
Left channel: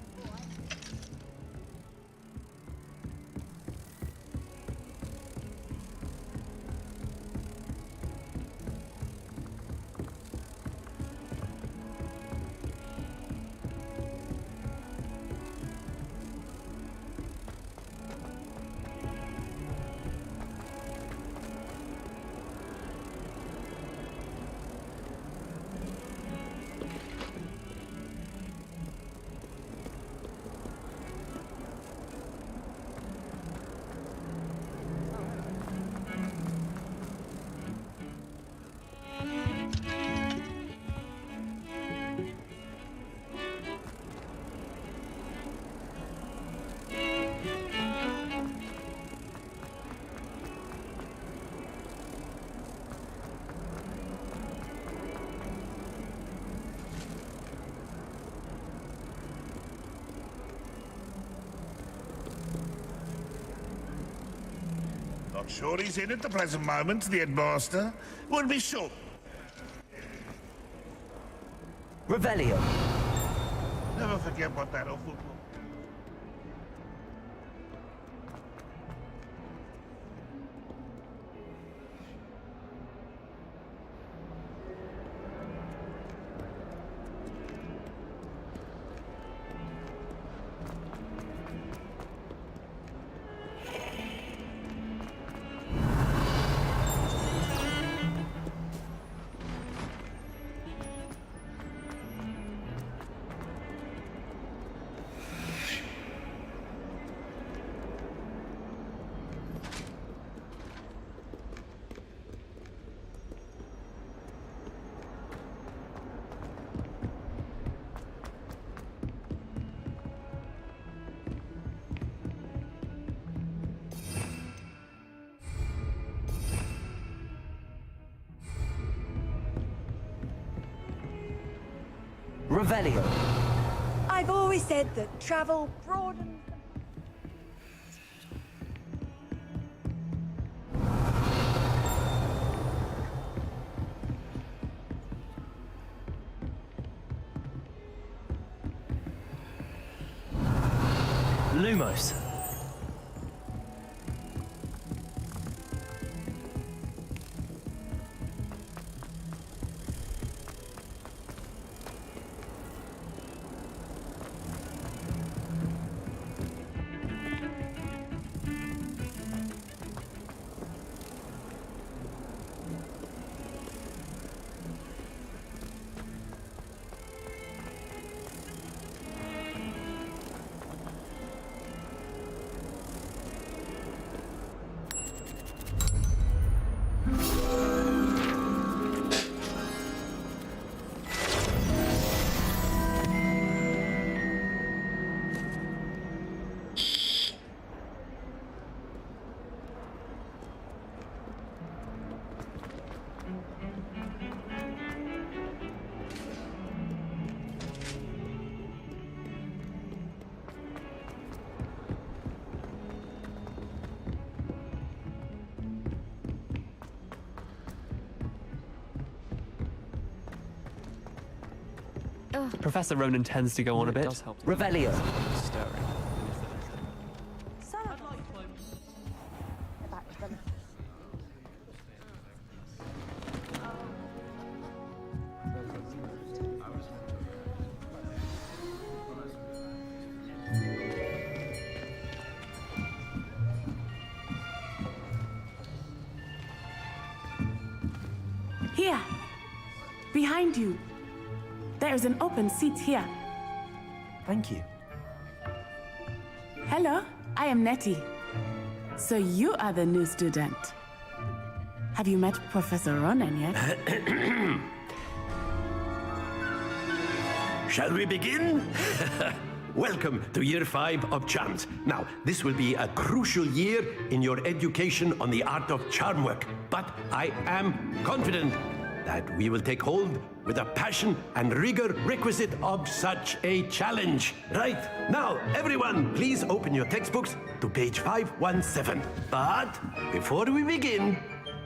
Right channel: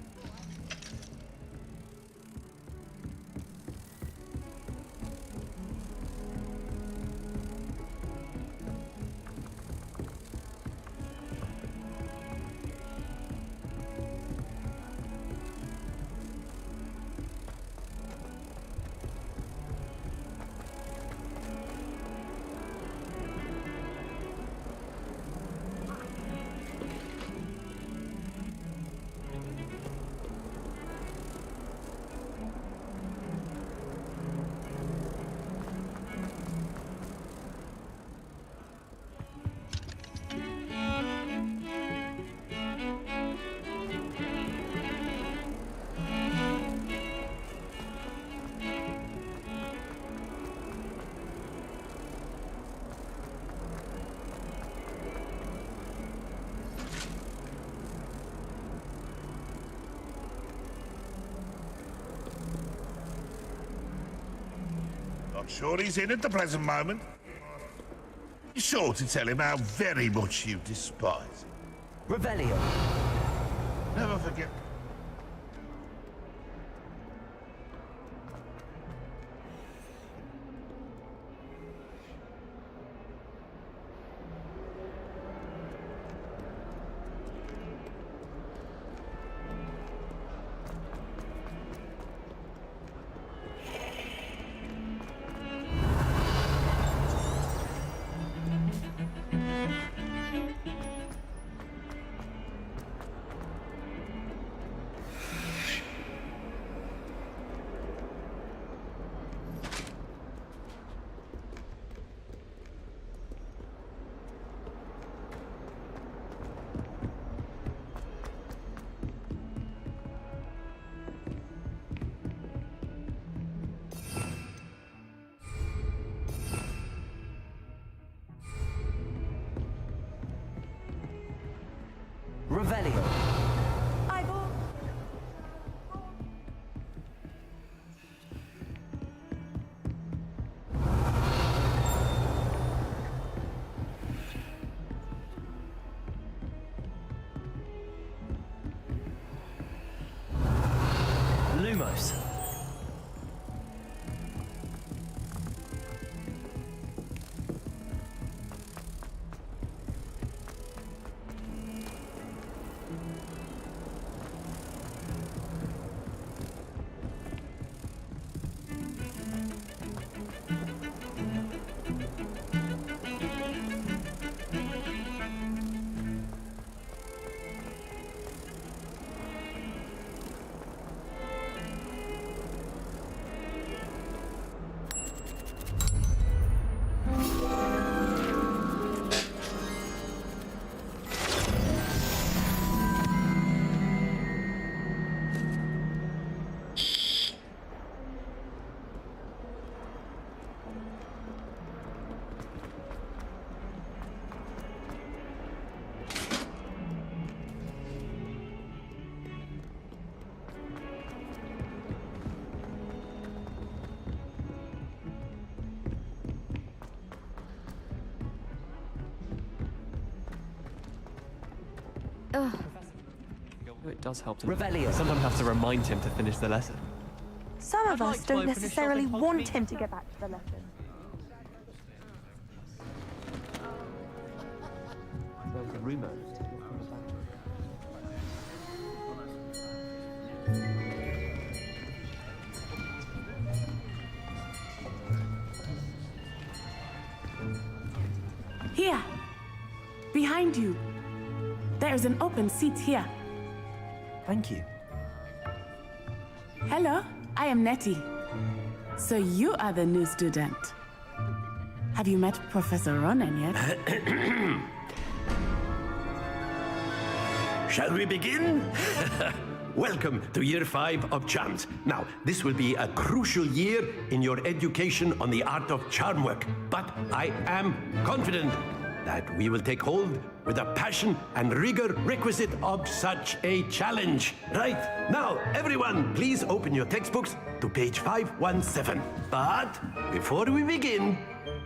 Not sure he's in at the present moment, the headmaster. Would be sure to tell him how very much you despise him. Revelio. Never forget what that awful... Revelio. I've always said that travel broadens. Lumos. Professor Ronan tends to go on a bit. It does help to Revelio. Someone has to remind him to finish the lesson. Some of us don't necessarily want him to get back to the lesson. Here, behind you. There's an open seat here. Thank you. Hello, I am Nettie. So you are the new student. Have you met Professor Ronan yet? Shall we begin? Welcome to Year 5 of Charms. Now, this will be a crucial year in your education on the art of charm work, but I am confident that we will take hold with the passion and rigor requisite of such a challenge. Right, now, everyone, please open your textbooks to page 517. But before we begin,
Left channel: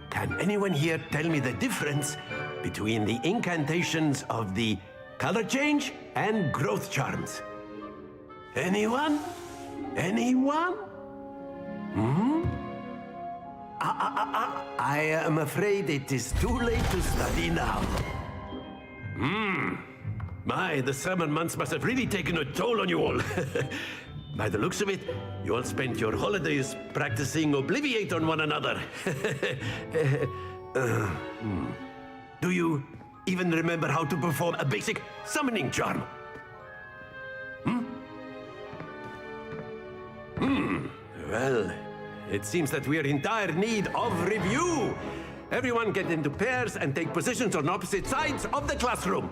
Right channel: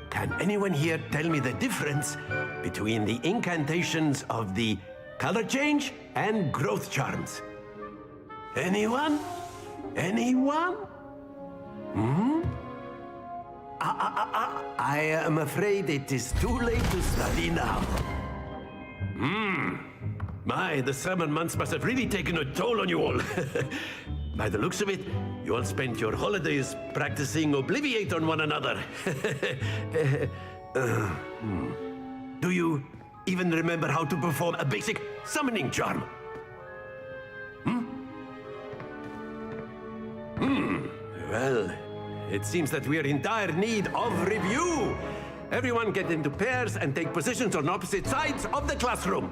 can anyone here tell me the difference between the incantations of the color change and growth charms? Anyone? Anyone? I am afraid it is too late to study now. My, the summer months must have really taken a toll on you all. By the looks of it, you all spent your holidays practicing Obliviate on one another. Do you even remember how to perform a basic summoning charm? Well, it seems that we are in dire need of review. Everyone get into pairs and take positions on opposite sides of the classroom.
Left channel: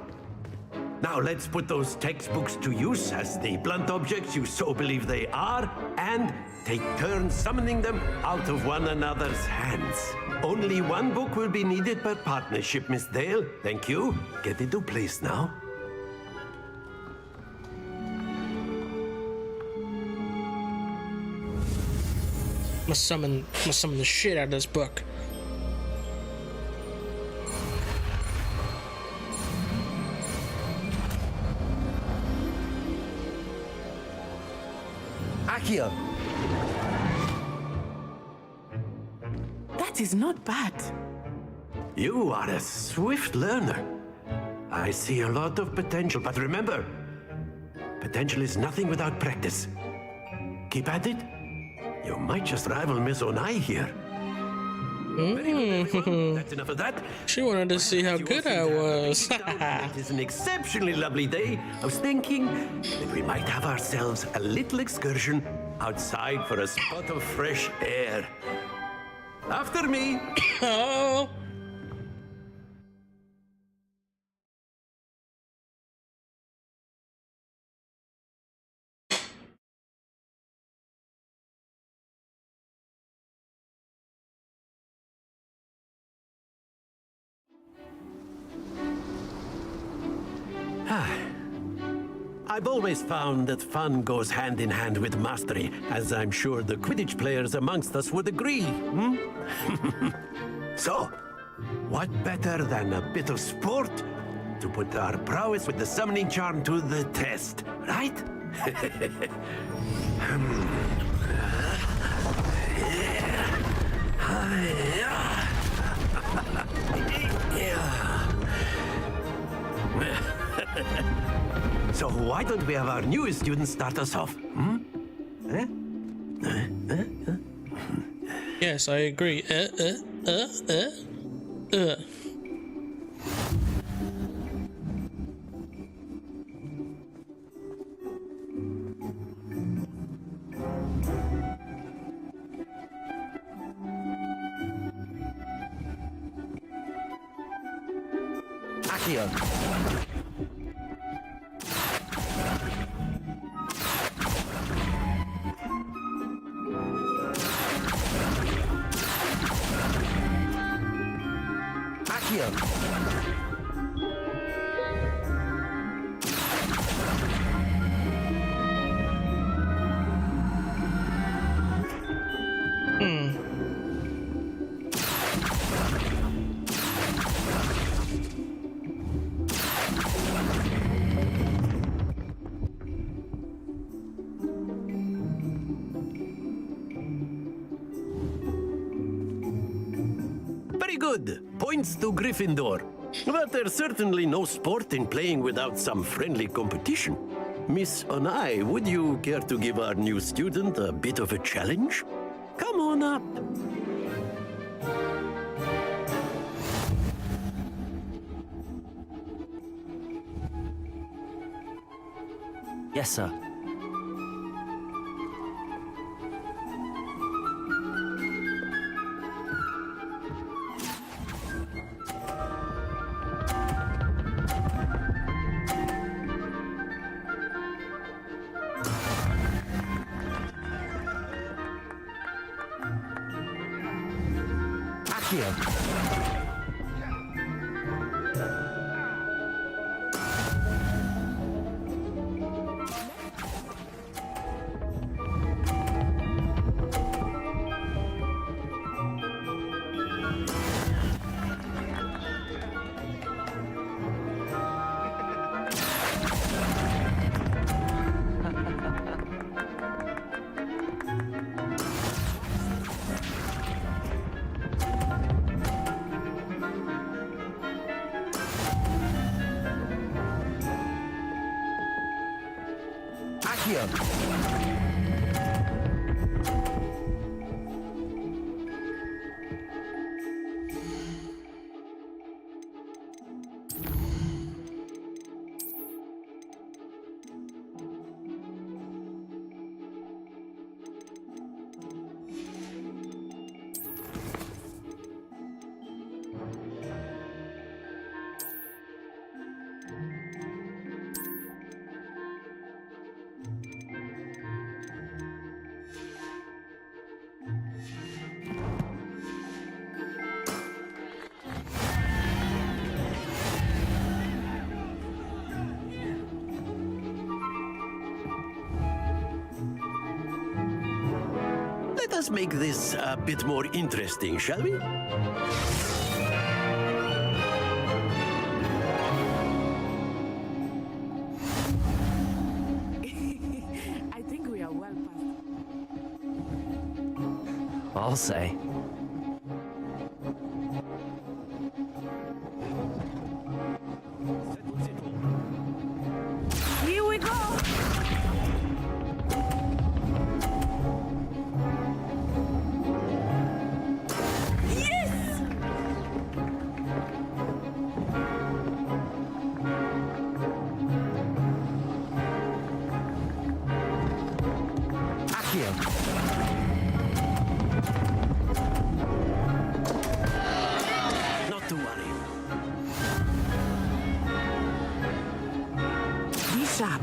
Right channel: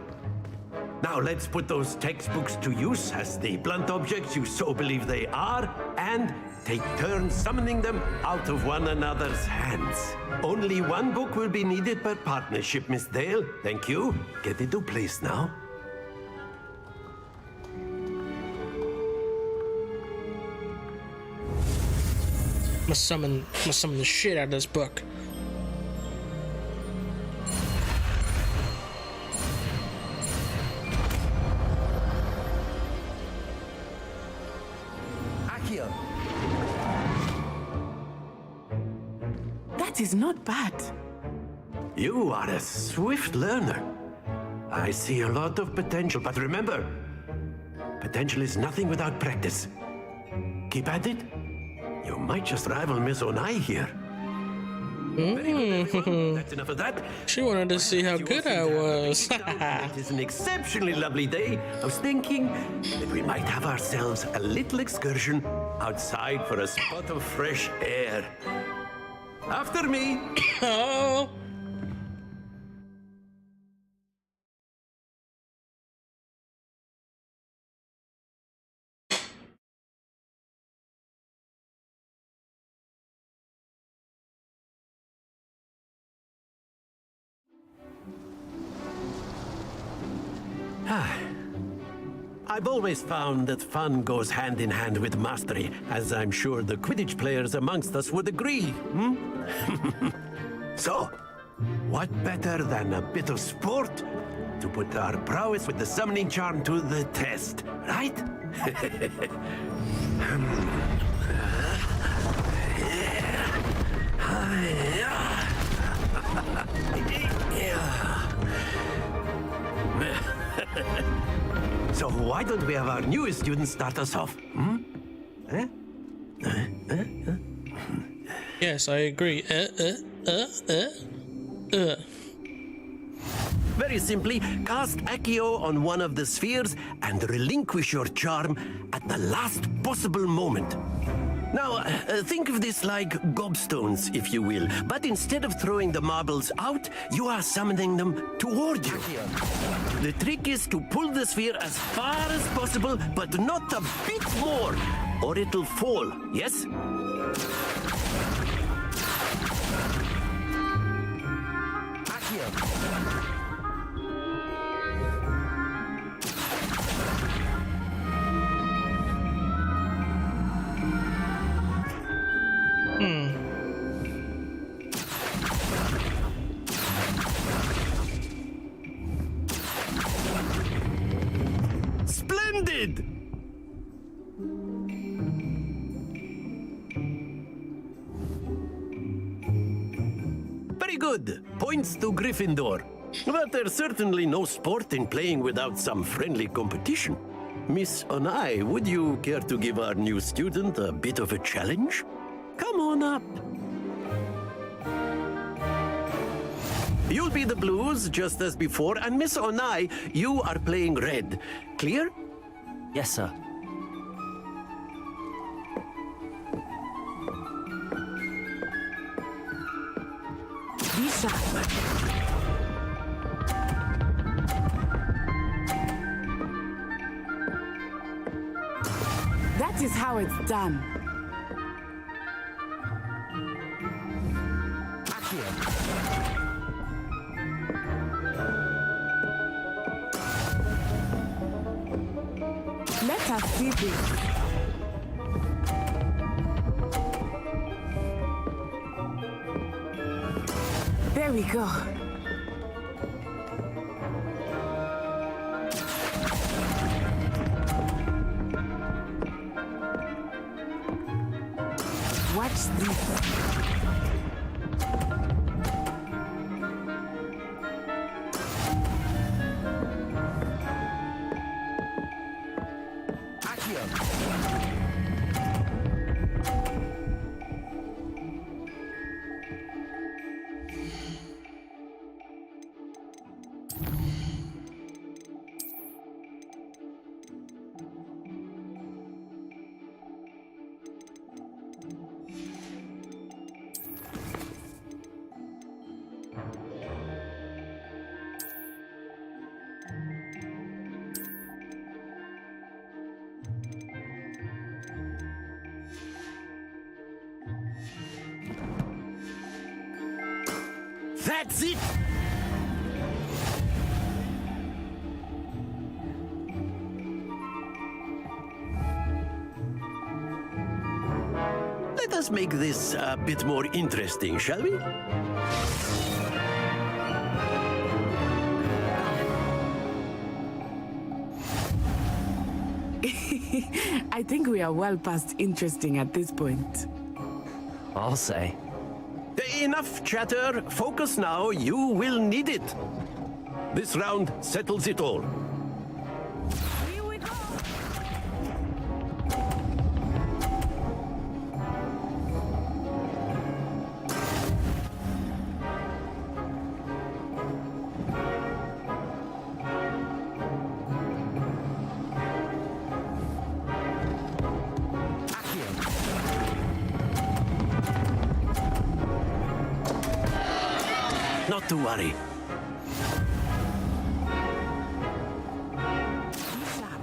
Now let's put those textbooks to use as the blunt objects you so believe they are, and take turns summoning them out of one another's hands. Only one book will be needed per partnership, Miss Dale. Thank you. Get into place now. Must summon the shit out of this book. Accio. That is not bad. You are a swift learner. I see a lot of potential, but remember, potential is nothing without practice. Keep at it. You might just rival Miss Onai here. Very good, everyone. That's enough of that. She wanted to see how good I was. It is an exceptionally lovely day. I was thinking that we might have ourselves a little excursion outside for a spot of fresh air. After me. Oh. I've always found that fun goes hand in hand with mastery, as I'm sure the Quidditch players amongst us would agree. So, what better than a bit of sport to put our prowess with the summoning charm to the test, right? So why don't we have our newest student start us off? Yes, I agree. Very simply, cast Accio on one of the spheres and relinquish your charm at the last possible moment. Now, think of this like gobstones, if you will, but instead of throwing the marbles out, you are summoning them towards Accio. The trick is to pull the sphere as far as possible, but not a bit more, or it'll fall, yes? Accio. Splendid! Very good. Points to Gryffindor. But there's certainly no sport in playing without some friendly competition. Miss Onai, would you care to give our new student a bit of a challenge? Come on up. You'll be the blues, just as before, and Miss Onai, you are playing red. Clear? Yes, sir. done. Let us see this. There we go. Watch this. That's it! Let us make this a bit more interesting, shall we? I think we are well past interesting at this point. I'll say. Enough chatter. Focus now. You will need it. This round settles it all. Here we go! Not to worry. Be sharp.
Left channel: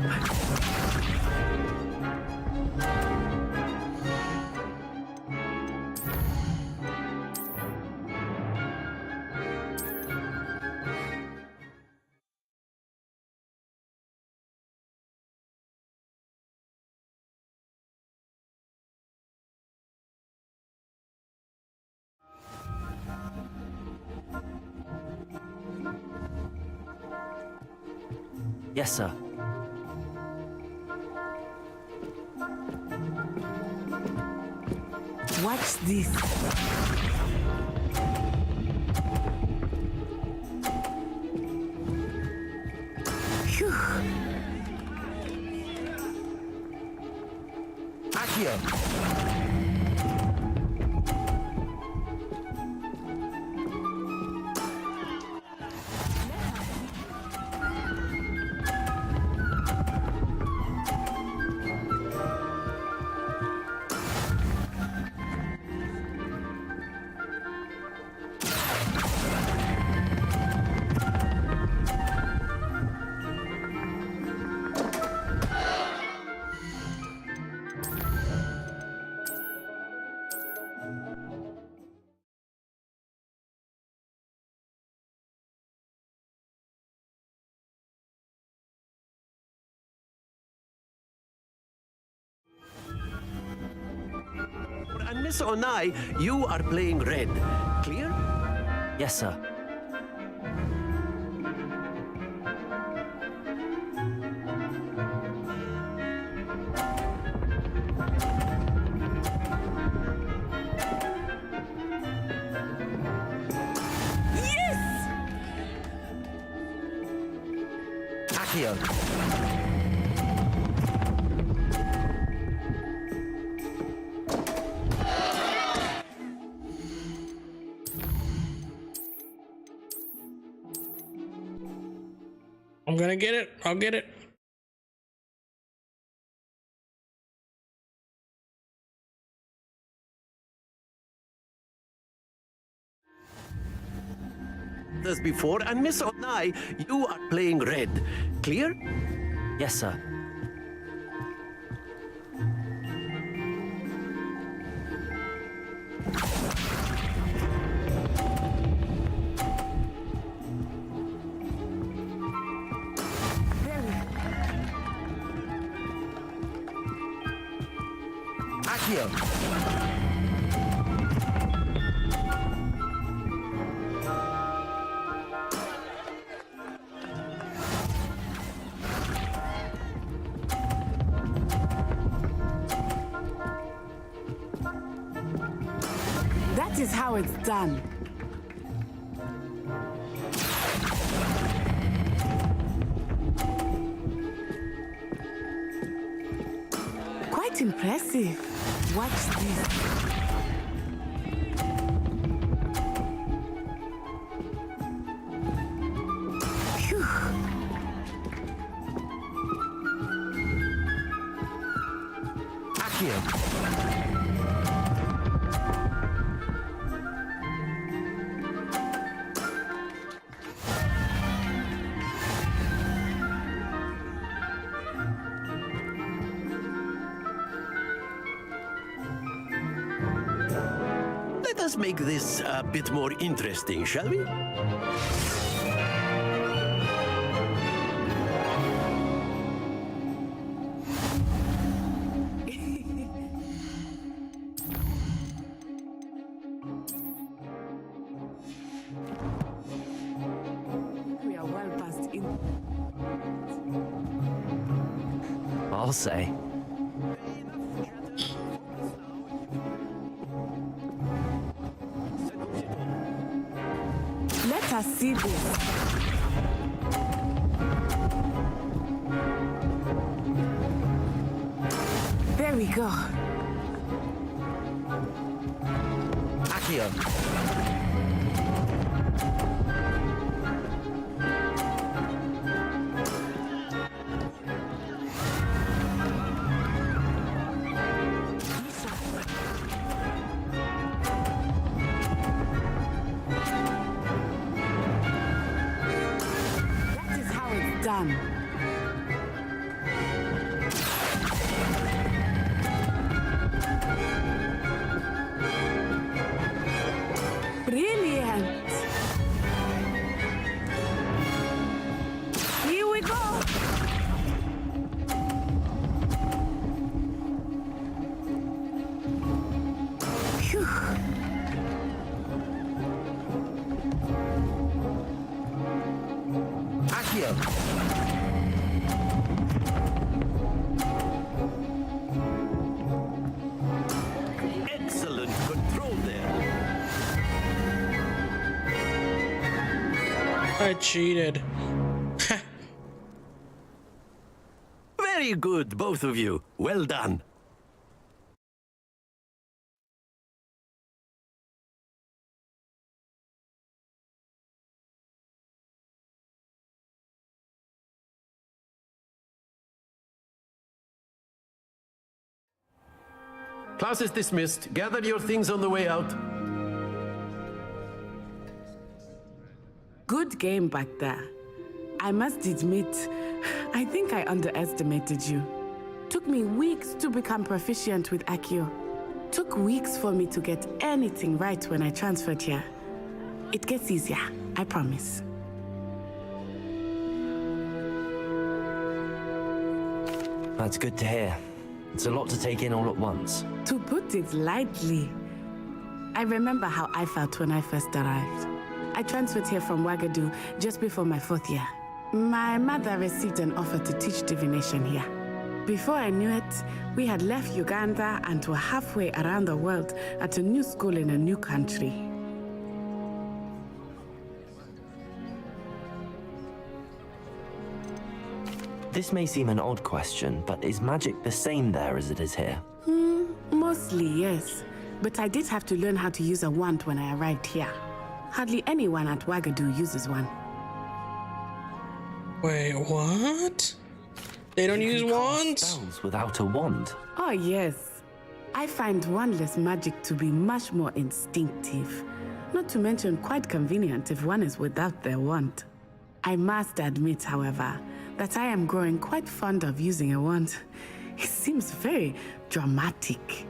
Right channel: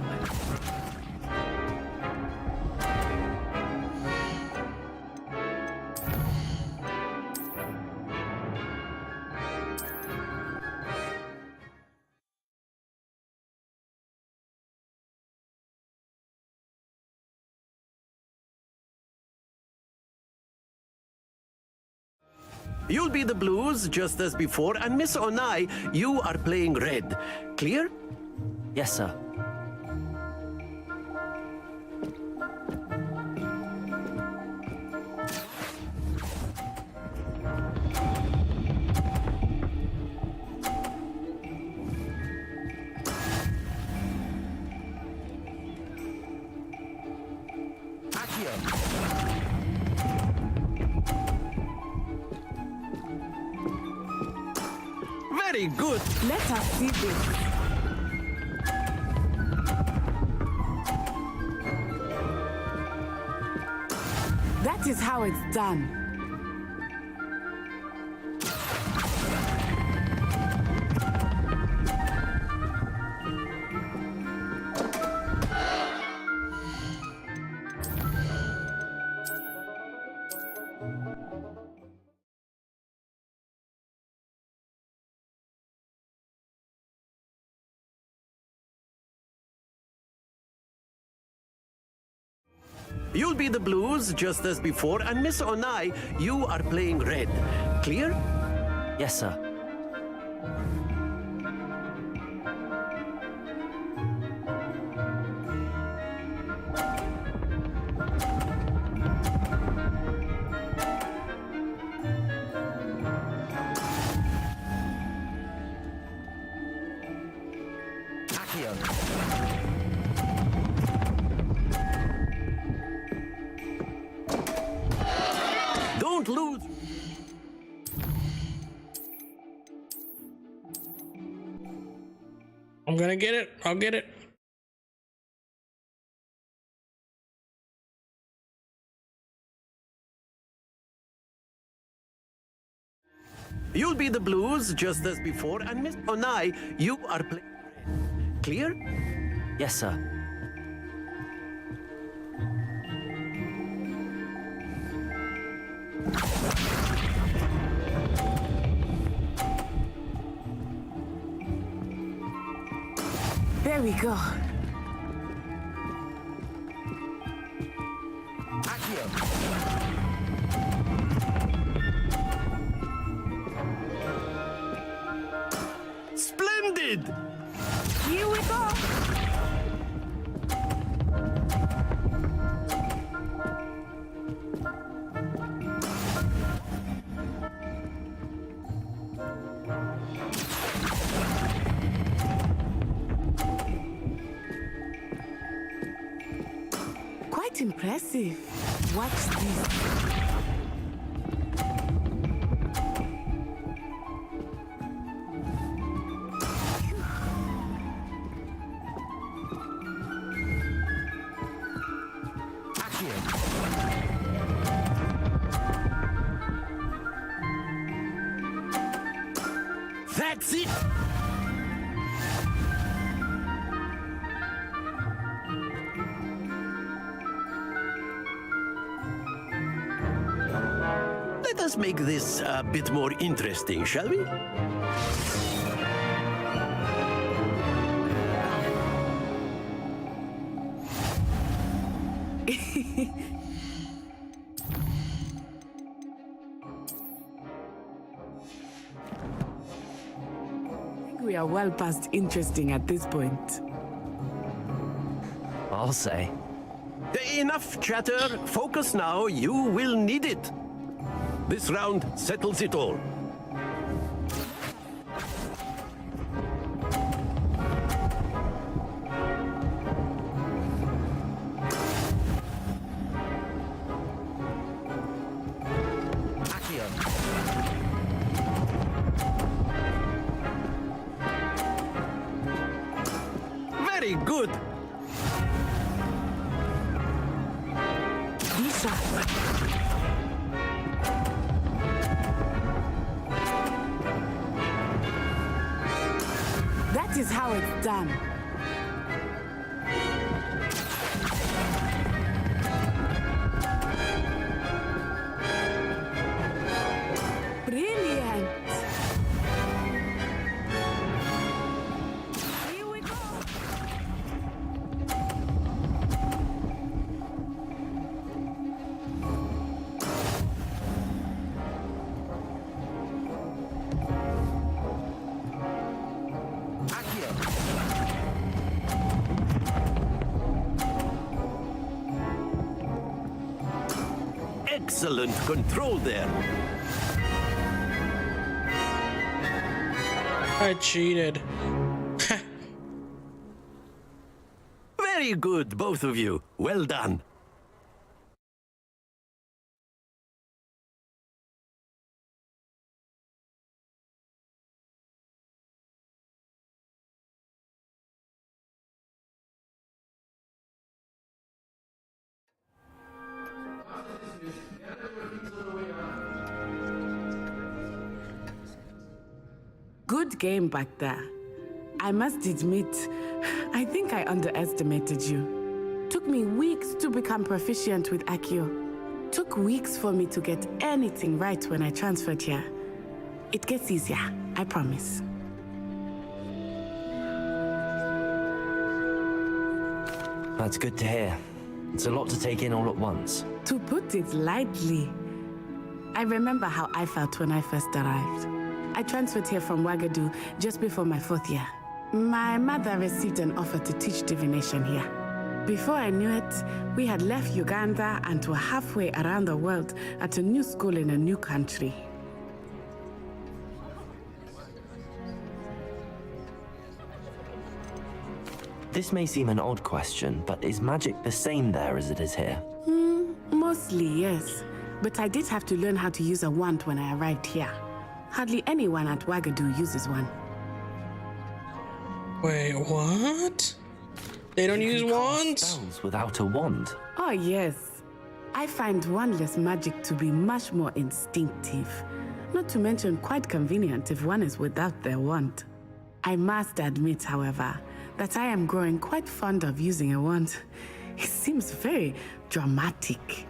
You'll be the blues just as before, and Miss Onai, you are playing red. Clear? Yes, sir. Watch this. Phew. Very good. Let us see this. That is how it's done. You'll be the blues just as before, and Miss Onai, you are playing red. Clear? Yes, sir. Accio. Don't lose. I'm gonna get it. I'll get it. You'll be the blues just as before, and Miss Onai, you are playing red. Clear? Yes, sir. There we go. Accio. Splendid! Here we go. That is how it's done. Quite impressive. Watch this. Phew. That's it! Let us make this a bit more interesting, shall we? We are well past interesting at this point. I'll say. Enough chatter. Focus now. You will need it. This round settles it all. Let us see this. There we go. Accio. Very good. Lisa. That is how it's done. Brilliant. Here we go. Phew. Excellent control there. I cheated. Very good, both of you. Well done. Class is dismissed. Gather your things on the way out. Good game back there. I must admit, I think I underestimated you. Took me weeks to become proficient with Accio. Took weeks for me to get anything right when I transferred here. It gets easier, I promise. That's good to hear. It's a lot to take in all at once. To put it lightly, I remember how I felt when I first arrived. I transferred here from Ouagadougou just before my 4th year. My mother received an offer to teach divination here. Before I knew it, we had left Uganda and were halfway around the world at a new school in a new country. This may seem an odd question, but is magic the same there as it is here? Mostly, yes. But I did have to learn how to use a wand when I arrived here. Hardly anyone at Ouagadougou uses one. Wait, what? They don't use wands? Spells without a wand? Oh, yes. I find wandless magic to be much more instinctive. Not to mention quite convenient if one is without their wand. I must admit, however, that I am growing quite fond of using a wand. It seems very dramatic.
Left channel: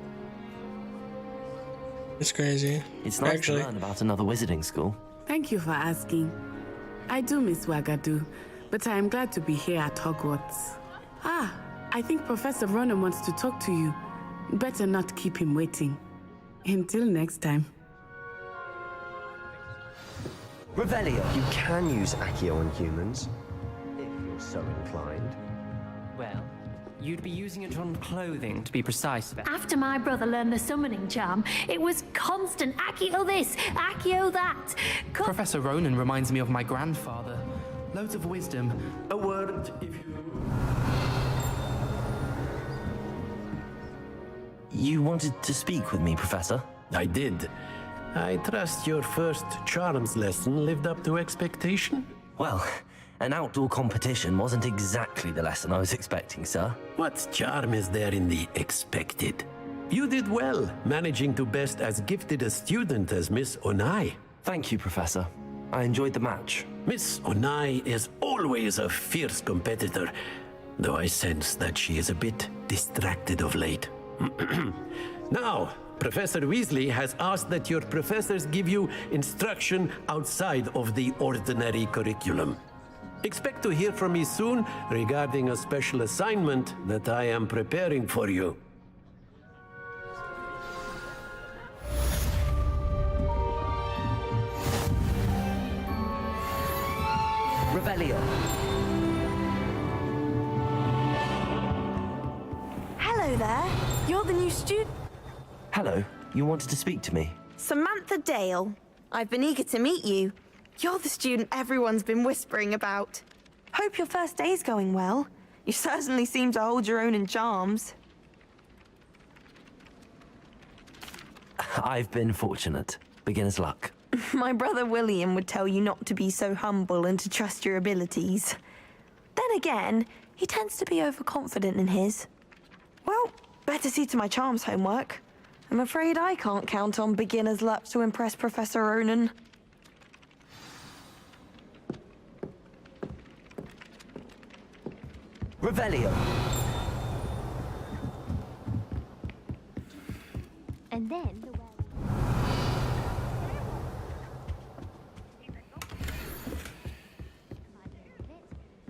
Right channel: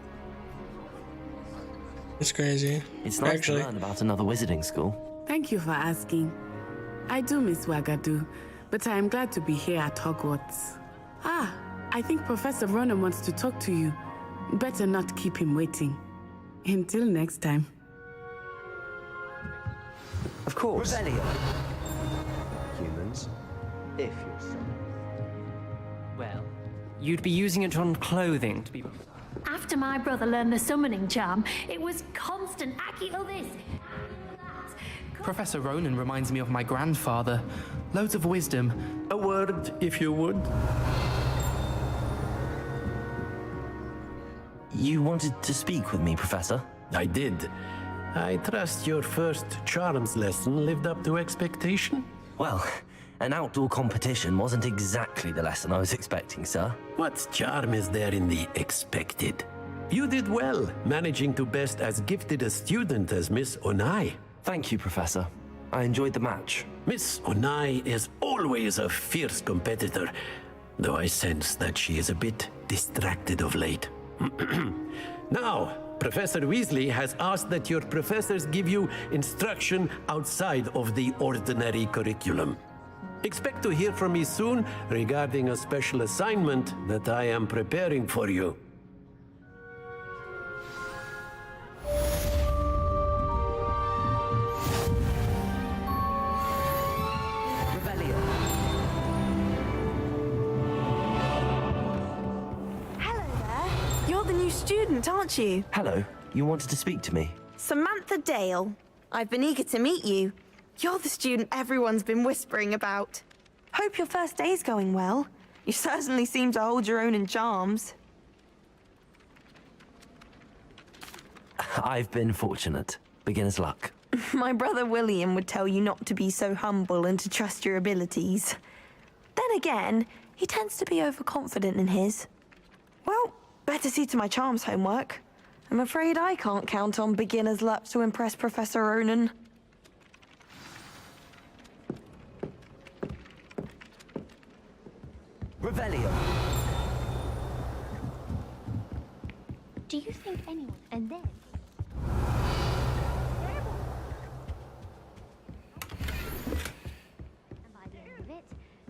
It's crazy. It's nice to learn about another wizarding school. Thank you for asking. I do miss Ouagadougou, but I am glad to be here at Hogwarts. Ah, I think Professor Ronan wants to talk to you. Better not keep him waiting. Until next time. Of course, Revelio. you can use Accio on humans, if you're so inclined. Well, you'd be using it on clothing, to be precise. After my brother learned the summoning charm, it was constant Accio this, Accio that. Professor Ronan reminds me of my grandfather. Loads of wisdom. A word, if you would. You wanted to speak with me, Professor? I did. I trust your first charms lesson lived up to expectation? Well, an outdoor competition wasn't exactly the lesson I was expecting, sir. What charm is there in the expected? You did well, managing to best as gifted a student as Miss Onai. Thank you, Professor. I enjoyed the match. Miss Onai is always a fierce competitor, though I sense that she is a bit distracted of late. Now, Professor Weasley has asked that your professors give you instruction outside of the ordinary curriculum. Expect to hear from me soon regarding a special assignment that I am preparing for you. Revelio. Hello there. You're the new student, aren't you? Hello. You wanted to speak to me? Samantha Dale. I've been eager to meet you. You're the student everyone's been whispering about. Hope your first day's going well. You certainly seem to hold your own in charms. I've been fortunate. Beginner's luck. My brother William would tell you not to be so humble and to trust your abilities. Then again, he tends to be overconfident in his. Well, better see to my charms homework. I'm afraid I can't count on beginner's luck to impress Professor Ronan. Revelio. Do you think anyone... And then... And by the end of it,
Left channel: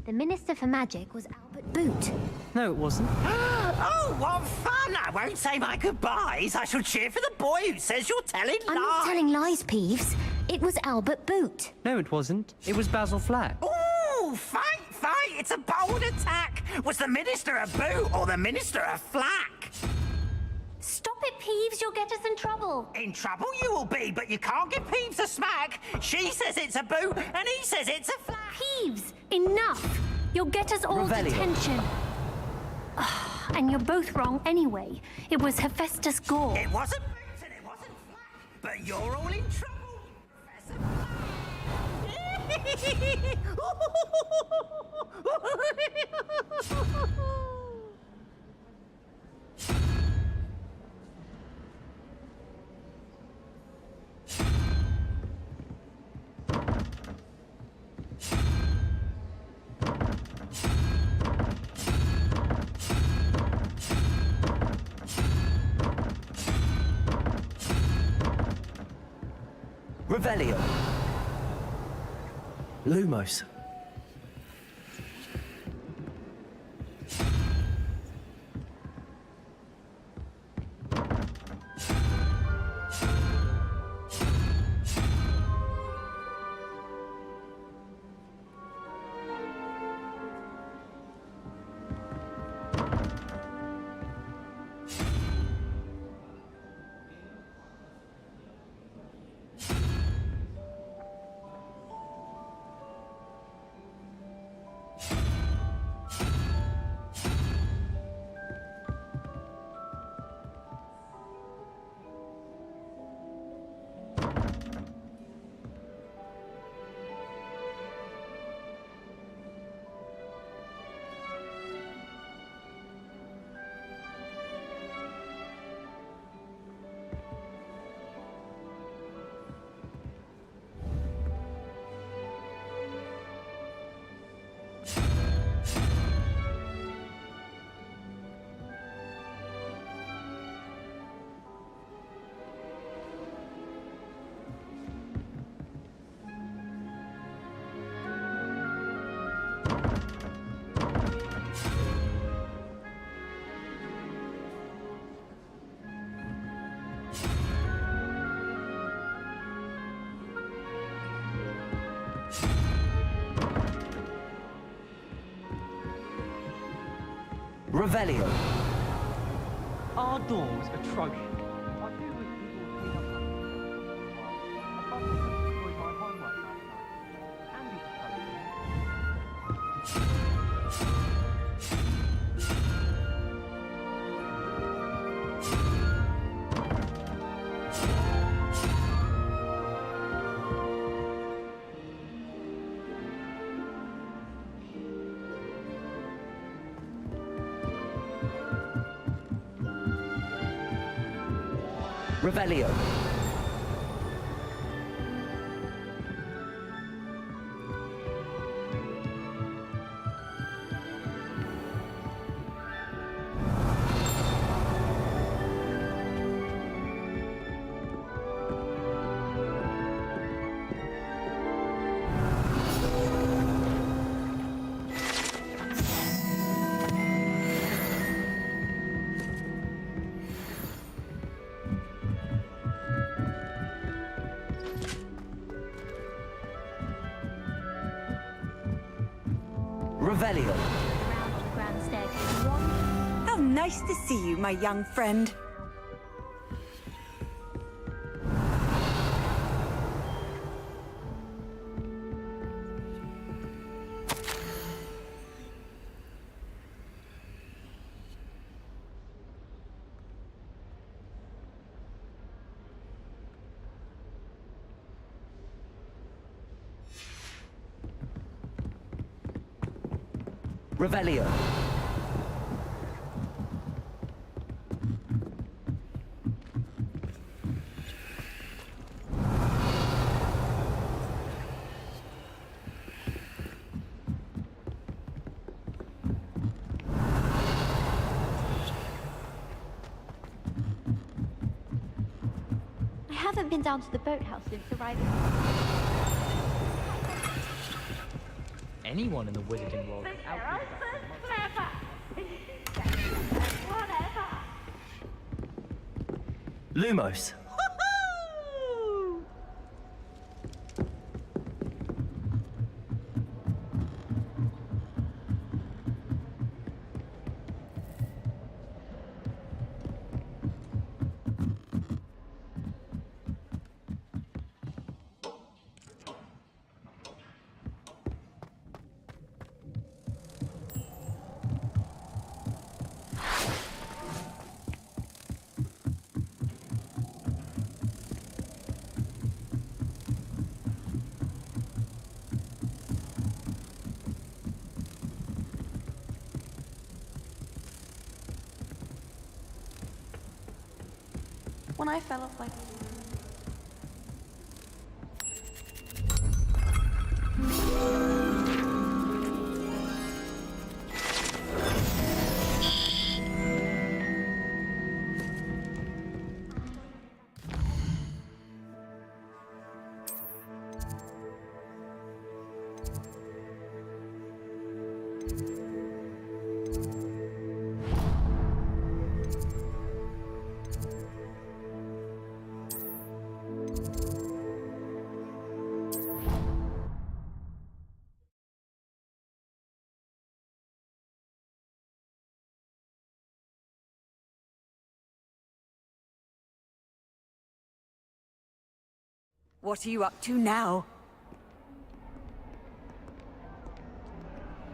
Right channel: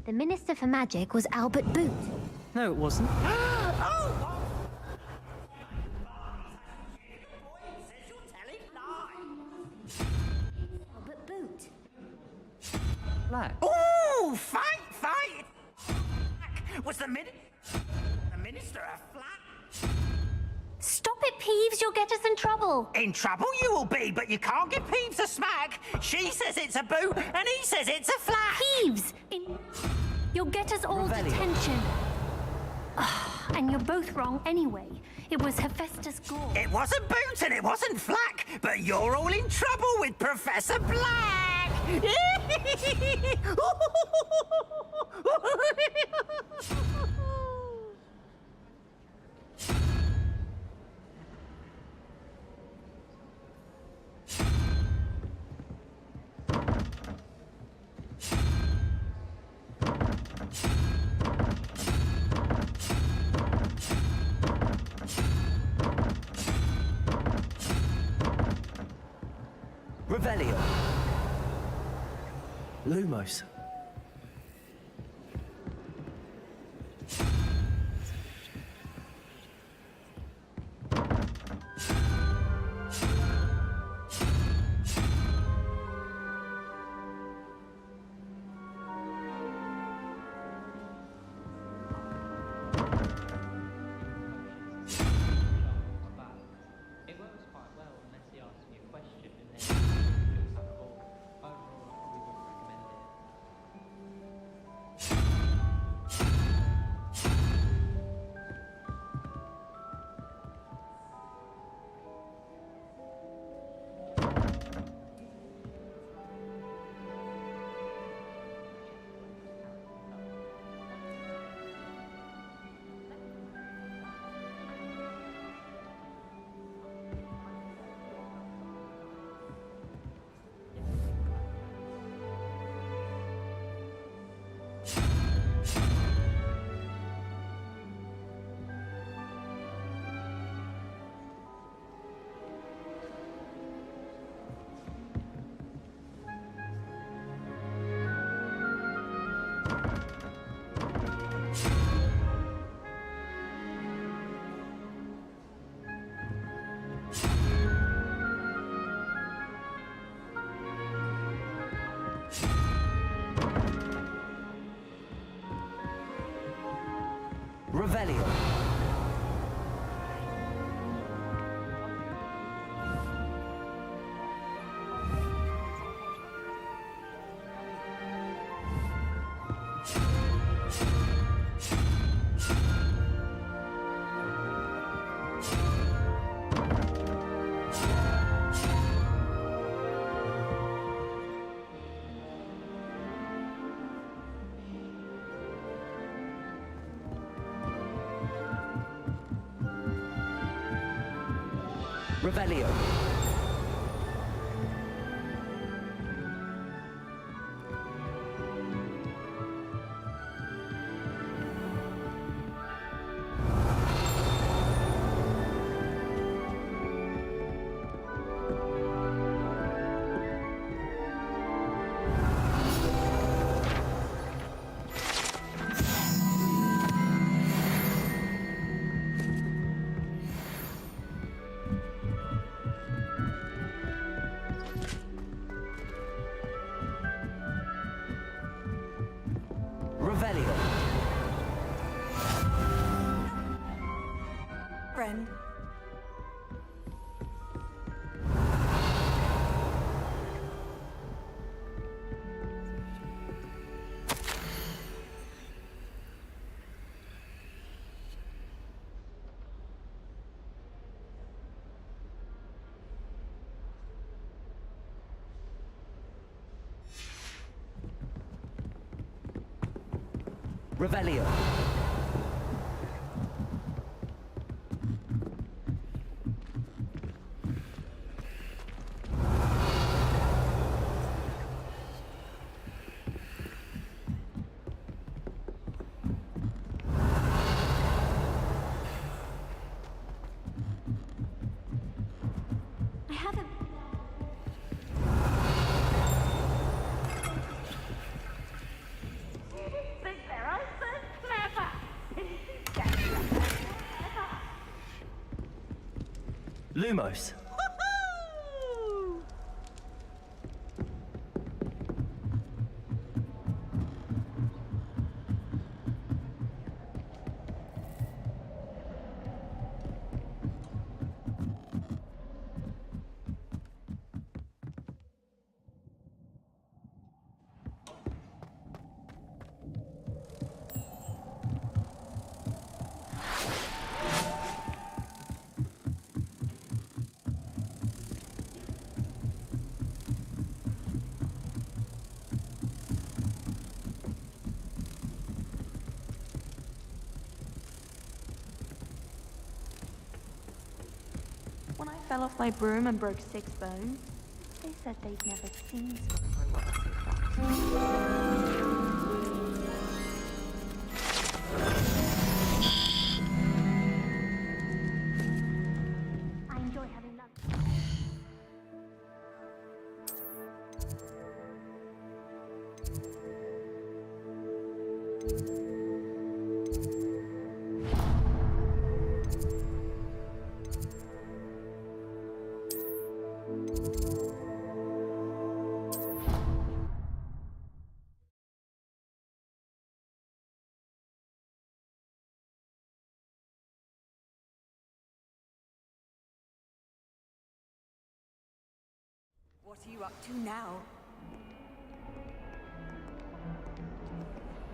the Minister for Magic was Albert Boot. No, it wasn't. Oh, what fun! I won't say my goodbyes. I shall cheer for the boy who says you're telling lies. I'm not telling lies, Peeves. It was Albert Boot. No, it wasn't. It was Basil Flack. Ooh, fight! It's a bold attack! Was the Minister a boot or the Minister a flack? Stop it, Peeves. You'll get us in trouble. In trouble you will be, but you can't give Peeves a smack. She says it's a boot and he says it's a flack. Peeves, enough. You'll get us all Revelio. detention. And you're both wrong anyway. It was Hephaestus Gore. It wasn't boot and it wasn't flack, but you're all in trouble with Professor Black. Revelio. Lumos. Revelio. Our dorms are trudging. I do wish people would clean up after themselves. I can't think of destroyed my homework now. Andy's Revelio. Revelio. How nice to see you, my young friend. Revelio. I haven't been down to the boathouse since arriving. Anyone in the wizarding world. Think they're all so clever. Whatever. Lumos. When I fell off my broom and broke 6 bones, they said they'd never seen me. I enjoy having lunch. What are you up to now?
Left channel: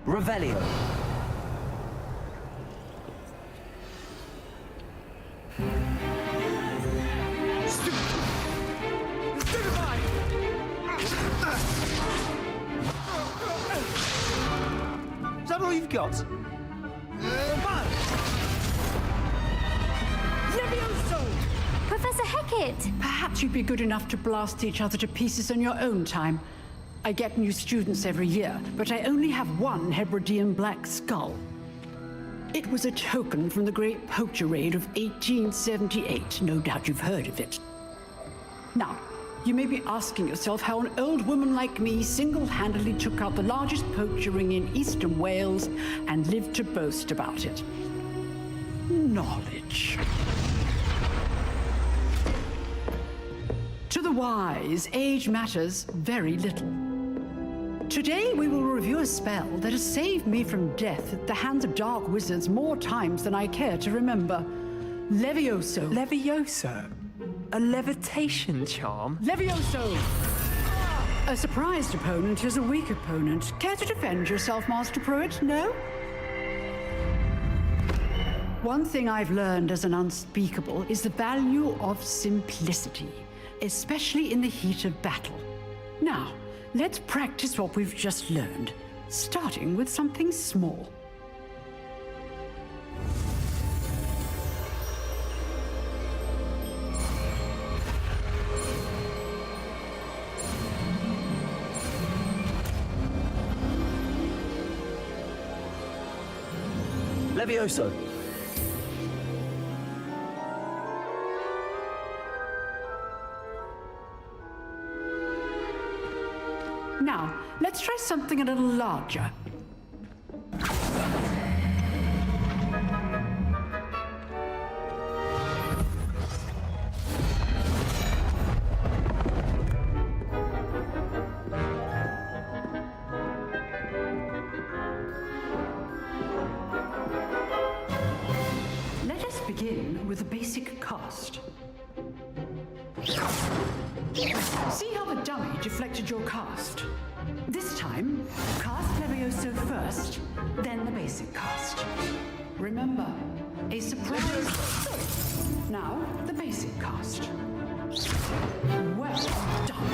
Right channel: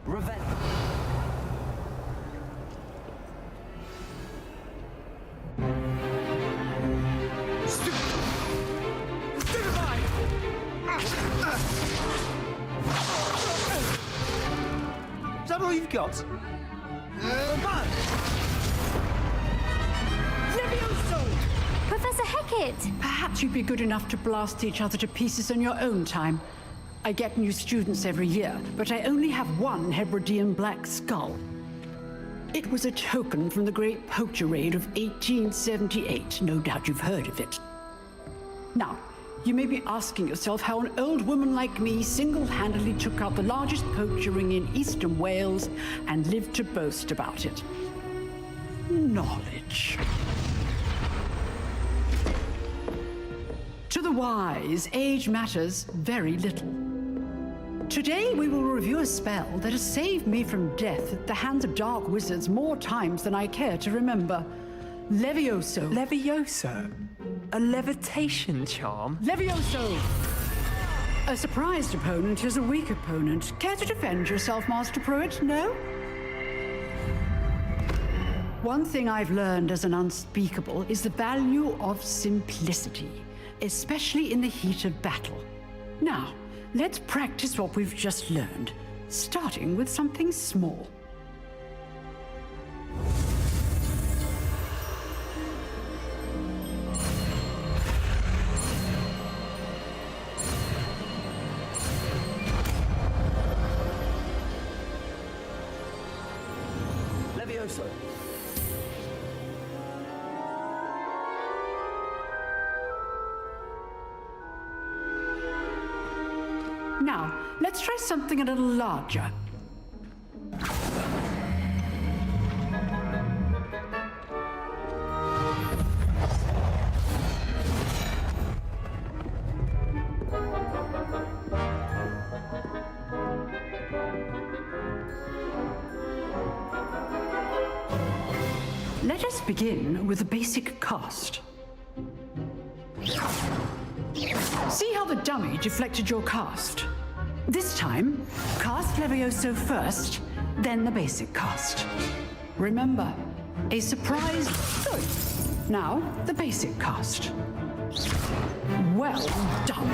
Revelio. Is that all you've got? Levioso! Professor Hecat! Perhaps you'd be good enough to blast each other to pieces on your own time. I get new students every year, but I only have one Hebridean black skull. It was a token from the Great Poacher Raid of 1878. No doubt you've heard of it. Now, you may be asking yourself how an old woman like me single-handedly took out the largest poacher ring in eastern Wales and lived to boast about it. Knowledge. To the wise, age matters very little. Today we will review a spell that has saved me from death at the hands of dark wizards more times than I care to remember. Levioso. Levioso? A levitation charm? Levioso! A surprised opponent is a weak opponent. Care to defend yourself, Master Pruitt? No? One thing I've learned as an unspeakable is the value of simplicity, especially in the heat of battle. Now, let's practice what we've just learned, starting with something small. Levioso. Now, let's try something a little larger. Let us begin with a basic cast. See how the dummy deflected your cast? This time, cast Levioso first, then the basic cast. Remember, a surprise. Sorry. Now, the basic cast. Well done.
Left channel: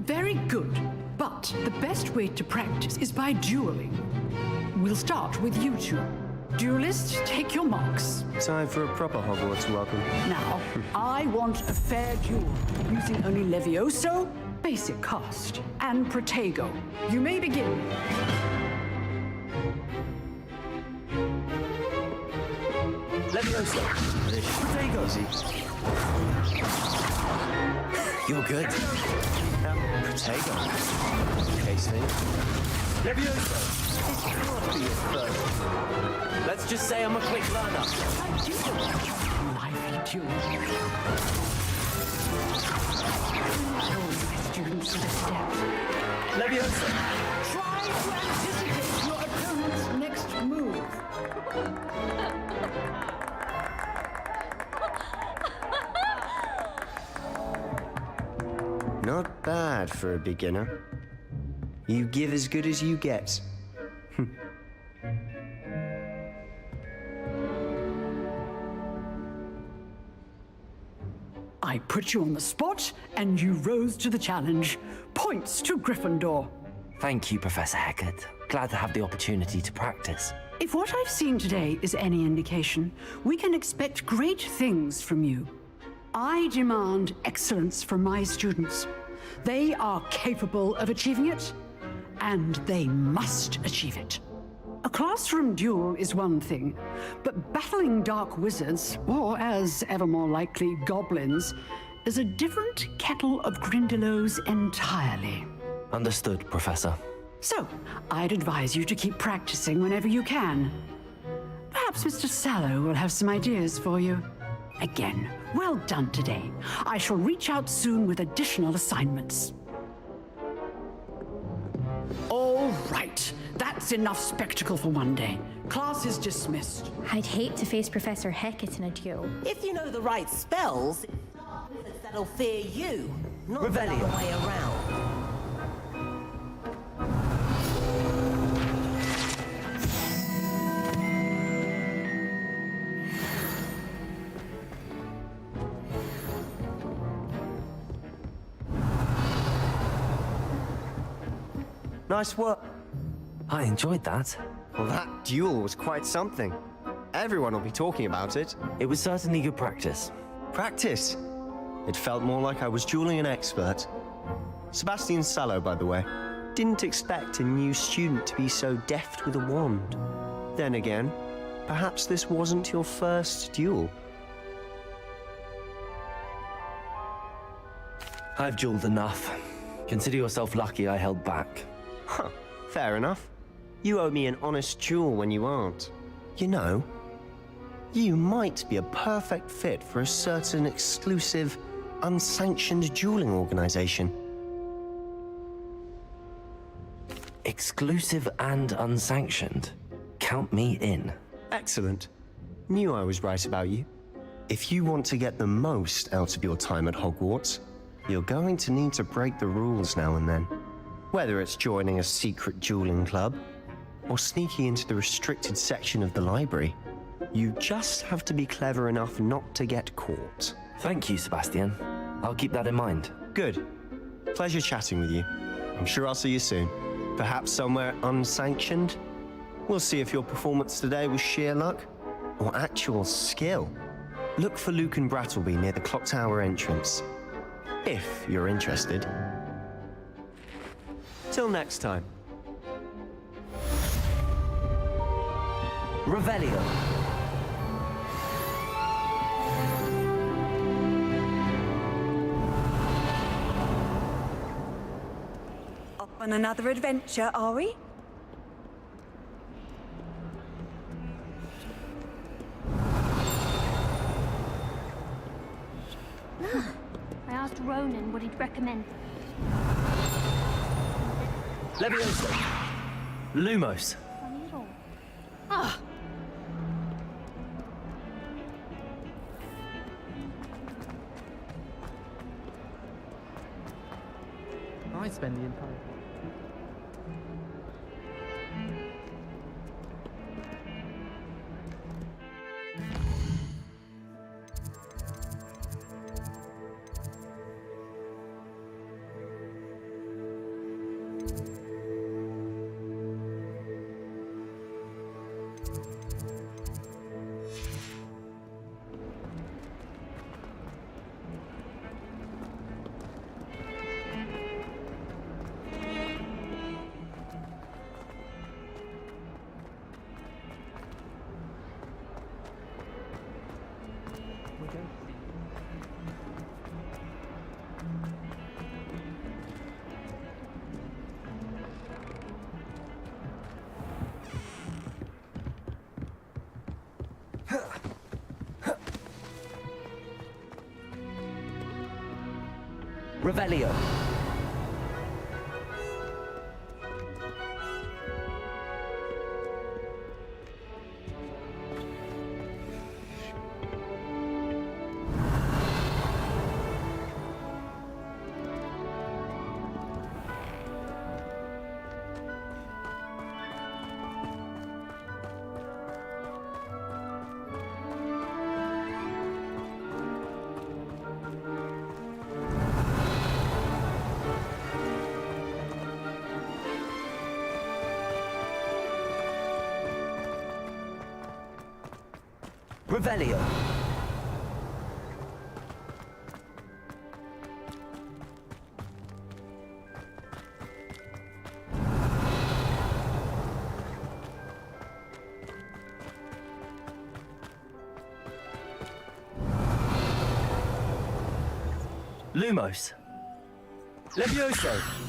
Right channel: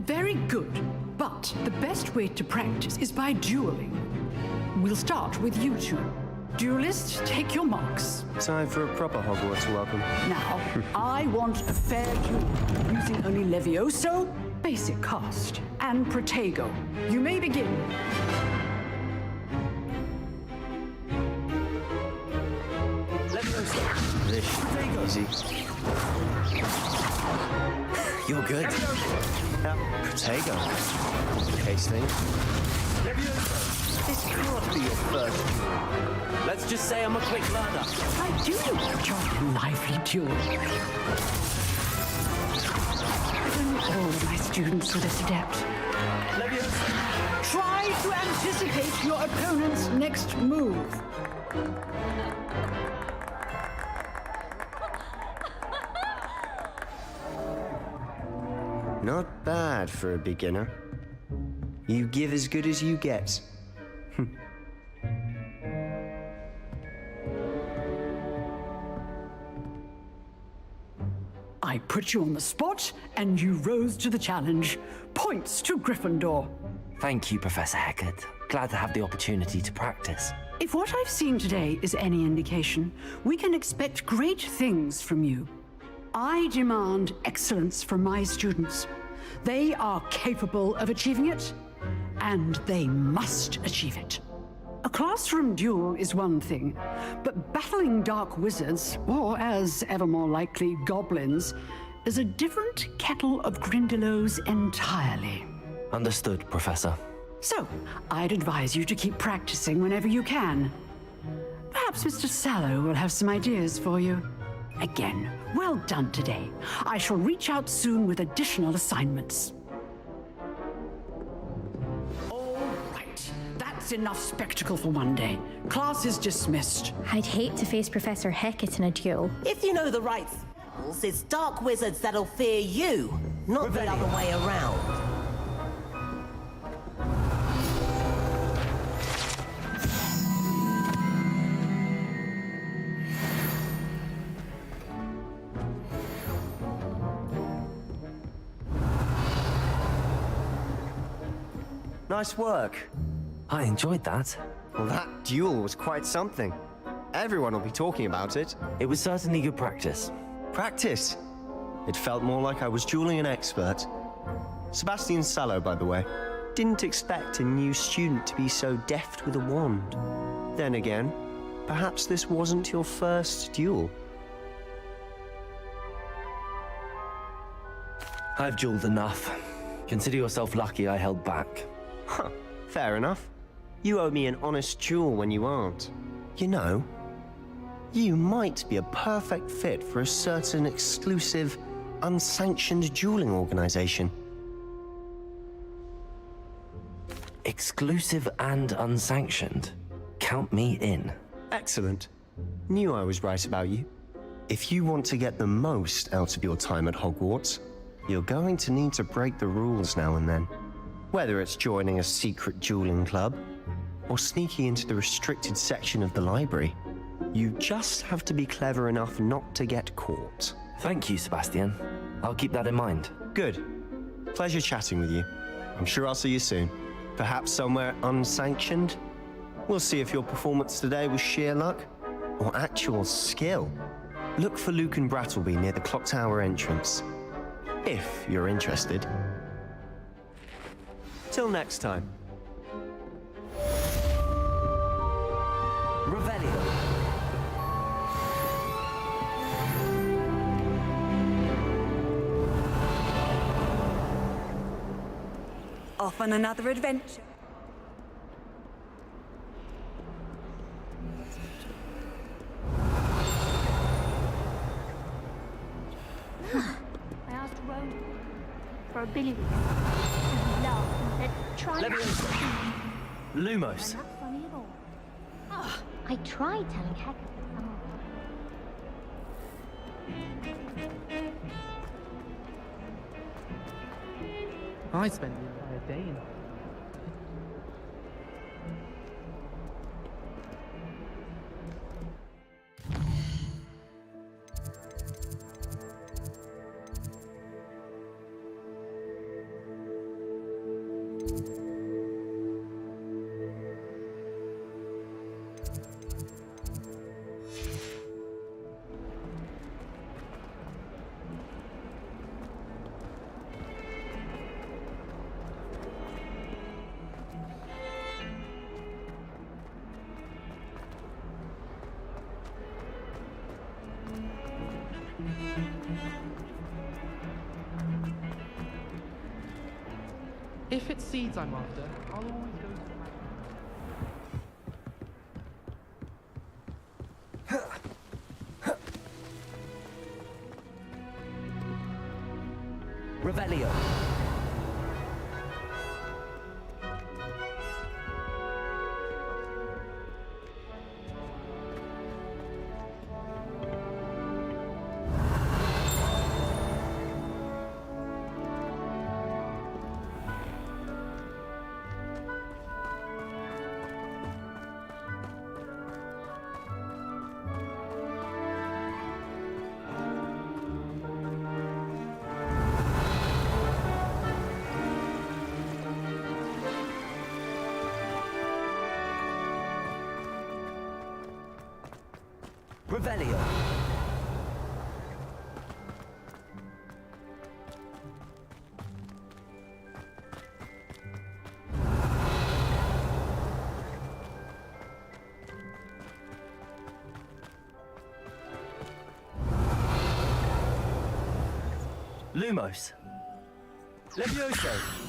Very good, but the best way to practice is by dueling. We'll start with you two. Duelist, take your marks. Time for a proper Hogwarts welcome. Now, I want a fair duel, using only Levioso, basic cast, and Protego. You may begin. Levioso. Protego. Easy. You're good. Protego. Casting. Levioso. This can't be your first duel. Let's just say I'm a quick learner. I do like your lively duel. All my students are adept. Levioso. Try to anticipate your opponent's next move. Not bad for a beginner. You give as good as you get. I put you on the spot, and you rose to the challenge. Points to Gryffindor. Thank you, Professor Hecat. Glad to have the opportunity to practice. If what I've seen today is any indication, we can expect great things from you. I demand excellence from my students. They are capable of achieving it, and they must achieve it. A classroom duel is one thing, but battling dark wizards, or as ever more likely, goblins, is a different kettle of Grindylows entirely. Understood, Professor. So, I'd advise you to keep practicing whenever you can. Perhaps Mr. Sallow will have some ideas for you. Again, well done today. I shall reach out soon with additional assignments. All right. That's enough spectacle for one day. Class is dismissed. I'd hate to face Professor Hecat in a duel. If you know the right spells, it's dark wizards that'll fear you, not the other way around. Nice work. I enjoyed that. Well, that duel was quite something. Everyone will be talking about it. It was certainly good practice. Practice? It felt more like I was dueling an expert. Sebastian Sallow, by the way. Didn't expect a new student to be so deft with a wand. Then again, perhaps this wasn't your first duel. I've dueled enough. Consider yourself lucky I held back. Huh, fair enough. You owe me an honest duel when you aren't. You know, you might be a perfect fit for a certain exclusive unsanctioned dueling organization. Exclusive and unsanctioned. Count me in. Excellent. Knew I was right about you. If you want to get the most out of your time at Hogwarts, you're going to need to break the rules now and then. Whether it's joining a secret dueling club, or sneaking into the restricted section of the library, you just have to be clever enough not to get caught. Thank you, Sebastian. I'll keep that in mind. Good. Pleasure chatting with you. I'm sure I'll see you soon. Perhaps somewhere unsanctioned? We'll see if your performance today was sheer luck or actual skill. Look for Luke and Brattleby near the clock tower entrance, if you're interested. Till next time. Revelio. Off on another adventure, are we? I asked Ronan what he'd recommend for a billiard. Levioso. Lumos. Funny at all. Ah, I tried telling Hector. I spend the entire day in If it's seeds I'm after, I'll... Revelio. Revelio. Lumos. Levioso.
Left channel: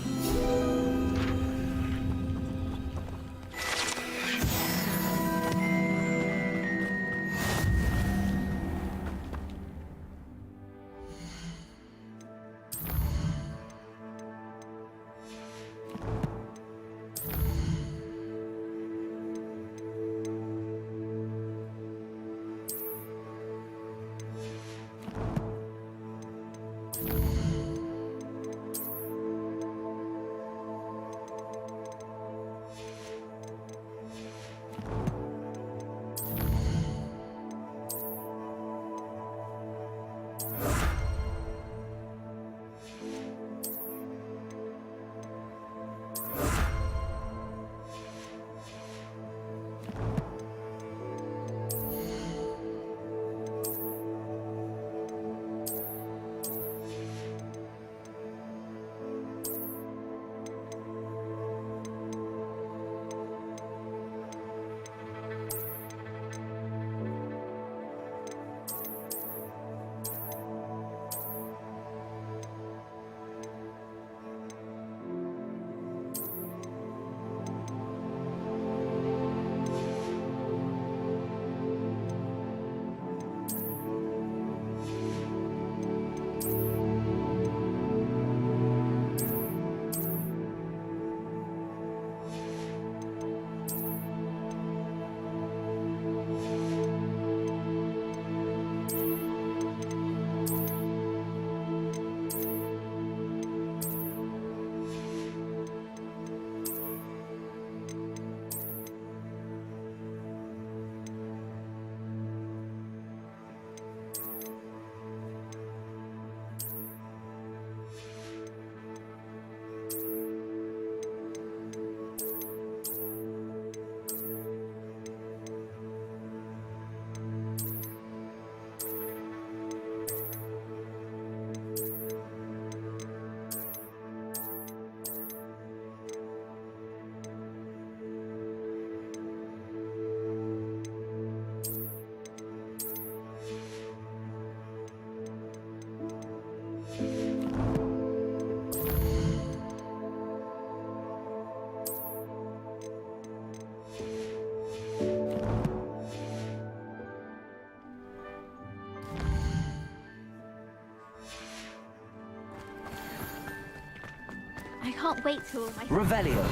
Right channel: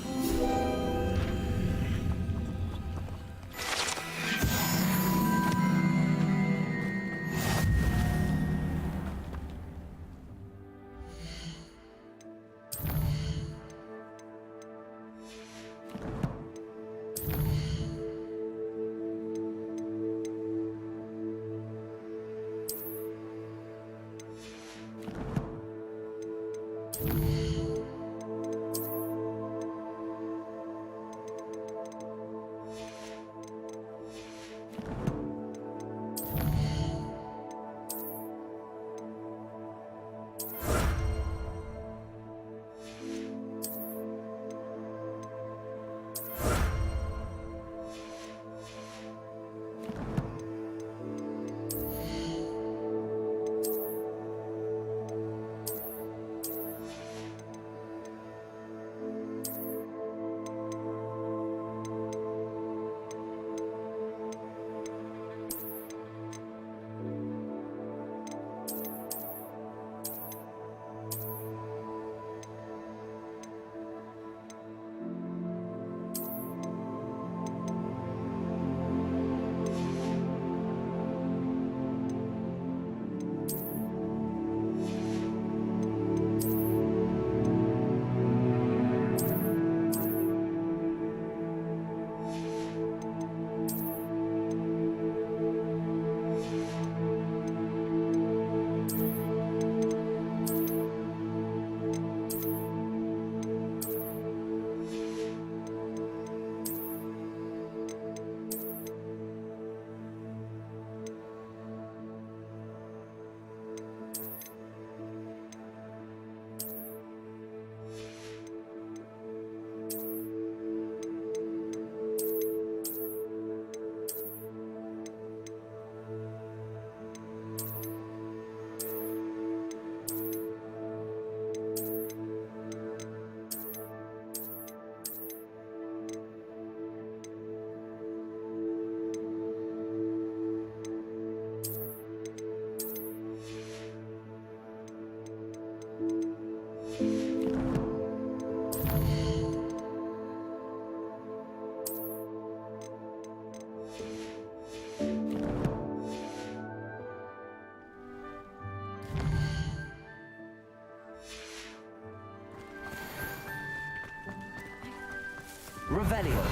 can't wait till my Revelio.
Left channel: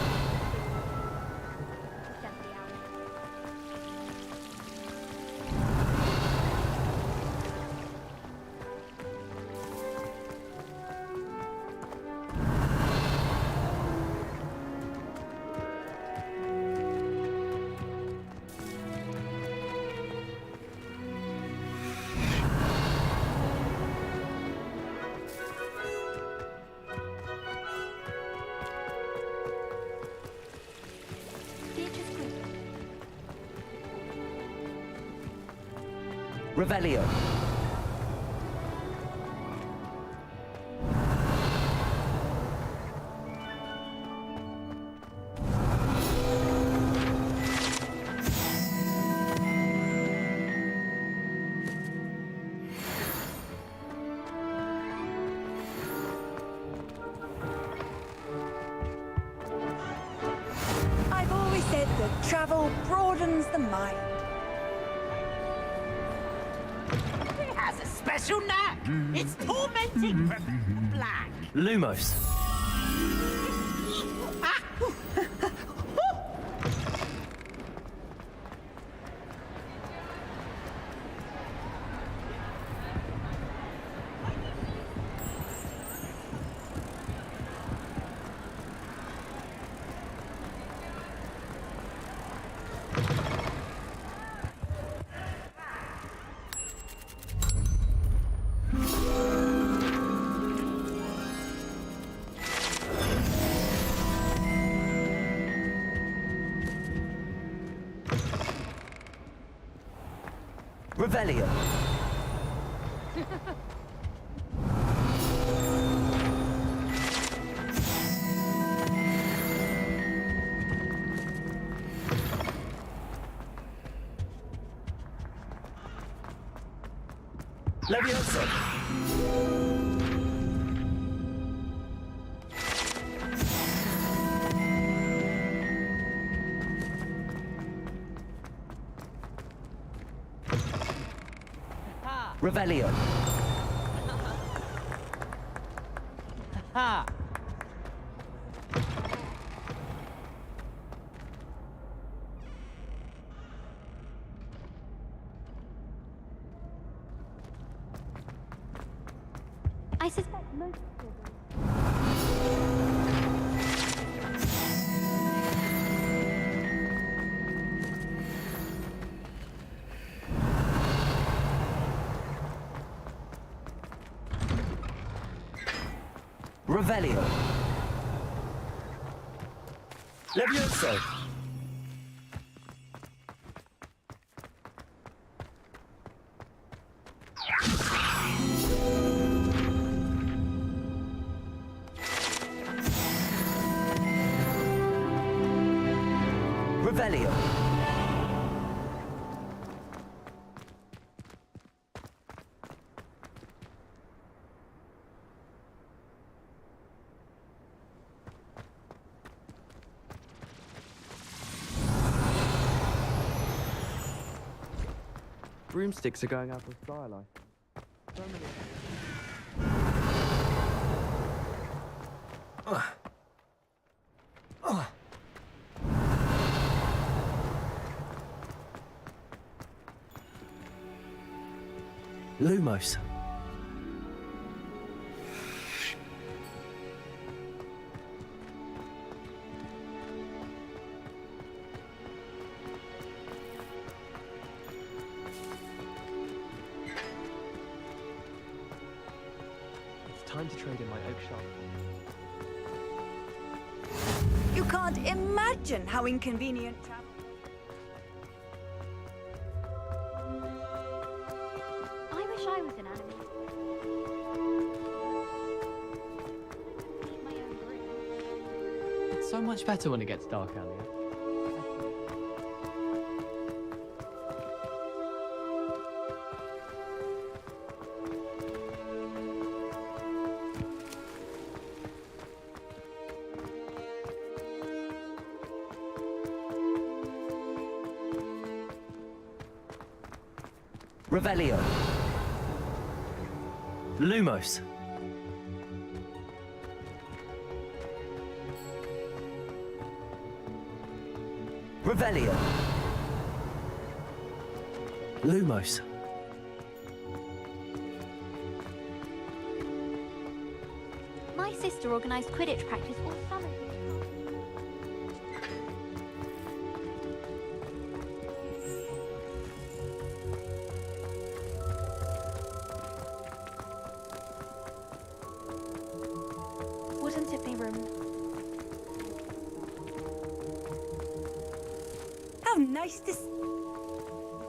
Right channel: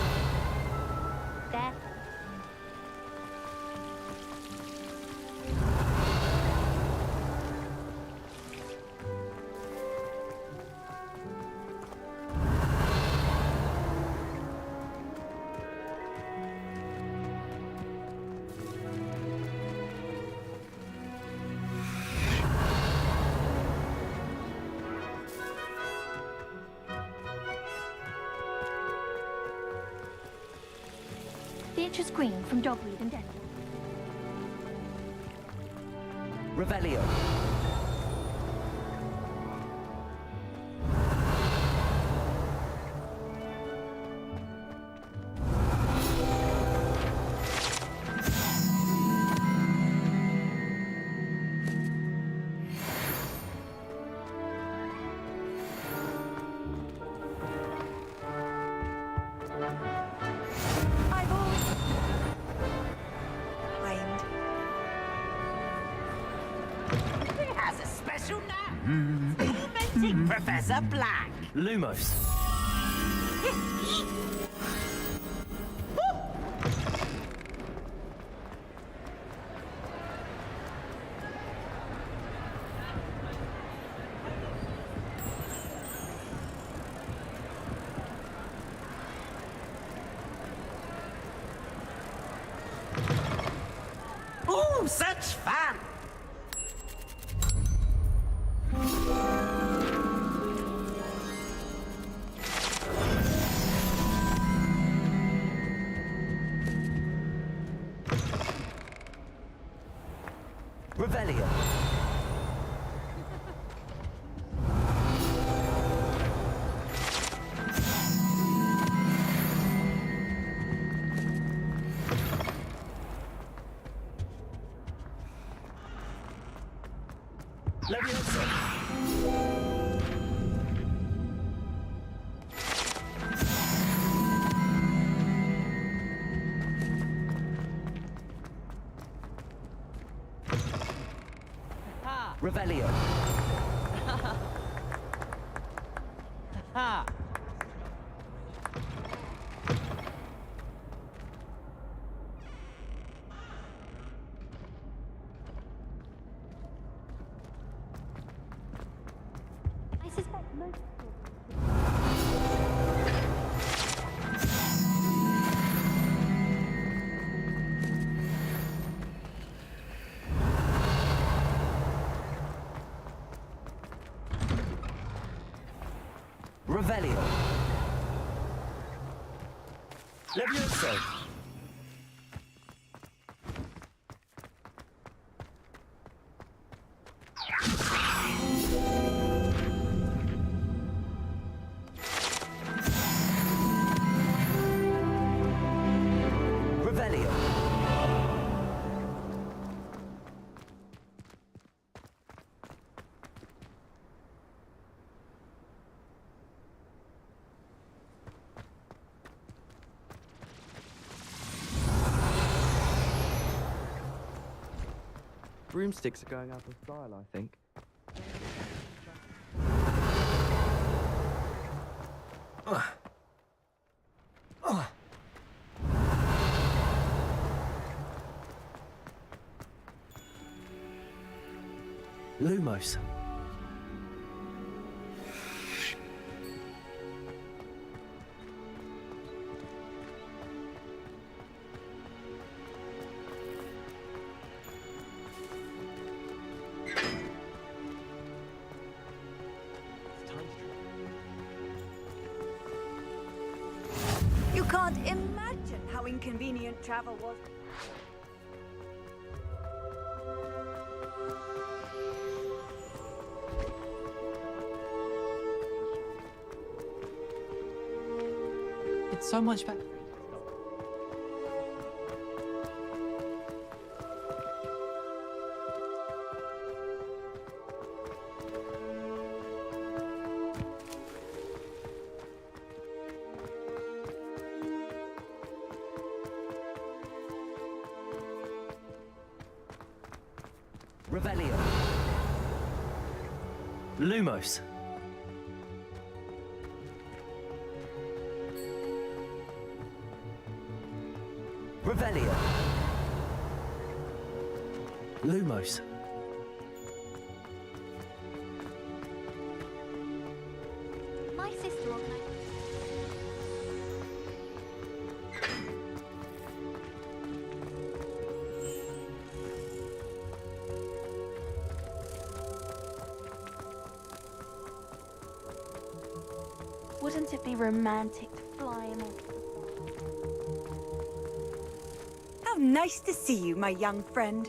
They're heading to Dunby Alley. Beatrice Green from Dogwood and Denver. Revelio. I've always said that travel broadens the mind. He has a special knack. It's tormenting Professor Black. Lumos. Oh, such fun! Revelio. Leviosa. Revelio. Ha! I suspect most Revelio. Levioso. Revelio. Broomsticks are going out of style, I think. Lumos. It's time to trade in my eggshell. You can't imagine how inconvenient travel was. I wish I was an actor. It's so much better when it gets dark, Elliot. Revelio. Lumos. Revelio. Lumos. My sister organised Quidditch practice all summer. Wouldn't it be romantic flying? How nice to see you, my young friend.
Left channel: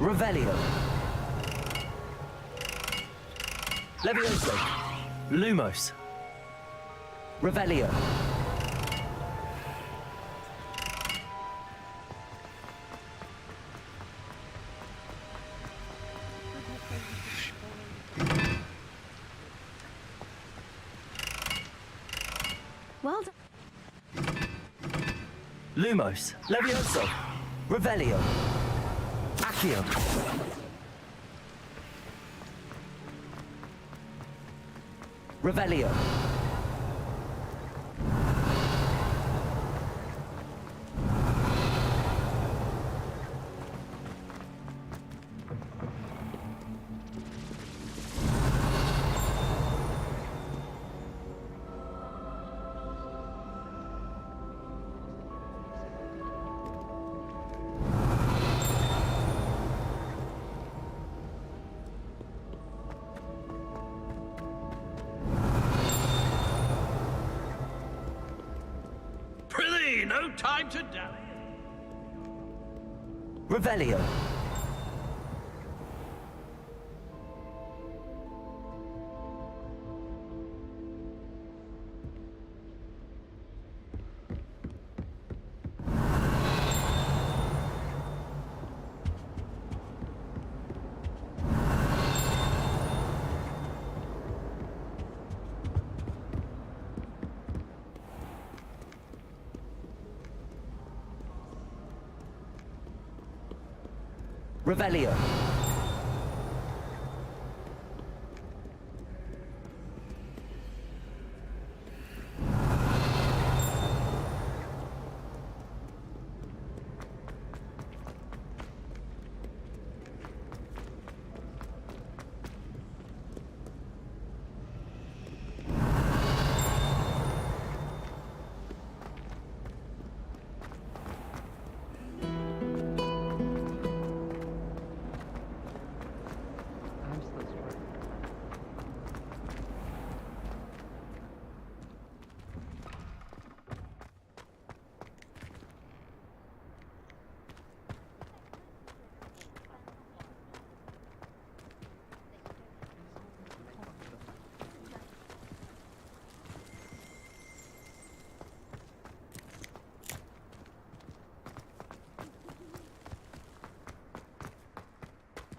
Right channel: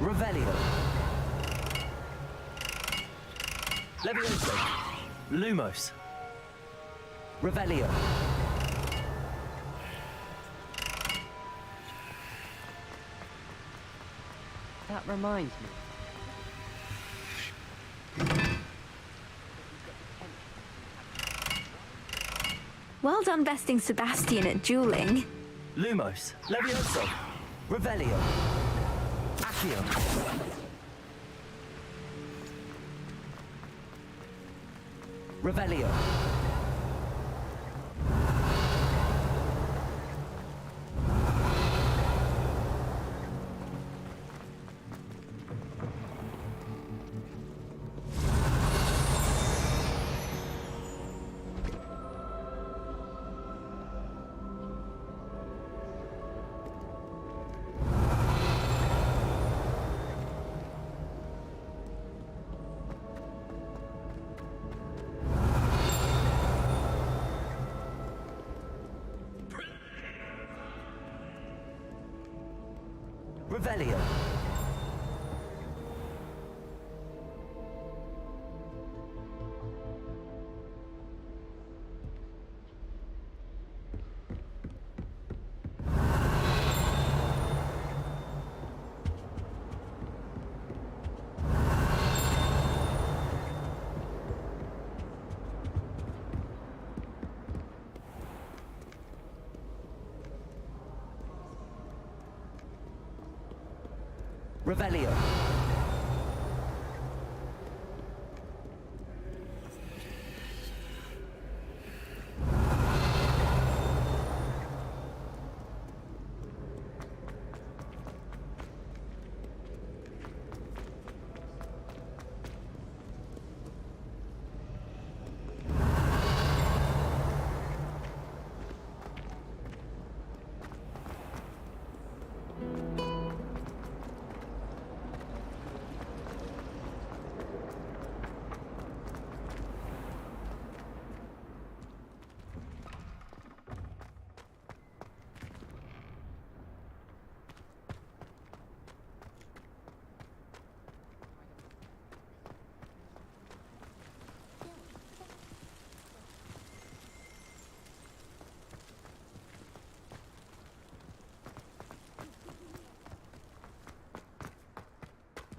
Revelio. Levioso. Lumos. Revelio. That reminds me. Well done besting Sebastian at dueling. Lumos. Levioso. Revelio. Accio. Revelio. Prithee, no time to die. Revelio. Revelio.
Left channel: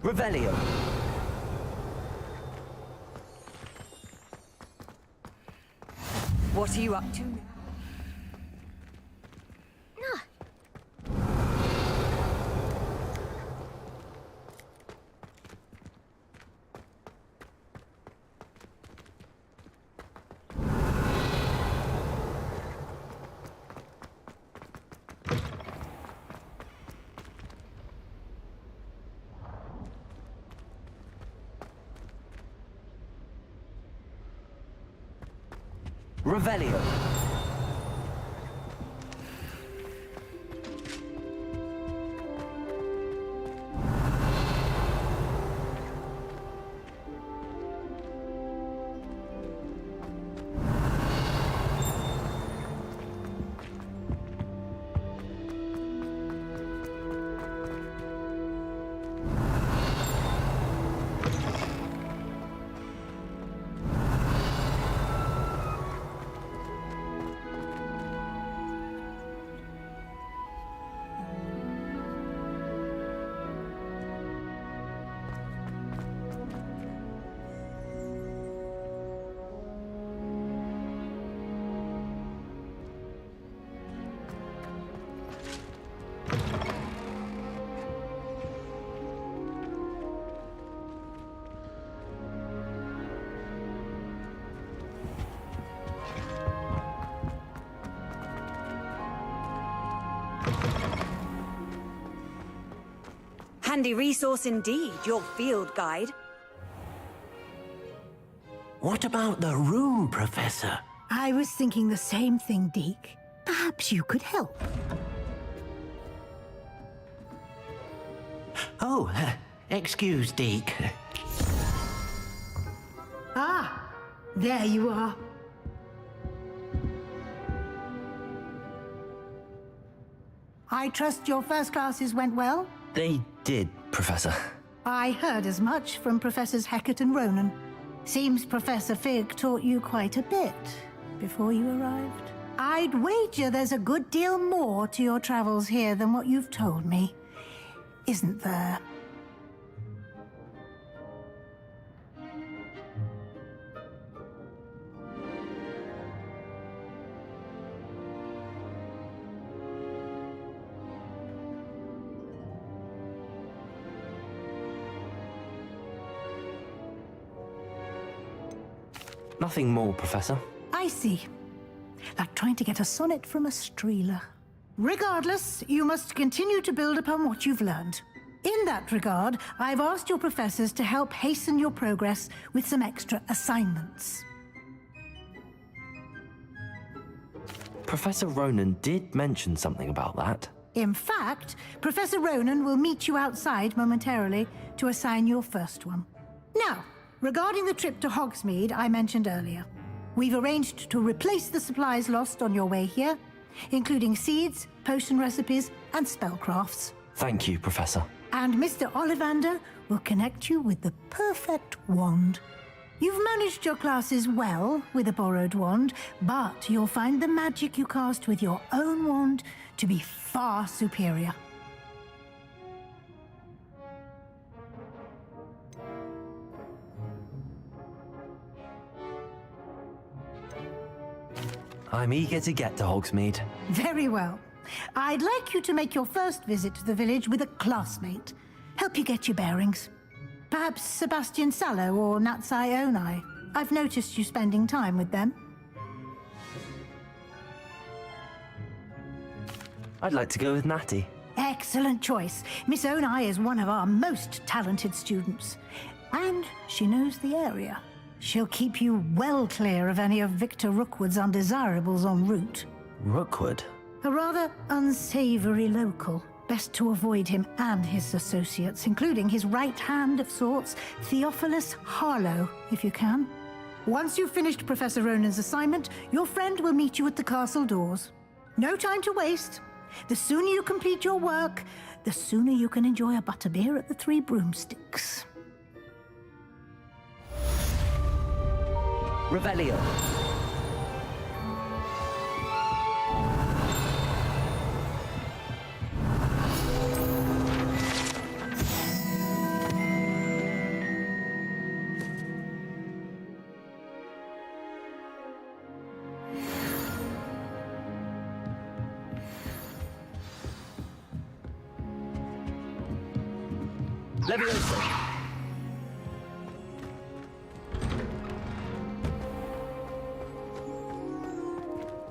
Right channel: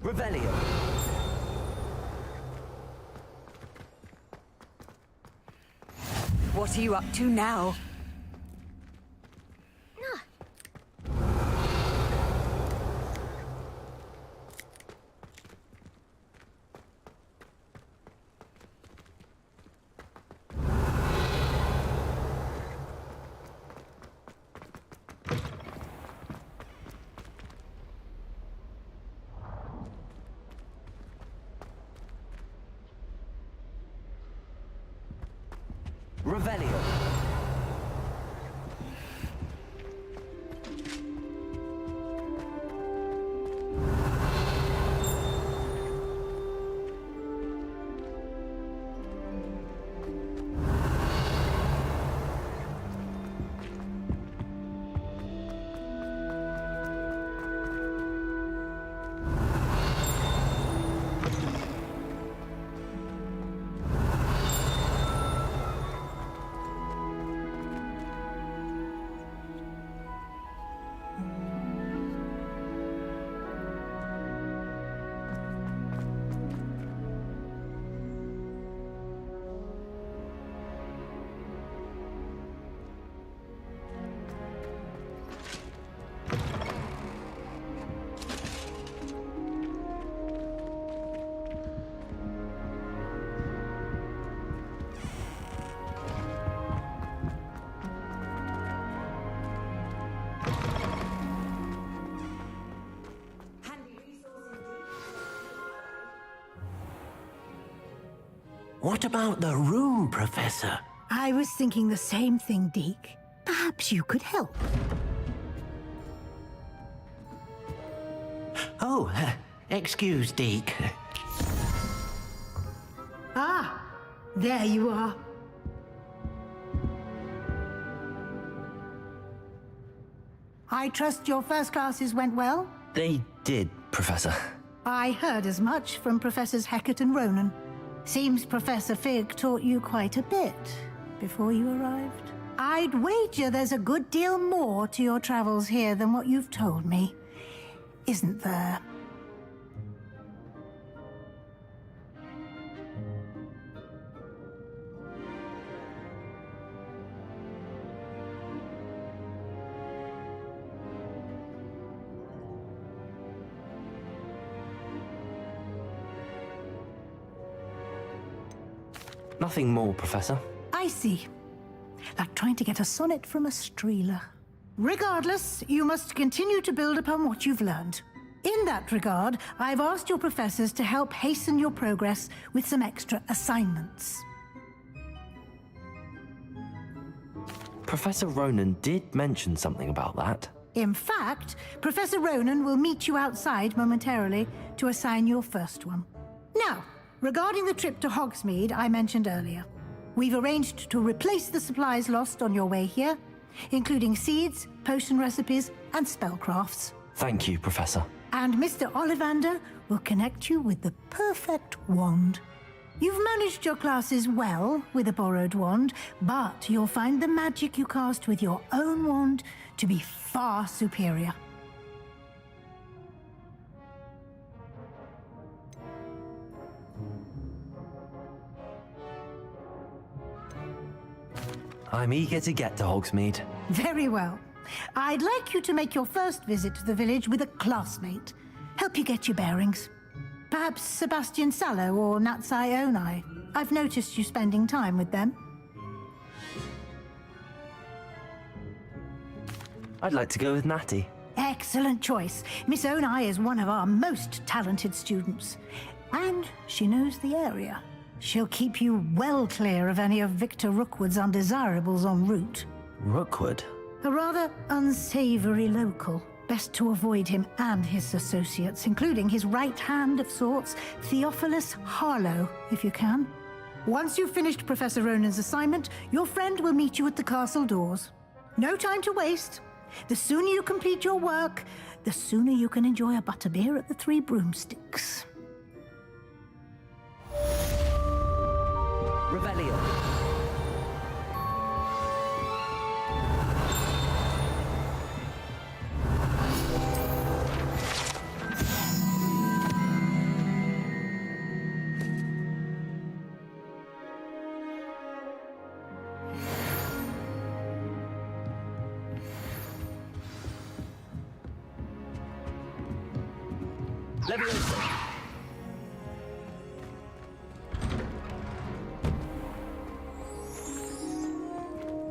Revelio. What are you up to now? Revelio. handy resource indeed, your field guide. What about the room, Professor? I was thinking the same thing, Deke. Perhaps you could help. Oh, excuse, Deke. Ah, there you are. I trust your first classes went well? They did, Professor. I heard as much from Professors Hecat and Ronan. Seems Professor Fig taught you quite a bit before you arrived. I'd wager there's a good deal more to your travels here than what you've told me. Isn't there? Nothing more, Professor. I see. Like trying to get a sonnet from a streeler. Regardless, you must continue to build upon what you've learned. In that regard, I've asked your professors to help hasten your progress with some extra assignments. Professor Ronan did mention something about that. In fact, Professor Ronan will meet you outside momentarily to assign your first one. Now, regarding the trip to Hogsmeade I mentioned earlier, we've arranged to replace the supplies lost on your way here, including seeds, potion recipes, and spellcrafts. Thank you, Professor. And Mr. Ollivander will connect you with the perfect wand. You've managed your classes well with a borrowed wand, but you'll find the magic you cast with your own wand to be far superior. I'm eager to get to Hogsmeade. Very well. I'd like you to make your first visit to the village with a classmate. Help you get your bearings. Perhaps Sebastian Sallow or Natsai Onai. I've noticed you spending time with them. I'd like to go with Natty. Excellent choice. Miss Onai is one of our most talented students. And she knows the area. She'll keep you well clear of any of Victor Rookwood's undesirables en route. Rookwood? A rather unsavory local. Best to avoid him and his associates, including his right hand of sorts, Theophilus Harlow, if you can. Once you've finished Professor Ronan's assignment, your friend will meet you at the castle doors. No time to waste. The sooner you complete your work, the sooner you can enjoy a butterbeer at the Three Broomsticks. Revelio. Leviosa.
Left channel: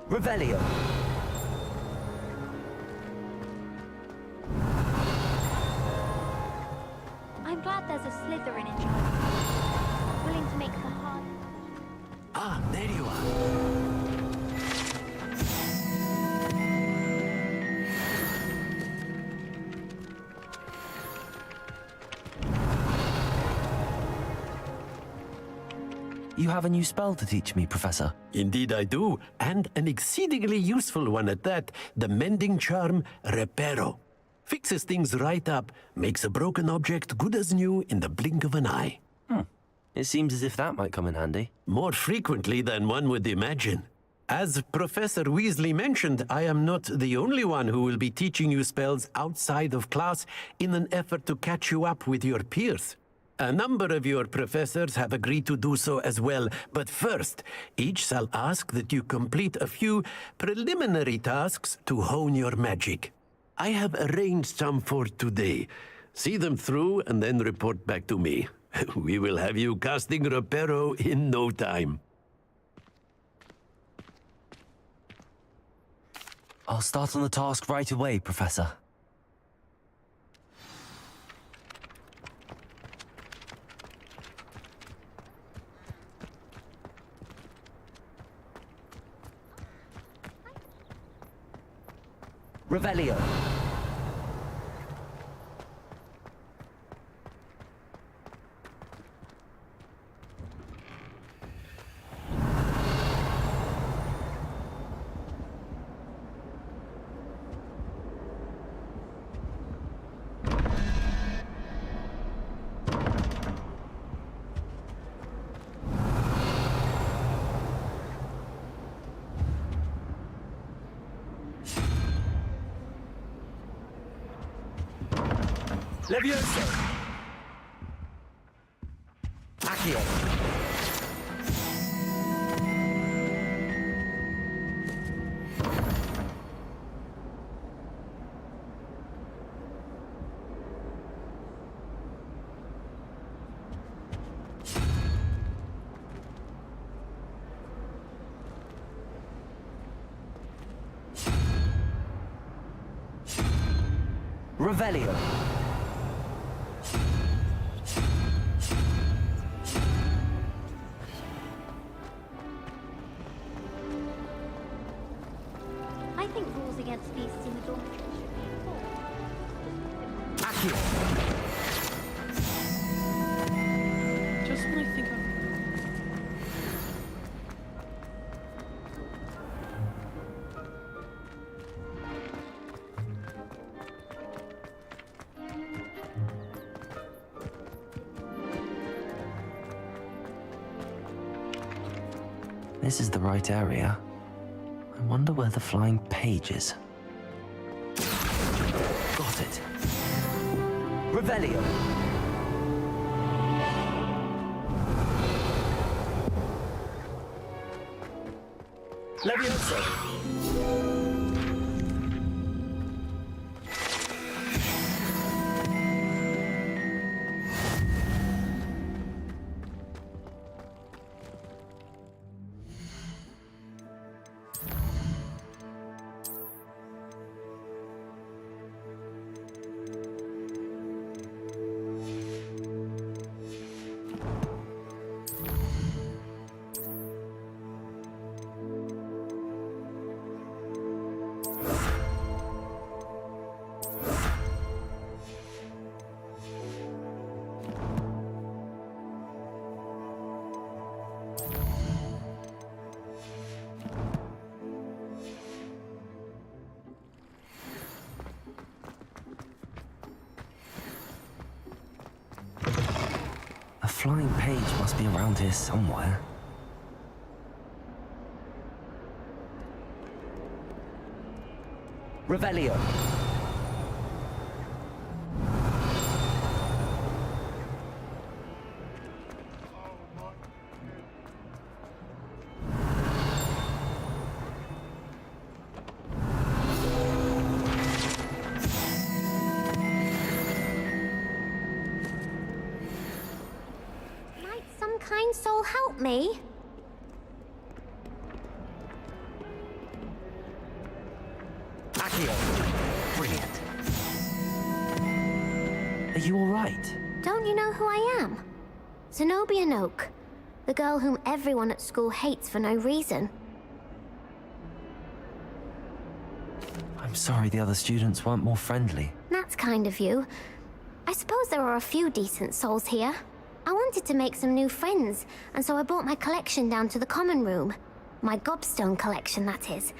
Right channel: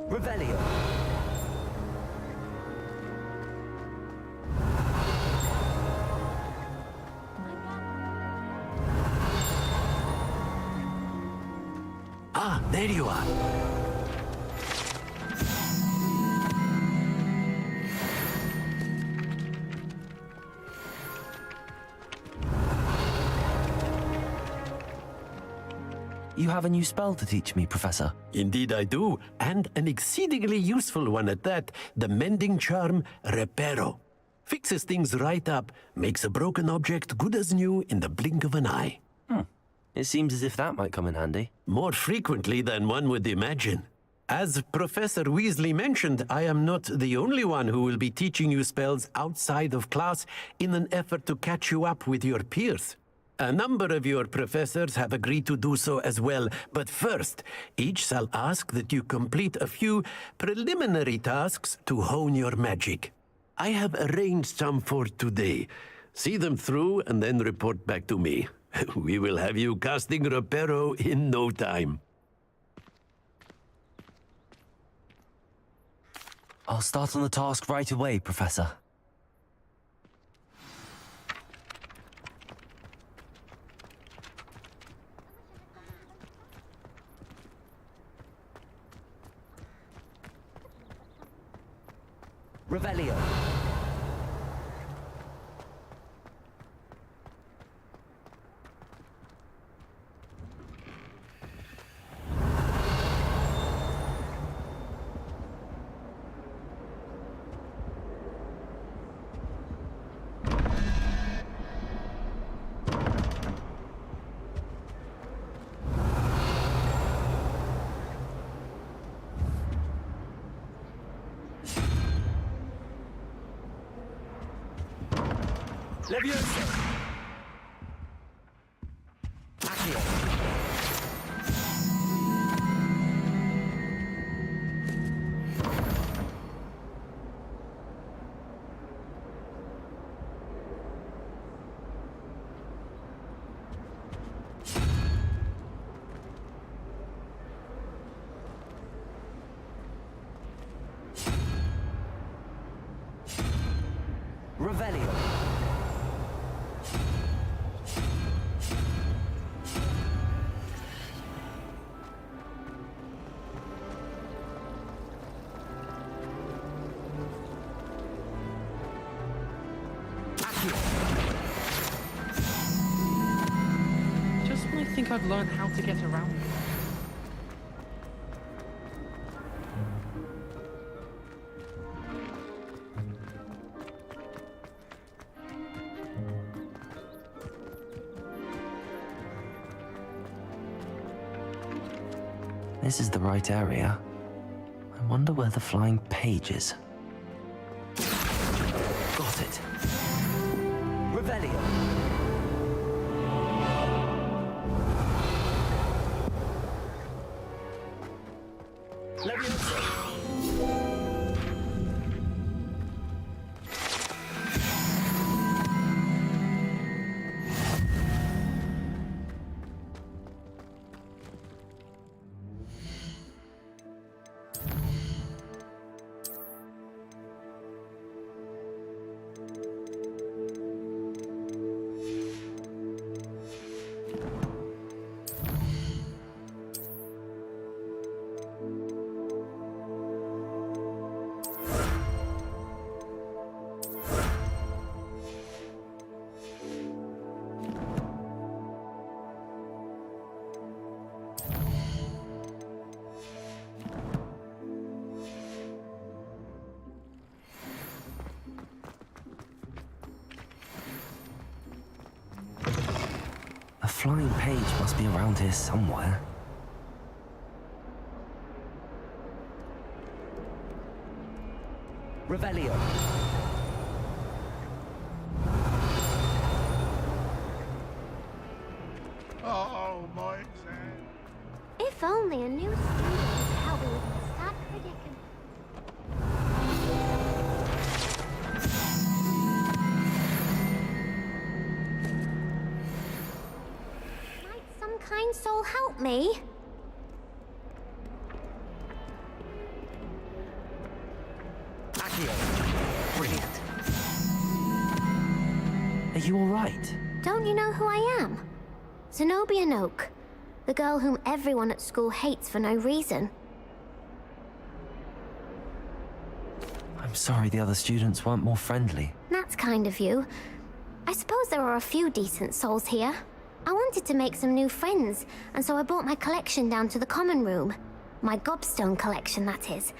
Revelio. I'm glad there's a Slytherin in charge. Willing to make some fun. Ah, there you are. You have a new spell to teach me, Professor. Indeed I do, and an exceedingly useful one at that, the mending charm Reparo. Fixes things right up, makes a broken object good as new in the blink of an eye. It seems as if that might come in handy. More frequently than one would imagine. As Professor Weasley mentioned, I am not the only one who will be teaching you spells outside of class in an effort to catch you up with your peers. A number of your professors have agreed to do so as well, but first, each shall ask that you complete a few preliminary tasks to hone your magic. I have arranged some for today. See them through and then report back to me. We will have you casting Reparo in no time. I'll start on the task right away, Professor. Revelio. Levioso! Accio! Revelio! Just when I think I've learned how to get around. This is the right area. I wonder where the flying page is. Got it. Revelio. Levioso. A flying page must be around here somewhere. Revelio. Oh, my exam. If only I knew how we would start Might some kind soul help me? Accio. Brilliant. Are you all right? Don't you know who I am? Zenobia Noak, the girl whom everyone at school hates for no reason. I'm sorry the other students weren't more friendly. That's kind of you. I suppose there are a few decent souls here. I wanted to make some new friends, and so I brought my collection down to the common room. My gobstone collection, that is.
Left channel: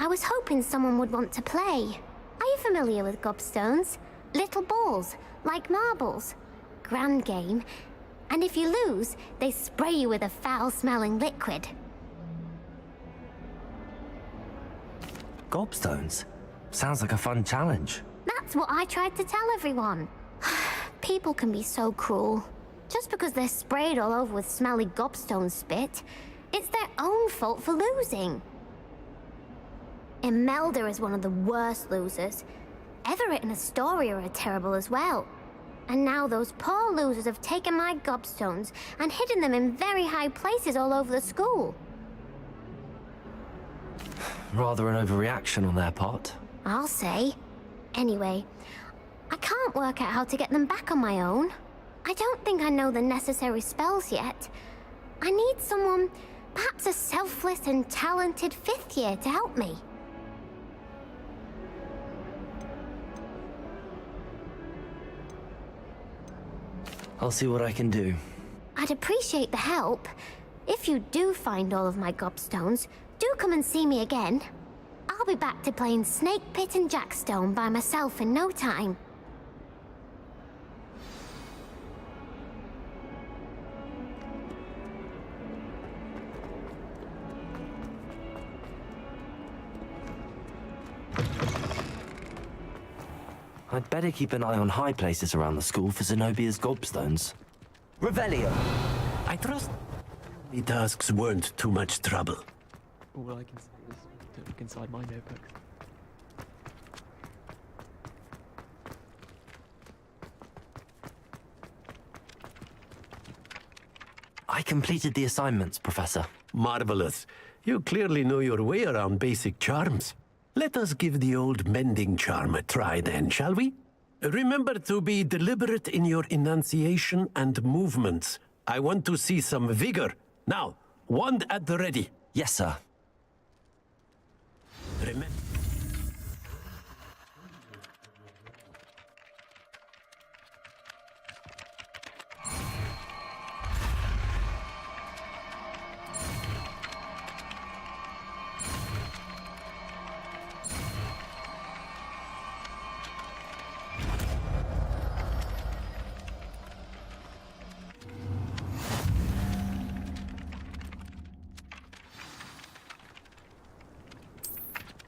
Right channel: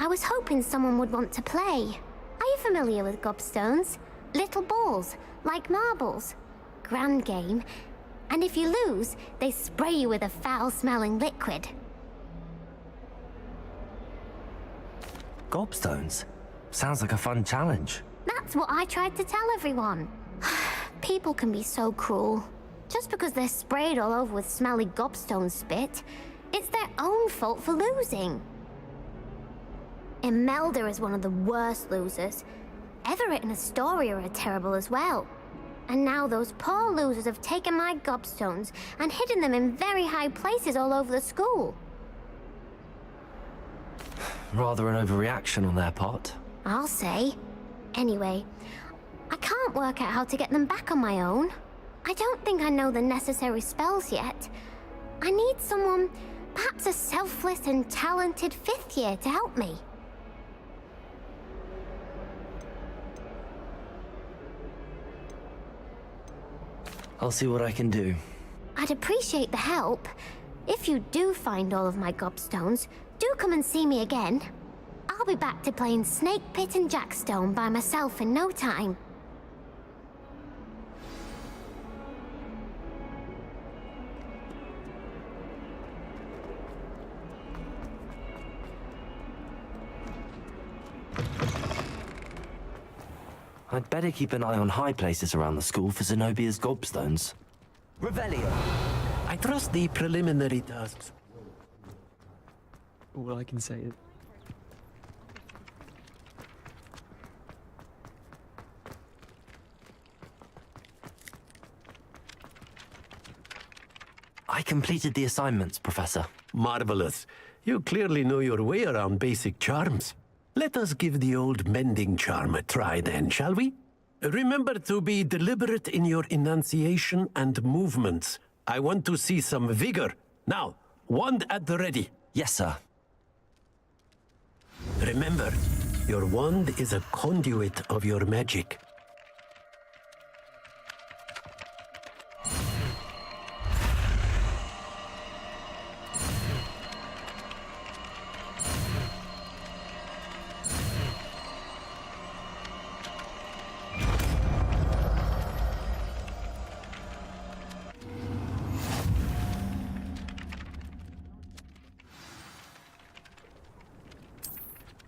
I was hoping someone would want to play. Are you familiar with gobstones? Little balls, like marbles. Grand game. And if you lose, they spray you with a foul-smelling liquid. Gobstones? Sounds like a fun challenge. That's what I tried to tell everyone. People can be so cruel. Just because they're sprayed all over with smelly gobstone spit, it's their own fault for losing. Imelda is one of the worst losers. Everett and Astoria are terrible as well. And now those poor losers have taken my gobstones and hidden them in very high places all over the school. Rather an overreaction on their part. I'll say. Anyway, I can't work out how to get them back on my own. I don't think I know the necessary spells yet. I need someone, perhaps a selfless and talented fifth year to help me. I'll see what I can do. I'd appreciate the help. If you do find all of my gobstones, do come and see me again. I'll be back to playing Snake Pit and Jackstone by myself in no time. I'd better keep an eye on high places around the school for Zenobia's gobstones. Revelio! I trust the preliminary tasks weren't too much trouble. All I can say is, don't look inside my notebook. I completed the assignments, Professor. Marvelous. You clearly know your way around basic charms. Let us give the old mending charm a try then, shall we? Remember to be deliberate in your enunciation and movements. I want to see some vigor. Now, wand at the ready. Yes, sir. Remember, your wand is a conduit of your magic.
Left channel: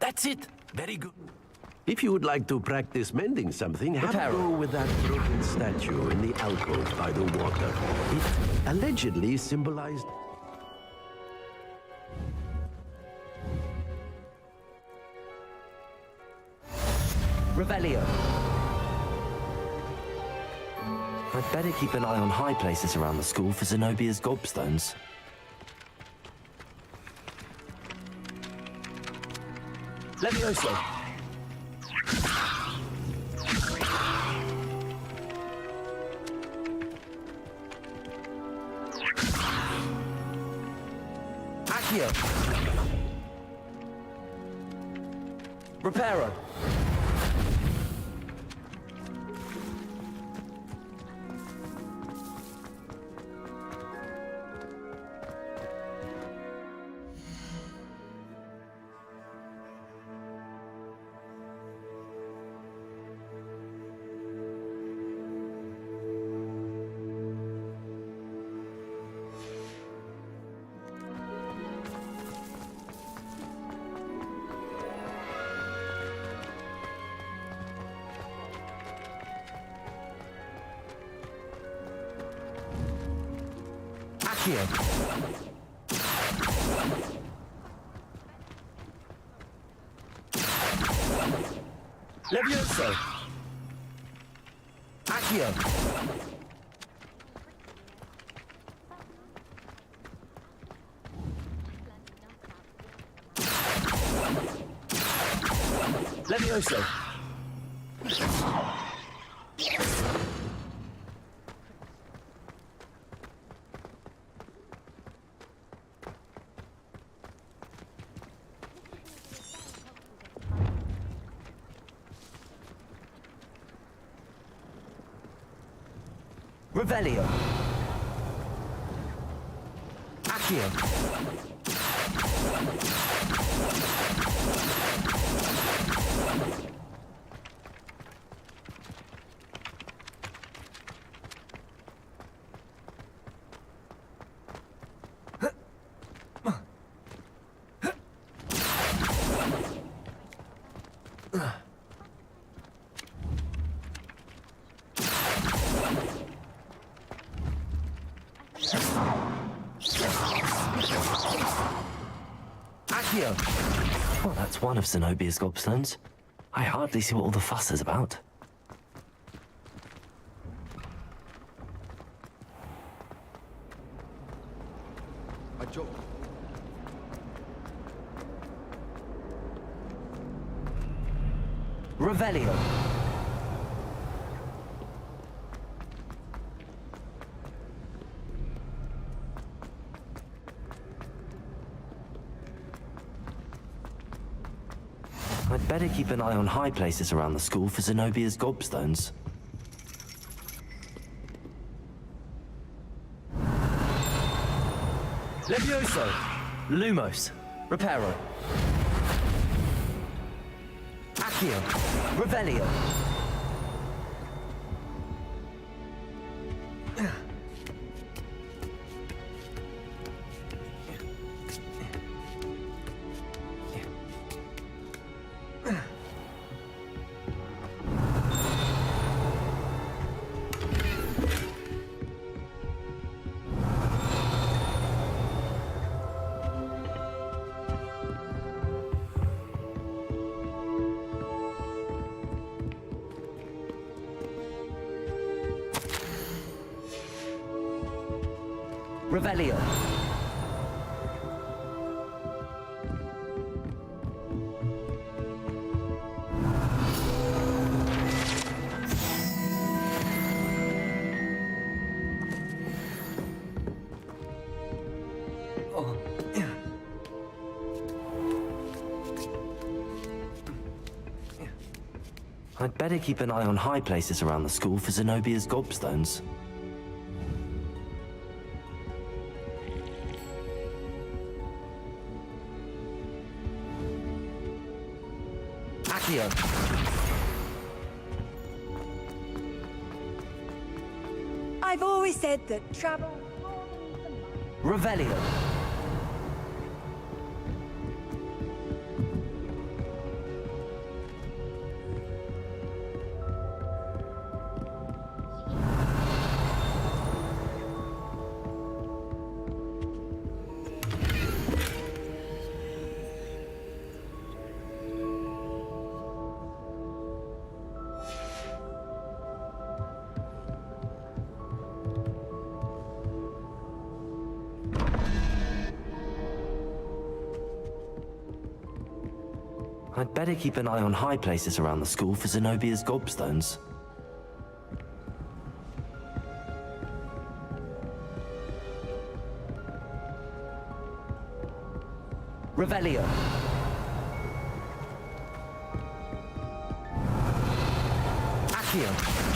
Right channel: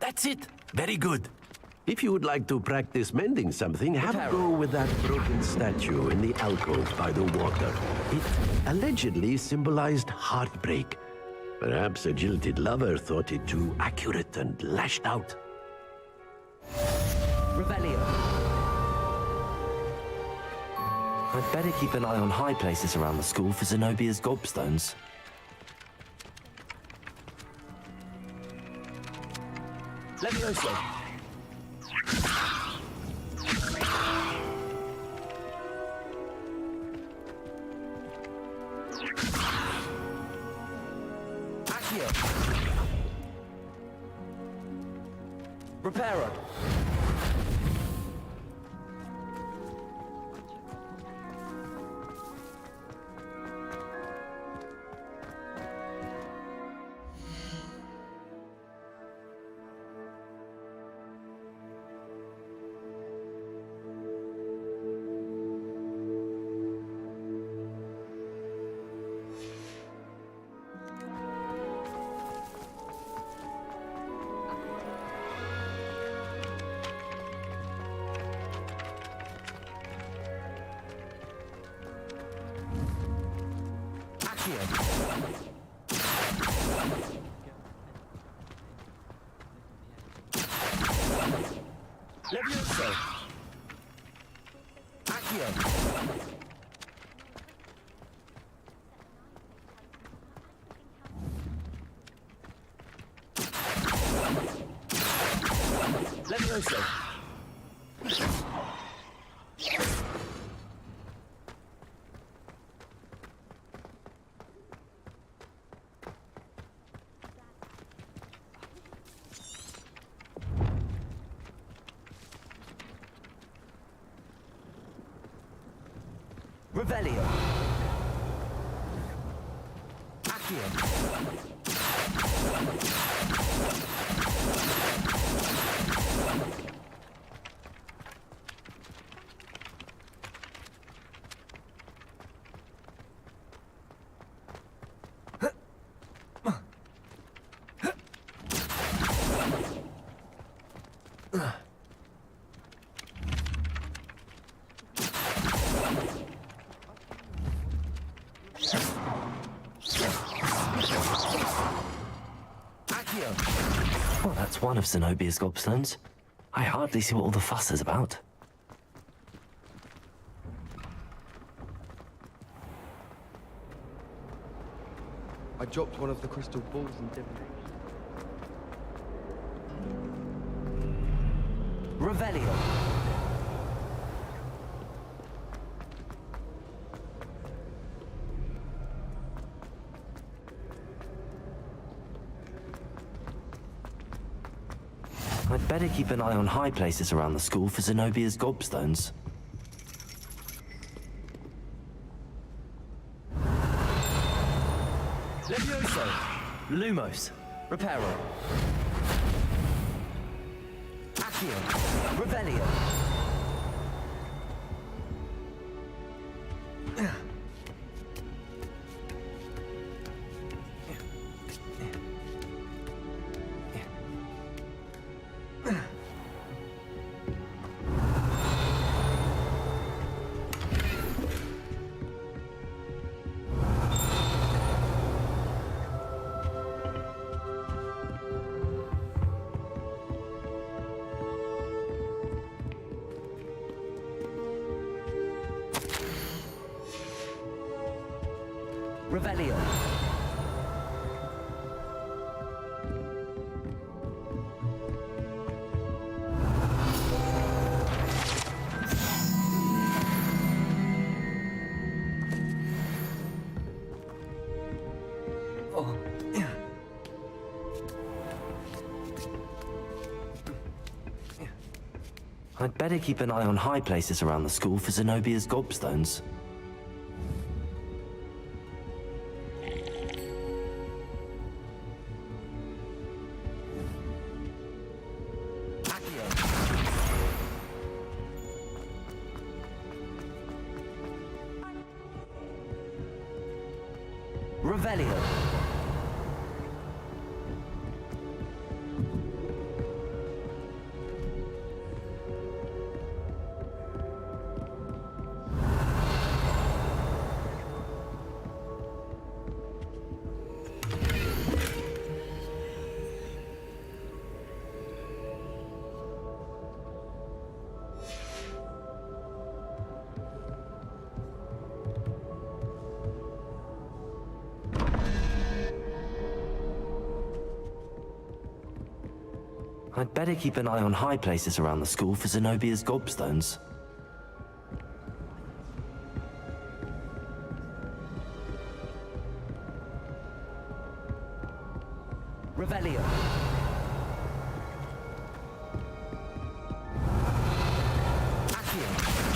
That's it. Very good. If you would like to practice mending something, have a go with that broken statue in the alcove by the water. It allegedly symbolized heartbreak. Perhaps a jilted lover thought it too accurate and lashed out. Revelio. I'd better keep an eye on high places around the school for Zenobia's gobstones. Levioso. Accio. Reparo. Levioso. Accio. Levioso. Revelio. Accio. Well, that's one of Zenobia's gobstones. I hardly see what all the fuss is about. I dropped one of the crystal balls and didn't. Revelio. I'd better keep an eye on high places around the school for Zenobia's gobstones. Lumos. Reparo. Accio. Revelio. Revelio. Oh. I'd better keep an eye on high places around the school for Zenobia's gobstones. I've always said that travel... Revelio. I'd better keep an eye on high places around the school for Zenobia's gobstones. Revelio. Accio.